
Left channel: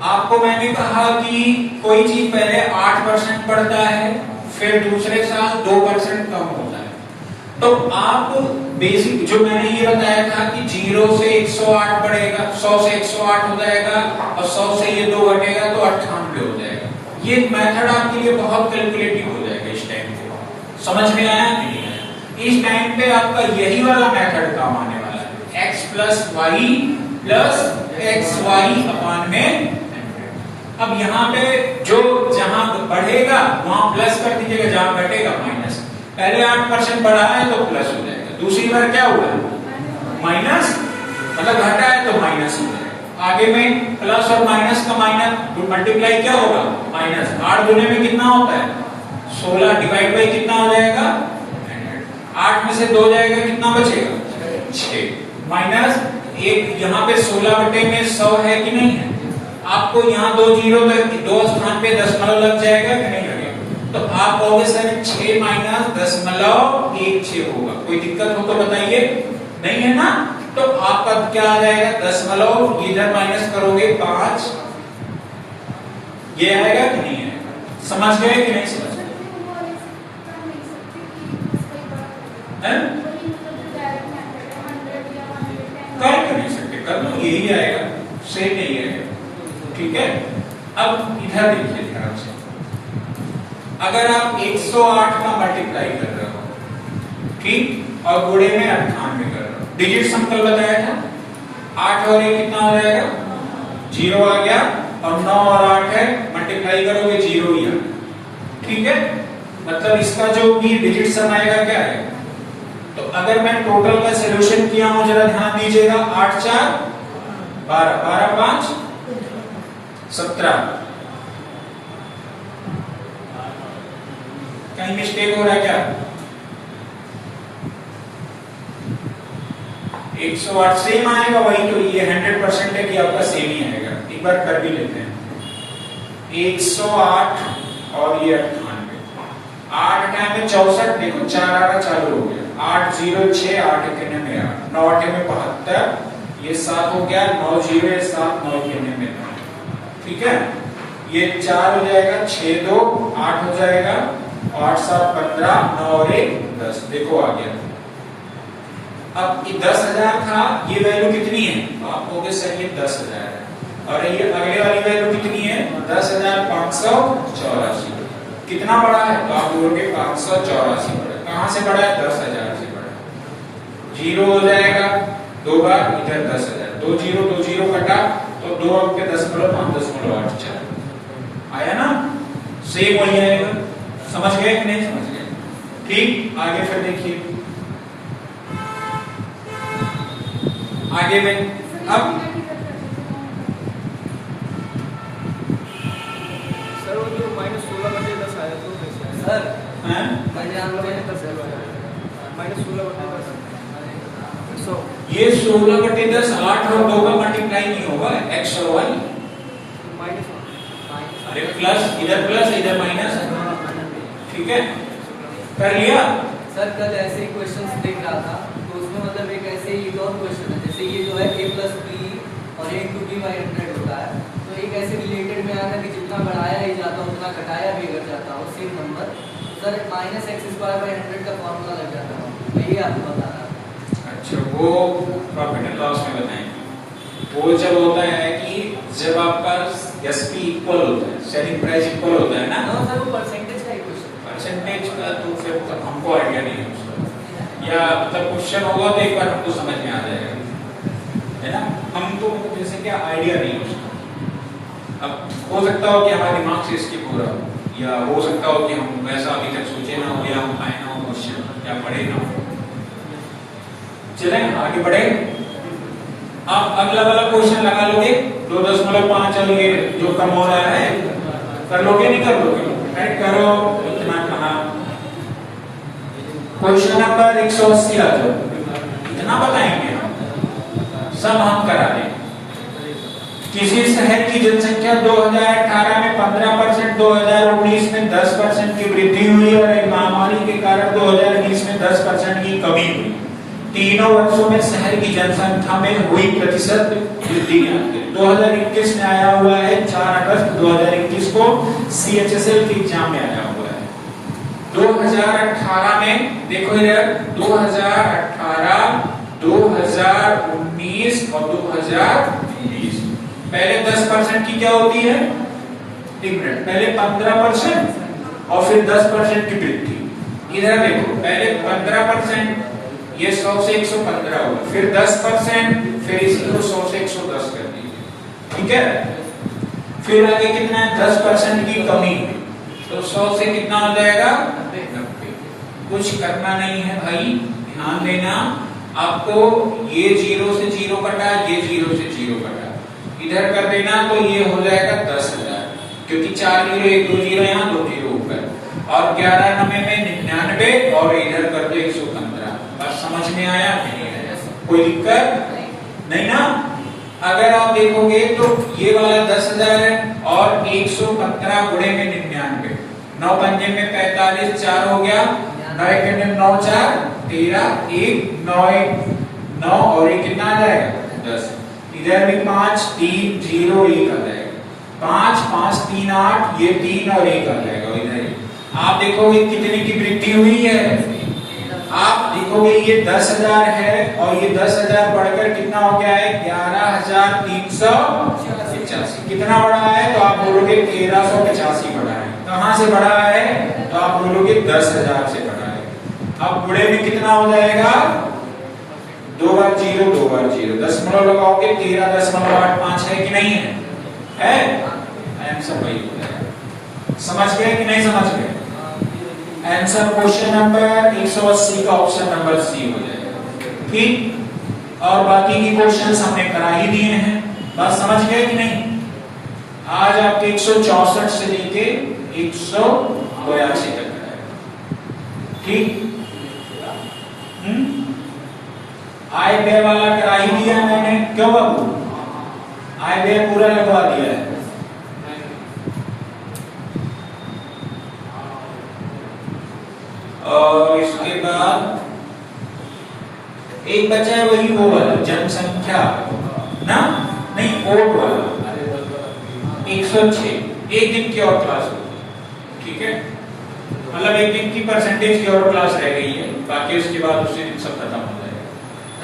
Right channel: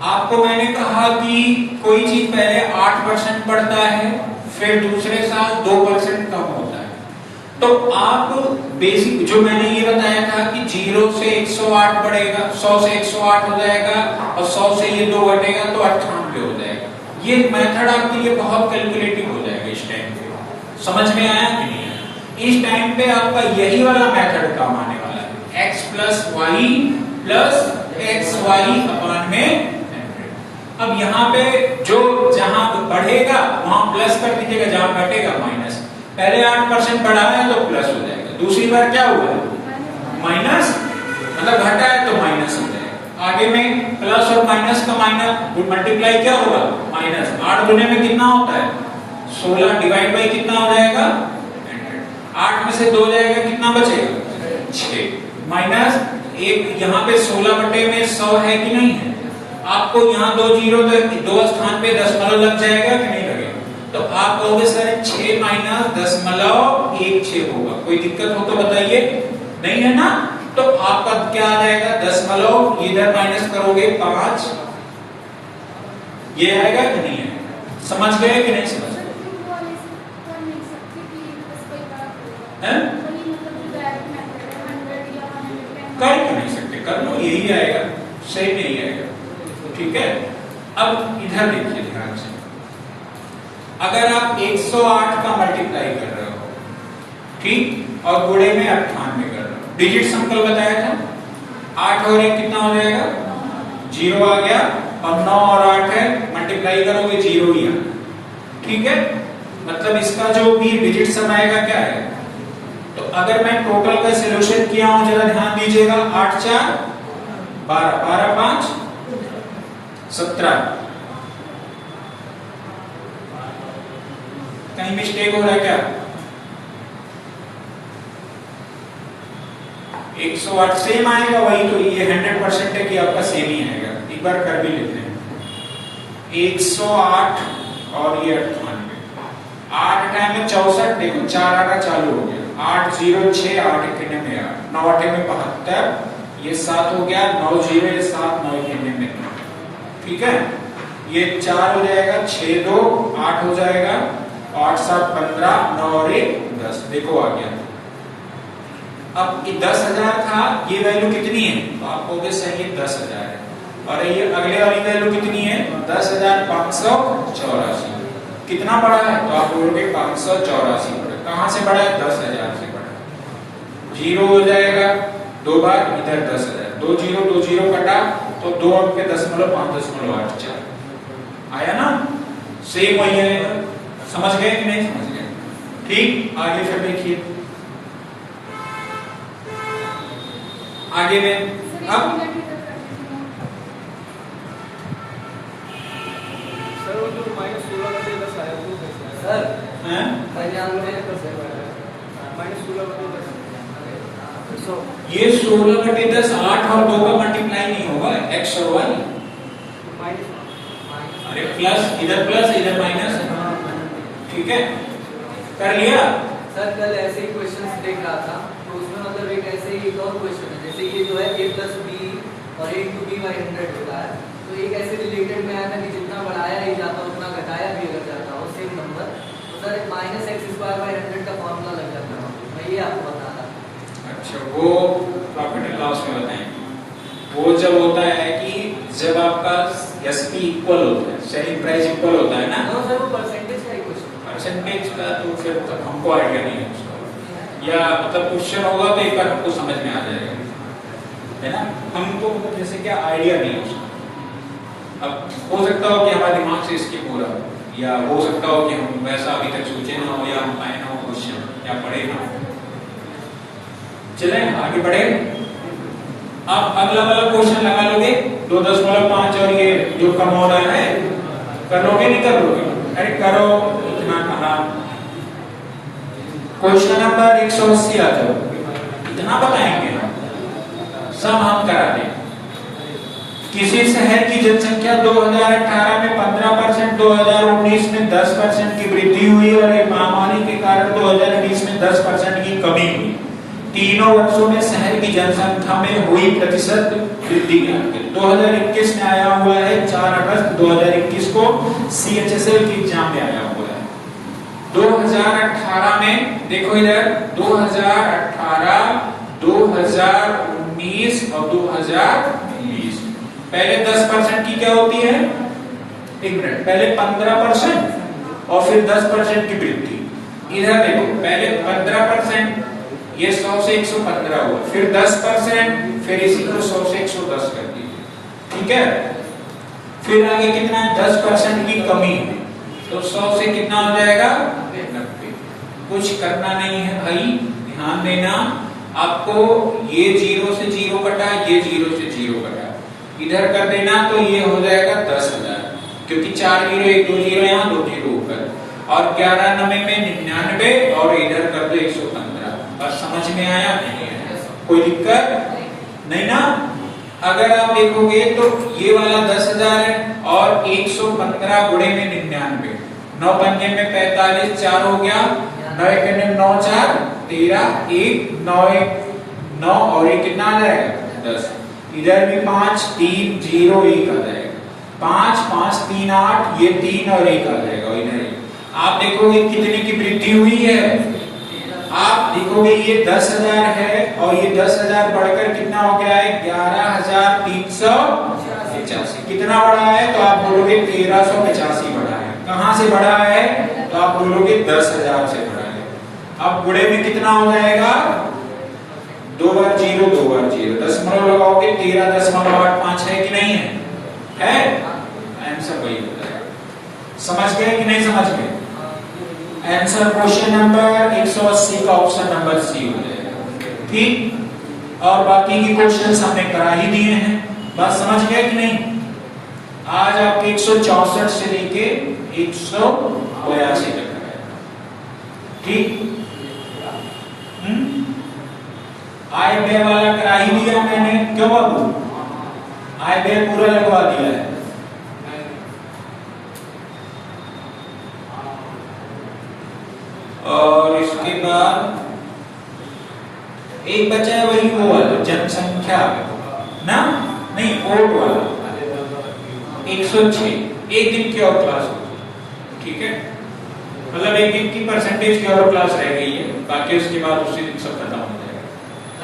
आपको मैंने कहा कि कोई चीज पहले 8% बढ़ता है, फिर दूसरे साल 2% कम होता है, तो आप बेसिक जो मैंने ये बताया था कि 0 से 108 बढ़ेगा, 100 से 108 हो जाएगा, और 100 से ये 2 घटेगा तो 98 हो जाएगा। ये मेथड आपके लिए बहुत कैलकुलेटिव हो जाएगा इस टाइम पे। समझ में आया कि नहीं आया? इस टाइम पे आपका यही वाला मेथड काम आने वाला है, x + y + xy/100। अब यहाँ पे जो जहां बढ़ेगा वहां प्लस कर दीजिएगा, जहां घटेगा माइनस। पहले 8% बढ़ा है तो प्लस हो जाएगा, दूसरी बार क्या हुआ माइनस, मतलब घटा है तो माइनस हो जाएगा। आगे में प्लस और माइनस का माइनस मल्टीप्लाई क्या होगा माइनस, 8 गुने में कितना होता है 16, डिवाइड बाई कितना हो जाएगा 8 में से 2 जाएगा, कितना बचेगा 6 माइनस एक, यहाँ पे 16 बटे में 100 है कि नहीं है, आपको यहाँ 2 जीरो तो 2 स्थान पे दशमलव लग जाएगा कि नहीं लगेगा, तो आप कहोगे सर 6 माइनस दशमलव 16 होगा, कोई दिक्कत हो तो बताइए, नहीं है ना, तो आपका क्या आ जाएगा दशमलव, इधर माइनस करोगे 5, ये आएगा कि नहीं आएगा, समझ गए कि नहीं समझ गए? कर नहीं सकते, कर लो यही आएगा, सही नहीं आएगा, ठीक है। अब इधर देखिए ध्यान से, अगर आप 108 का मल्टीप्लाई कर रहे हो, ठीक, और गुणे में 98 कर रहे हो, डिजिट संकल बताया था, 8 और 1 कितना हो जाएगा 0 आ गया, और 9 और 8 है, मल्टीप्लाई करोगे 0 ही आएगा, ठीक है, मतलब इसका जो भी डिजिट सम आएगा क्या है। तो अगर मैं टोटल का सॉल्यूशन किया हूं, जरा ध्यान दीजिएगा, 8 4 12, 12 5 17, कहीं मिस्टेक हो रहा है क्या? 108 सेम आएगा, वही तो ये 100% है कि आपका सेम ही आएगा, एक बार कर भी लेते हैं, 108 और ये 98, 8 में 64, देखो 4 आना चालू हो गया, 8 0 6 8 1 में 8, 9 8 में 72, ये 7 हो गया, 9 0 ये 7, 9 1 में 9, ठीक है, ये 4 हो जाएगा, 6 2 8 हो जाएगा, 8 7 15, 9 और 1 10, देखो आ गया। अब ये 10,000 था, ये वैल्यू कितनी है, तो आप कहोगे सर ये 10,000 है, और ये अगले वाली वैल्यू कितनी है 10,584, कितना बढ़ा है, तो आप बोलोगे 584 बढ़ा, कहां से बढ़ा है 10,000 से बढ़ा, 0 हो जाएगा 2 बार, इधर 10,000, 2 0 कटा, तो 2 अंक पे 0.584 आया ना, सेम वही आएगा, समझ गए कि नहीं समझ गए, ठीक। आगे फिर देखिए, आगे में अब सर वो जो -16 बटे 10 आया तो कैसे आया सर, हैं पहले हम लोग -16 बटे 10, सो ये 16 बटे 10 8 और 2 का मल्टीप्लाई नहीं होगा, x और y, अरे प्लस इधर माइनस, ठीक है, कर लिया सर। कल ऐसे ही क्वेश्चंस देख रहा था, तो उसमें मतलब एक ऐसे ही एक और क्वेश्चन है, जैसे ये जो है a + b और a × b / 100 होता है, तो एक ऐसे रिलेटेड में आया था कि जितना बढ़ाया ही जाता उतना घटाया भी अगर जाता वो सेम नंबर, तो सर -x² / 100 का फॉर्मूला लग जाता है, मैं ये आपको बता रहा था। अच्छा, वो प्रॉफिट एंड लॉस में बताएंगे, वो जब होता है कि जब आपका एसपी इक्वल होता है, सेलिंग प्राइस इक्वल होता है ना, सर वो परसेंटेज का ही क्वेश्चन, परसेंटेज का तो फिर हमको आइडिया नहीं है उसका, या मतलब क्वेश्चन होगा तो एक बार हमको समझ में आ जाएगा, है ना, हमको मतलब जैसे क्या आइडिया नहीं है उसका। अब हो सकता हो कि हमारे दिमाग से स्किप हो रहा हो, या हो सकता हो कि हम वैसा अभी तक सोचे ना हो, या हम पाए ना हो क्वेश्चन, या पढ़े ना हो। चले आगे बढ़े, आप अगला वाला क्वेश्चन लगा लोगे, 2.5 और ये जो कम हो रहा है कर लोगे नहीं कर लोगे, अरे करो, इतना कहा, क्वेश्चन नंबर 180 आ जाओ, इतना बताएंगे सब हम करा दें। किसी शहर की जनसंख्या 2018 में 15%, 2019 में 10% की वृद्धि हुई और एक महामारी के कारण 2020 में 10% की कमी हुई। तीनों वर्षों में शहर की जनसंख्या में हुई प्रतिशत वृद्धि 2021 में आया हुआ है, 4 अगस्त 2021 को CHSL की एग्जाम में आया हुआ है। 2018 में देखो इधर 2018, 2019 और 2020, पहले 10% की क्या होती है डिफरेंट, पहले 15% और फिर 10% की वृद्धि। इधर देखो पहले 15%, ये 100 से 115 हुआ, फिर 10%, फिर इसी को 100 से 110 कर दीजिए, ठीक है। फिर आगे कितना है 10% की कमी, तो 100 से कितना हो जाएगा 90, कुछ करना नहीं है भाई, ध्यान देना। आपको ये 0 से 0 कटा, ये 0 से 0 कटा, इधर कर देना तो ये हो जाएगा 10,000, क्योंकि 4 जीरो 1 2 जीरो यहाँ 2 जीरो ऊपर, और 11 नवे में 99 और इधर कर दो 115। अब समझ में आया? कोई दिक्कत नहीं ना? अगर आप देखोगे तो ये वाला 10,000 है और 115 गुणे में 99, 9 पंजे में 45, 4 हो गया, 9 एक 9 4 13, 1 9 1 9 और ये कितना आ जाएगा 10। इधर भी 5 3 0 1 आ जाएगा, 5 5 3 8, ये 3 और 1 आ जाएगा इधर ही। आप देखोगे कितने की वृद्धि हुई है। आप देखोगे ये 10,000 है और ये 10,000 बढ़कर कितना हो गया है 11,385। कितना बढ़ा है? तो आप बोलोगे 1385 बढ़ा है। कहां से बढ़ा है? तो आप बोलोगे 10,000 से बढ़ा है। अब गुणे में कितना हो जाएगा? 2 बार 0 2 बार 0, दशमलव लगाओगे 13.85 है कि नहीं है? है? आंसर वही हो जाएगा। समझ गए कि नहीं समझ गए? आंसर क्वेश्चन नंबर 180 का ऑप्शन नंबर सी हो जाएगा। ठीक, और बाकी की क्वेश्चंस हमने करा ही दिए हैं। बात समझ गए कि नहीं? आज आपके 164 से लेके 182 तक है। ठीक, आय व्यय वाला करा ही दिया मैंने। क्यों बाबू? आय व्यय पूरा लगवा दिया है। और इसके बाद एक बचा है वही वो वाला जनसंख्या ना, नहीं वोट वाला 106, एक दिन की और क्लास होगी। ठीक है, मतलब एक दिन की परसेंटेज की और क्लास रह गई है, बाकी उसके बाद उसी दिन सब खत्म हो जाएगा।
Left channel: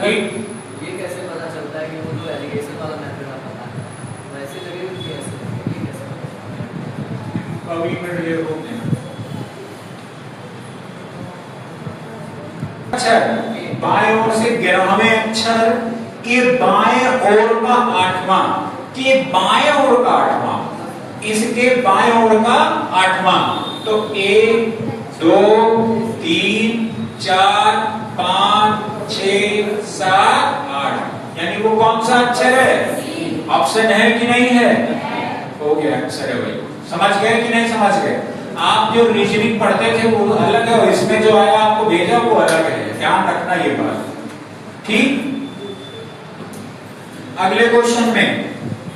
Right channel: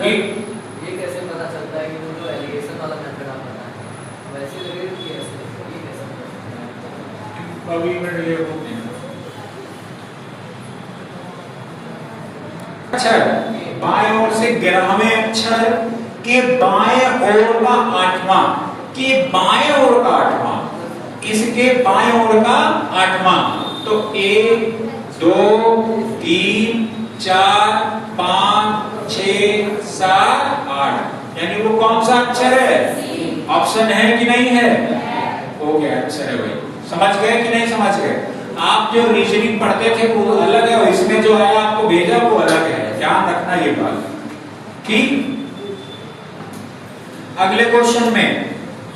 ठीक, ये कैसे पता चलता है कि वो जो एलिगेशन वाला मेथड आप बता रहे हैं वैसे लगे कि ऐसे ये कैसे पता? अभी मैं ये बोलते हैं। अक्षर बाएं ओर से 11वें अक्षर के बाएं ओर का 8वां, के बाएं ओर का 8वां, इसके बाएं ओर का 8वां, तो 1 2 3 4 5 6 7 8, यानी वो कौन सा अक्षर है? ऑप्शन है कि नहीं है? हो गया, अक्षर है भाई। समझ गए कि नहीं समझ गए? आप जो रीजनिंग पढ़ते थे वो अलग है, इसमें जो आया आपको भेजा वो अलग है, ध्यान रखना ये बात। ठीक, अगले क्वेश्चन में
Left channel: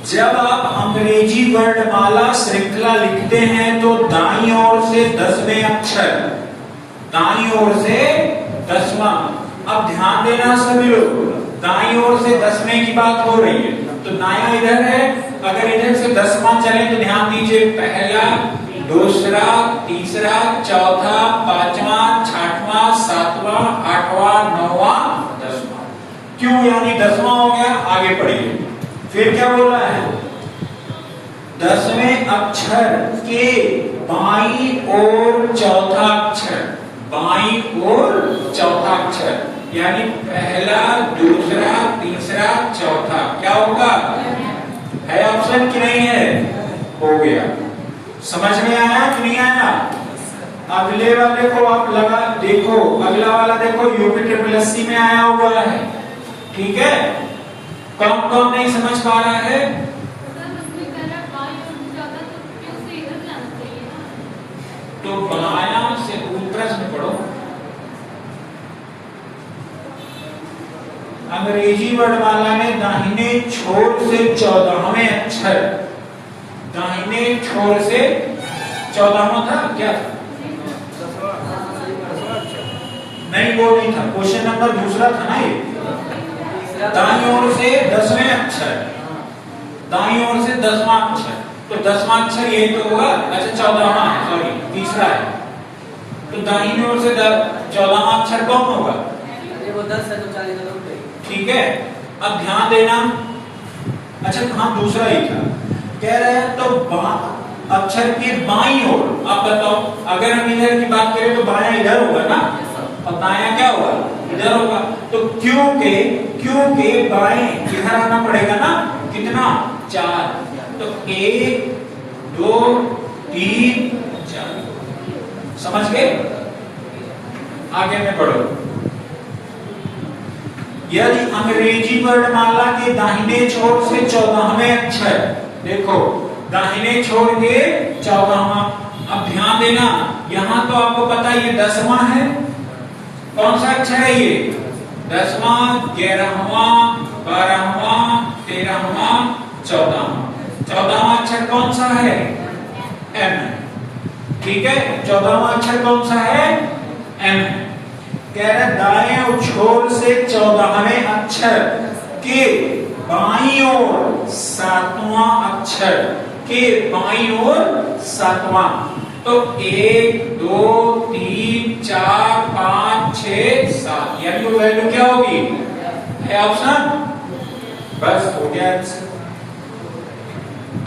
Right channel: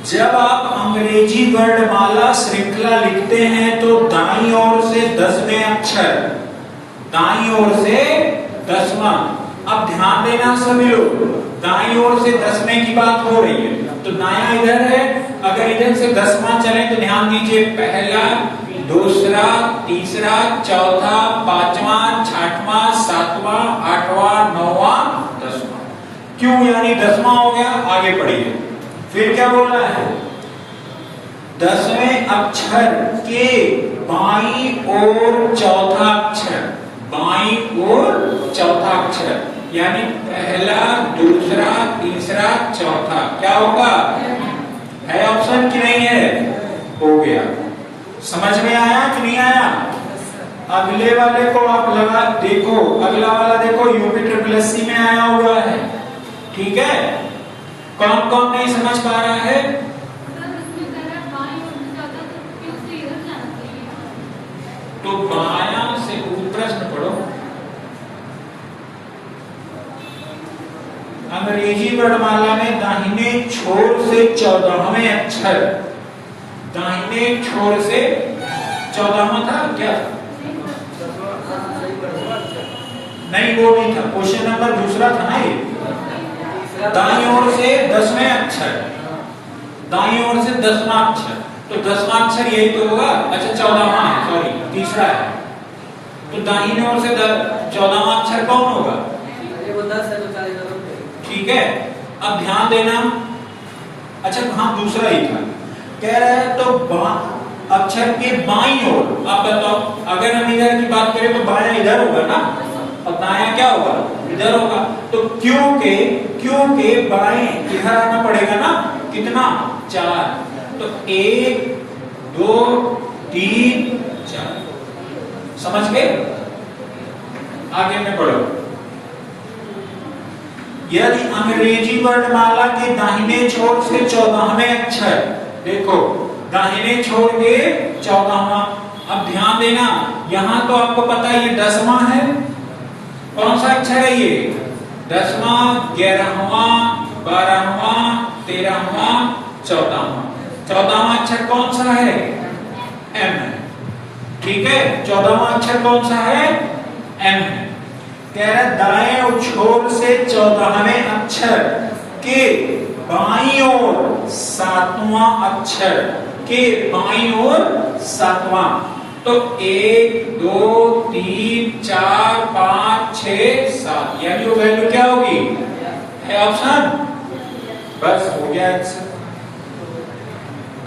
जब आप अंग्रेजी वर्णमाला श्रृंखला लिखते हैं तो दाईं ओर से 10वें अक्षर, दाईं ओर से 10वां। अब ध्यान देना सभी लोग, दाईं ओर से 10वें की बात हो रही है तो दायां इधर है, अगर इधर से 10वां चले तो ध्यान दीजिए, पहला दूसरा तीसरा चौथा पांचवा छठवां सातवां आठवां नौवां 10वां। क्यों यानी 10वां हो गया? आगे पढ़िए, फिर क्या बोल रहा है? 10वें अक्षर के बाईं ओर चौथा अक्षर, बाईं ओर चौथा अक्षर, यानी पहला दूसरा तीसरा चौथा क्या होगा? है ऑप्शन कि नहीं है? हो गया। समझ में आया कि नहीं आया? अगले वाले को आप लगा देखो, अगला वाला देखो यूपी ट्रिपल एससी में आया हुआ है। ठीक है, कौन कौन नहीं समझ पा रहा है? तो बायां से प्रश्न पढ़ो। अंग्रेजी वर्णमाला में दाहिने छोर से 14वें अक्षर, दाहिने छोर से 14वां था क्या? नहीं वो नहीं था, क्वेश्चन नंबर दूसरा था ना ये। दाईं ओर से 10वें अक्षर, दाईं ओर से 10वां अक्षर, तो 10वां अक्षर यही तो होगा। अच्छा 14वां है, सॉरी तीसरा है, तो दाहिने ओर से 14वां अक्षर कौन होगा? वो 10 है तो 40 जरूर। ठीक है, अब ध्यान देना। अच्छा कहां? दूसरा ही था, कह रहा है तो अक्षर के बाईं ओर। आप बताओ, अगर हम इधर की बात करें तो बायां इधर होगा ना, और दायां क्या होगा? इधर होगा। तो क्योंकि बाएं इधर आना पड़ेगा ना, कितना? 4, तो 1 2 3 4। समझ गए? आगे में पढ़ो। यदि अंग्रेजी वर्णमाला के दाहिने छोर से 14वें अक्षर, देखो दाहिने छोर के 14वां, अब ध्यान देना यहां तो आपको पता है ये 10वां है, कौन सा अक्षर है ये 10वां, 11वां, 12वां, 13वां, 14वां। 14वां अक्षर कौन सा है एम है, ठीक है। 14वां अक्षर कौन सा है एम है। कह रहा दाएं छोर से 14वें अक्षर के बाईं ओर 7वां अक्षर के बाईं ओर 7वां, तो 1 2 3 4 5 6 7, यानी वो वैल्यू क्या होगी है ऑप्शन, बस हो गया आंसर।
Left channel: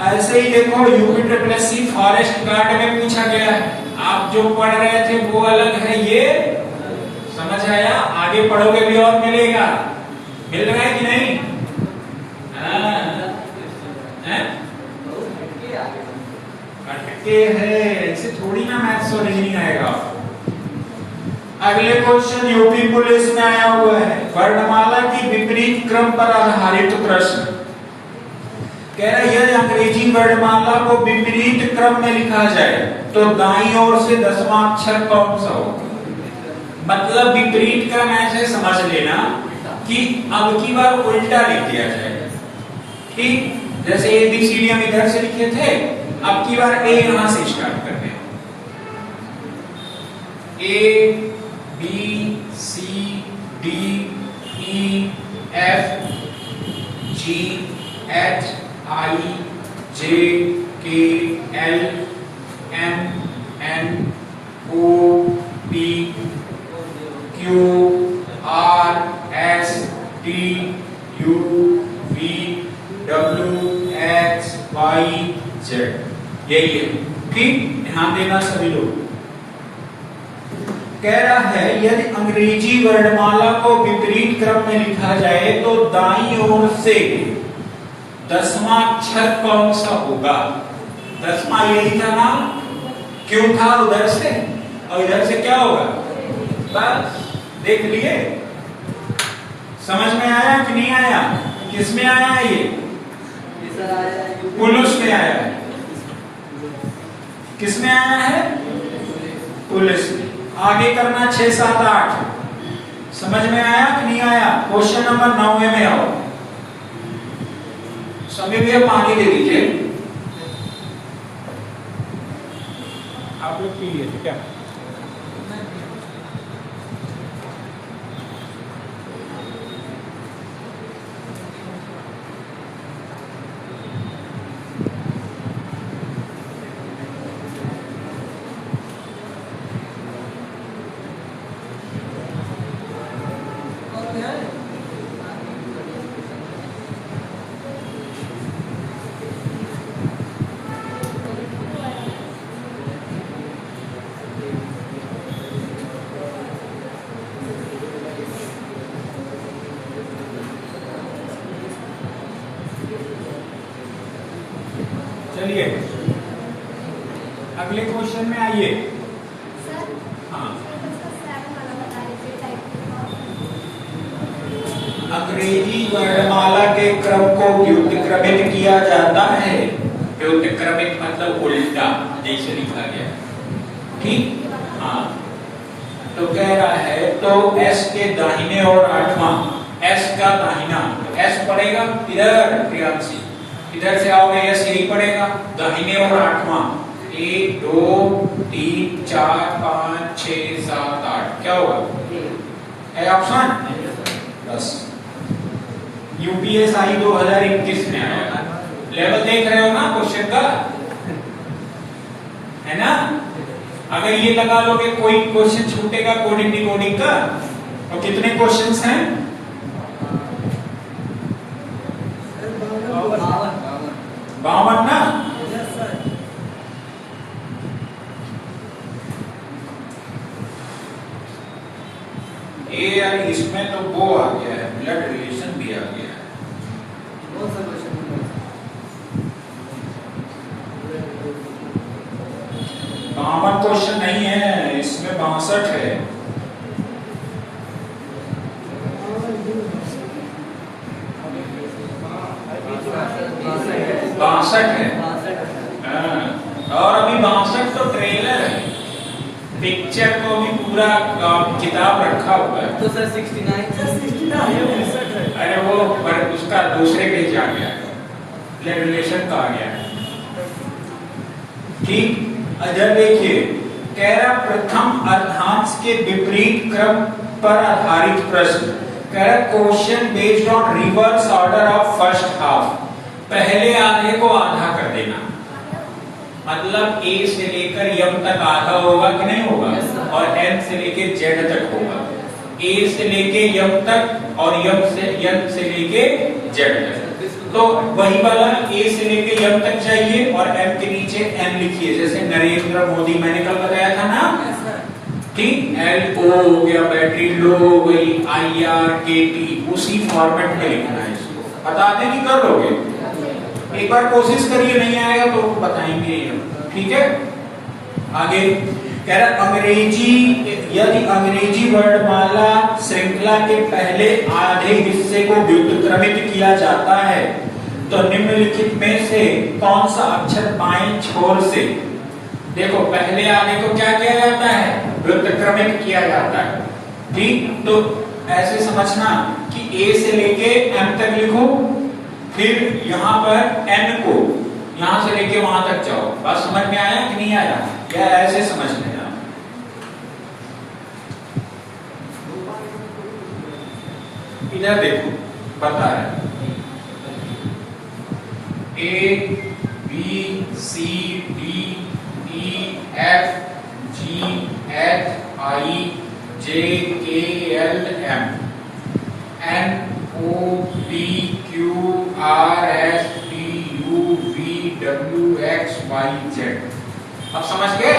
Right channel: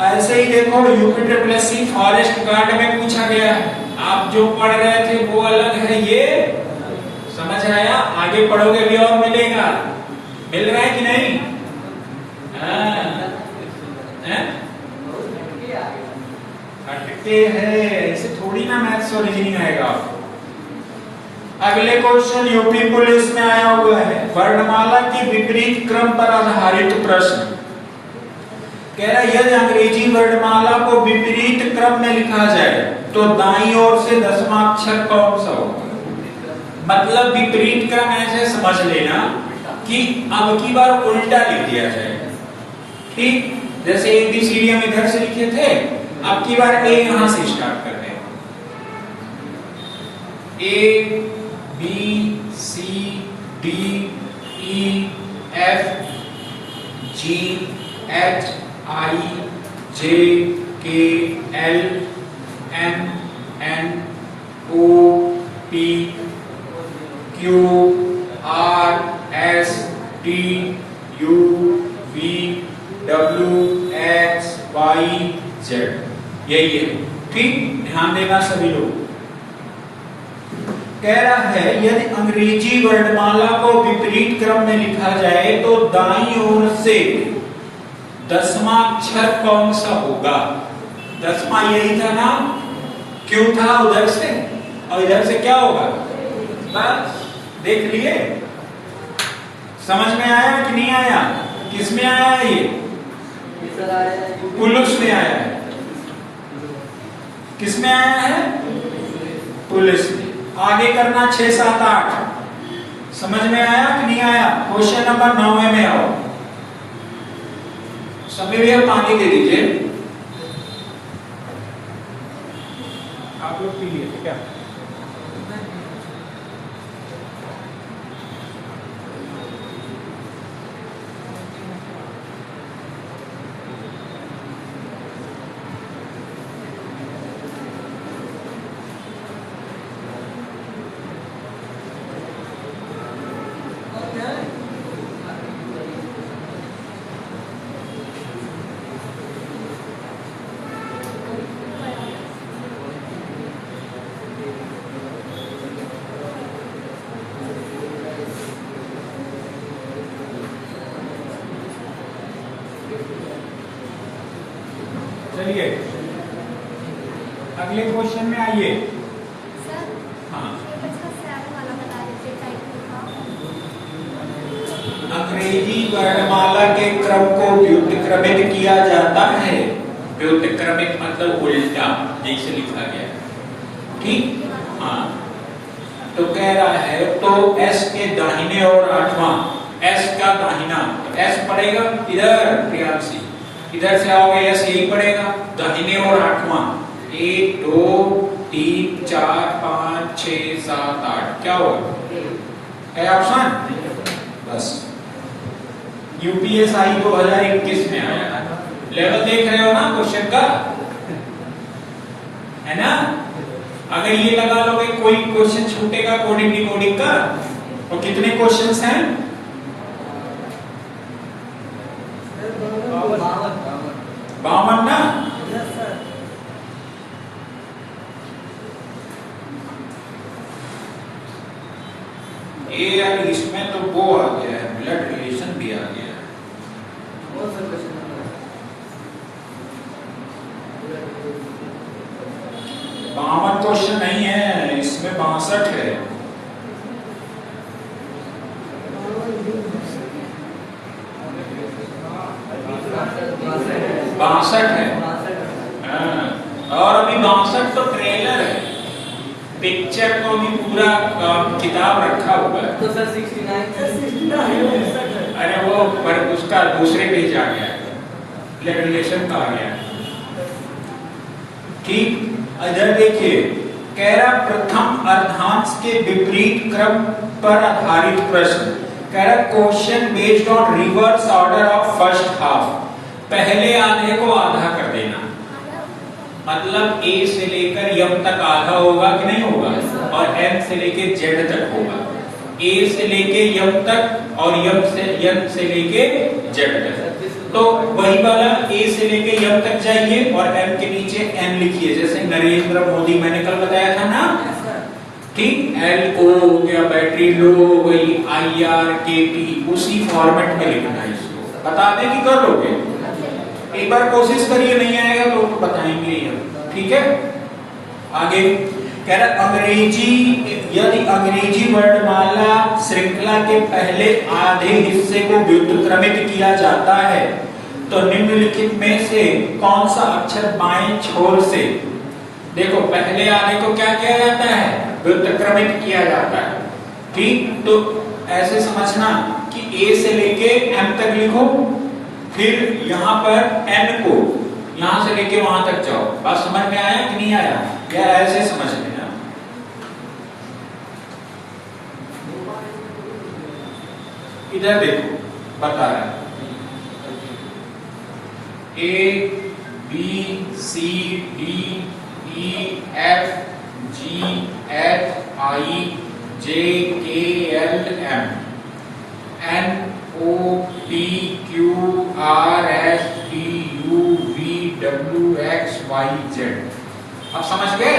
ऐसे ही देखो यूपी फॉरेस्ट गार्ड में पूछा गया है, आप जो पढ़ रहे थे वो अलग है, ये समझ आया, आगे पढ़ोगे भी और मिलेगा, मिल रहा है कि नहीं? अटके है, ऐसे थोड़ी ना मैथ्स और रीजनिंग आएगा। अगले क्वेश्चन यूपी पुलिस में आया हुआ है, वर्णमाला की विपरीत क्रम पर आधारित प्रश्न। कह रहा यदि अंग्रेजी वर्णमाला को विपरीत क्रम में लिखा जाए तो दाईं ओर से 10वां अक्षर कौन सा होगा? मतलब विपरीत क्रम ऐसे समझ लेना कि अब की बार उल्टा लिख दिया जाएगा, ठीक। जैसे ABCD हम इधर से लिखे थे, अब की बार A यहां से स्टार्ट करते हैं, A B C D E F G H I J K L M N O P Q R S T U V W X Y Z, यही है, ठीक। ध्यान देना सभी लोग। कह रहा है यदि अंग्रेजी वर्णमाला को विपरीत क्रम में लिखा जाए तो दाईं ओर से 10वां अक्षर कौन सा होगा? 10वां यही था ना, क्यों था उधर से, और इधर से क्या होगा, बस देख लिए। समझ में आया कि नहीं आया? किस में आया है ये? पुलिस में आया है। किस में आया है? पुलिस में। आगे करना 6 7 8, समझ में आया कि नहीं आया? क्वेश्चन नंबर 9 में आओ। सभी भैया पानी दे दीजिए, आप लोग पी लिए क्या? चलिए अगले क्वेश्चन में आइए। हाँ, अंग्रेजी वर्णमाला के क्रम को व्युत्क्रमित किया जाता है। व्युत्क्रमित मतलब उल्टा, जैसे लिखा गया, ठीक। हाँ, तो कह रहा है तो S के दाहिने और 8वां, S का दाहिना, S पड़ेगा इधर, प्रियांशी इधर से आओगे S यही पड़ेगा, दाहिने और 8वां, 1 2 3 4 5 6 7 8, क्या होगा है ऑप्शन, बस। UPSI 2021 में आया, लेवल देख रहे हो ना क्वेश्चन का, है ना? अगर ये लगा लोगे कोई क्वेश्चन छूटेगा कोडिंग डिकोडिंग का, तो कितने क्वेश्चंस हैं? 52 ना? ये यार इसमें तो वो आ गया है, ब्लड रिलेशन भी आ गया है। कौन सा क्वेश्चन? 52 क्वेश्चन नहीं है इसमें, 62 है। 62 तो ट्रेलर है, पिक्चर तो अभी पूरा किताब रखा हुआ है। तो सर 69 अरे वो पर उसका दूसरे पेज आ गया, रिलेशन का आ गया। ठीक, अजय देखिए कह रहा प्रथम अर्धांश के विपरीत क्रम पर आधारित प्रश्न। कह रहा question based on reverse order of first half. पहले आधे को आधा कर देना, मतलब ए से लेकर यम तक आधा होगा कि नहीं होगा, और एम से लेके जेड तक होगा। ए से लेके यम तक और यम से लेके जेड तक। तो वही वाला ए से लेके यम तक चाहिए और एम के नीचे एन लिखिए, जैसे नरेंद्र मोदी मैंने कल बताया था ना। ठीक, एल ओ हो गया, बैटरी लो हो गई, आई आर के टी, उसी फॉर्मेट में लिखना है इसको। बता दें कि कर लोगे, एक बार कोशिश करिए, नहीं आएगा तो बताएंगे ही हम। ठीक है, आगे कह रहा अंग्रेजी, यदि अंग्रेजी वर्णमाला श्रृंखला के पहले आधे हिस्से को व्युत्क्रमित किया जाता है तो निम्नलिखित में से कौन सा अक्षर बाएं छोर से, देखो पहले आधे को क्या किया जाता है, व्युत्क्रमित किया जाता है। ठीक, तो ऐसे समझना कि ए से लेके एम तक लिखो, फिर यहां पर एन को यहां से लेके वहां तक जाओ। बात समझ में आया कि नहीं आया, या ऐसे समझ लेना। इधर देखो बता रहा है, A B C D E F G H I J K L M N O P Q R S T U V W X Y Z. अब समझ गए,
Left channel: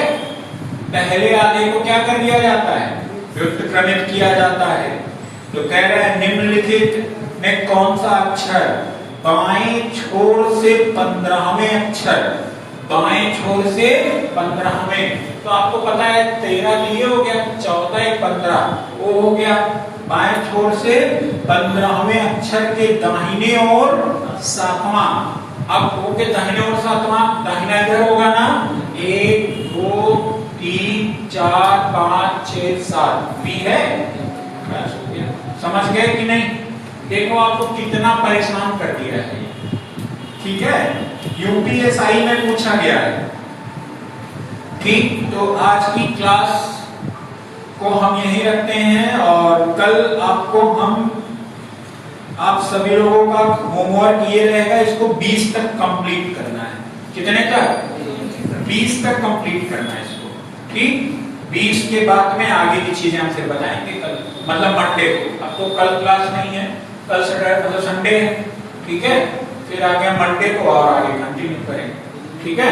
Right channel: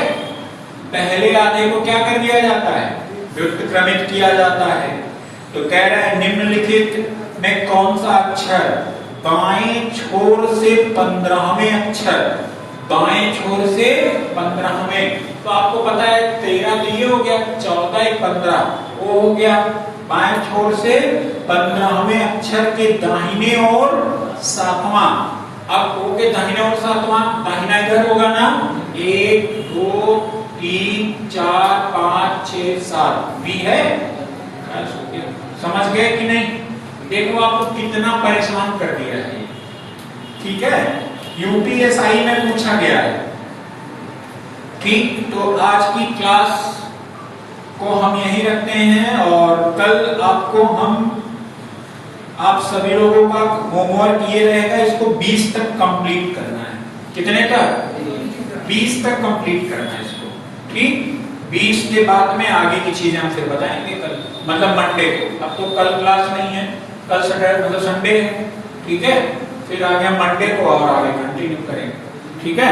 पहले आधे को क्या कर दिया जाता है, व्युत्क्रमित किया जाता है। तो कह रहा है निम्नलिखित में कौन सा अक्षर बाएं छोर से 15वें अक्षर, बाएं छोर से 15वें, तो आपको पता है 13 लिए हो गया, 14 15 वो हो गया, बाएं छोर से 15वें अक्षर के दाहिने ओर 7वां। अब ओ के दाहिने ओर 7वां, दाहिना इधर होगा ना, 1 2 3 4 5 6 7 बी है। समझ गए कि नहीं, देखो आपको कितना परेशान कर दिया है। ठीक है, यूपीएसआई में पूछा गया है। ठीक, तो आज की क्लास को हम यही रखते हैं और कल आपको आप सभी लोगों का होमवर्क ये रहेगा, इसको 20 तक कंप्लीट करना है। कितने तक, 20 तक कंप्लीट करना है इसको। ठीक, 20 के बाद में आगे की चीजें हम फिर बताएंगे कल, मतलब मंडे को। अब तो कल क्लास नहीं है, कल सैटरडे मतलब संडे है। ठीक है, फिर आगे मंडे को और आगे कंटिन्यू करेंगे। ठीक है।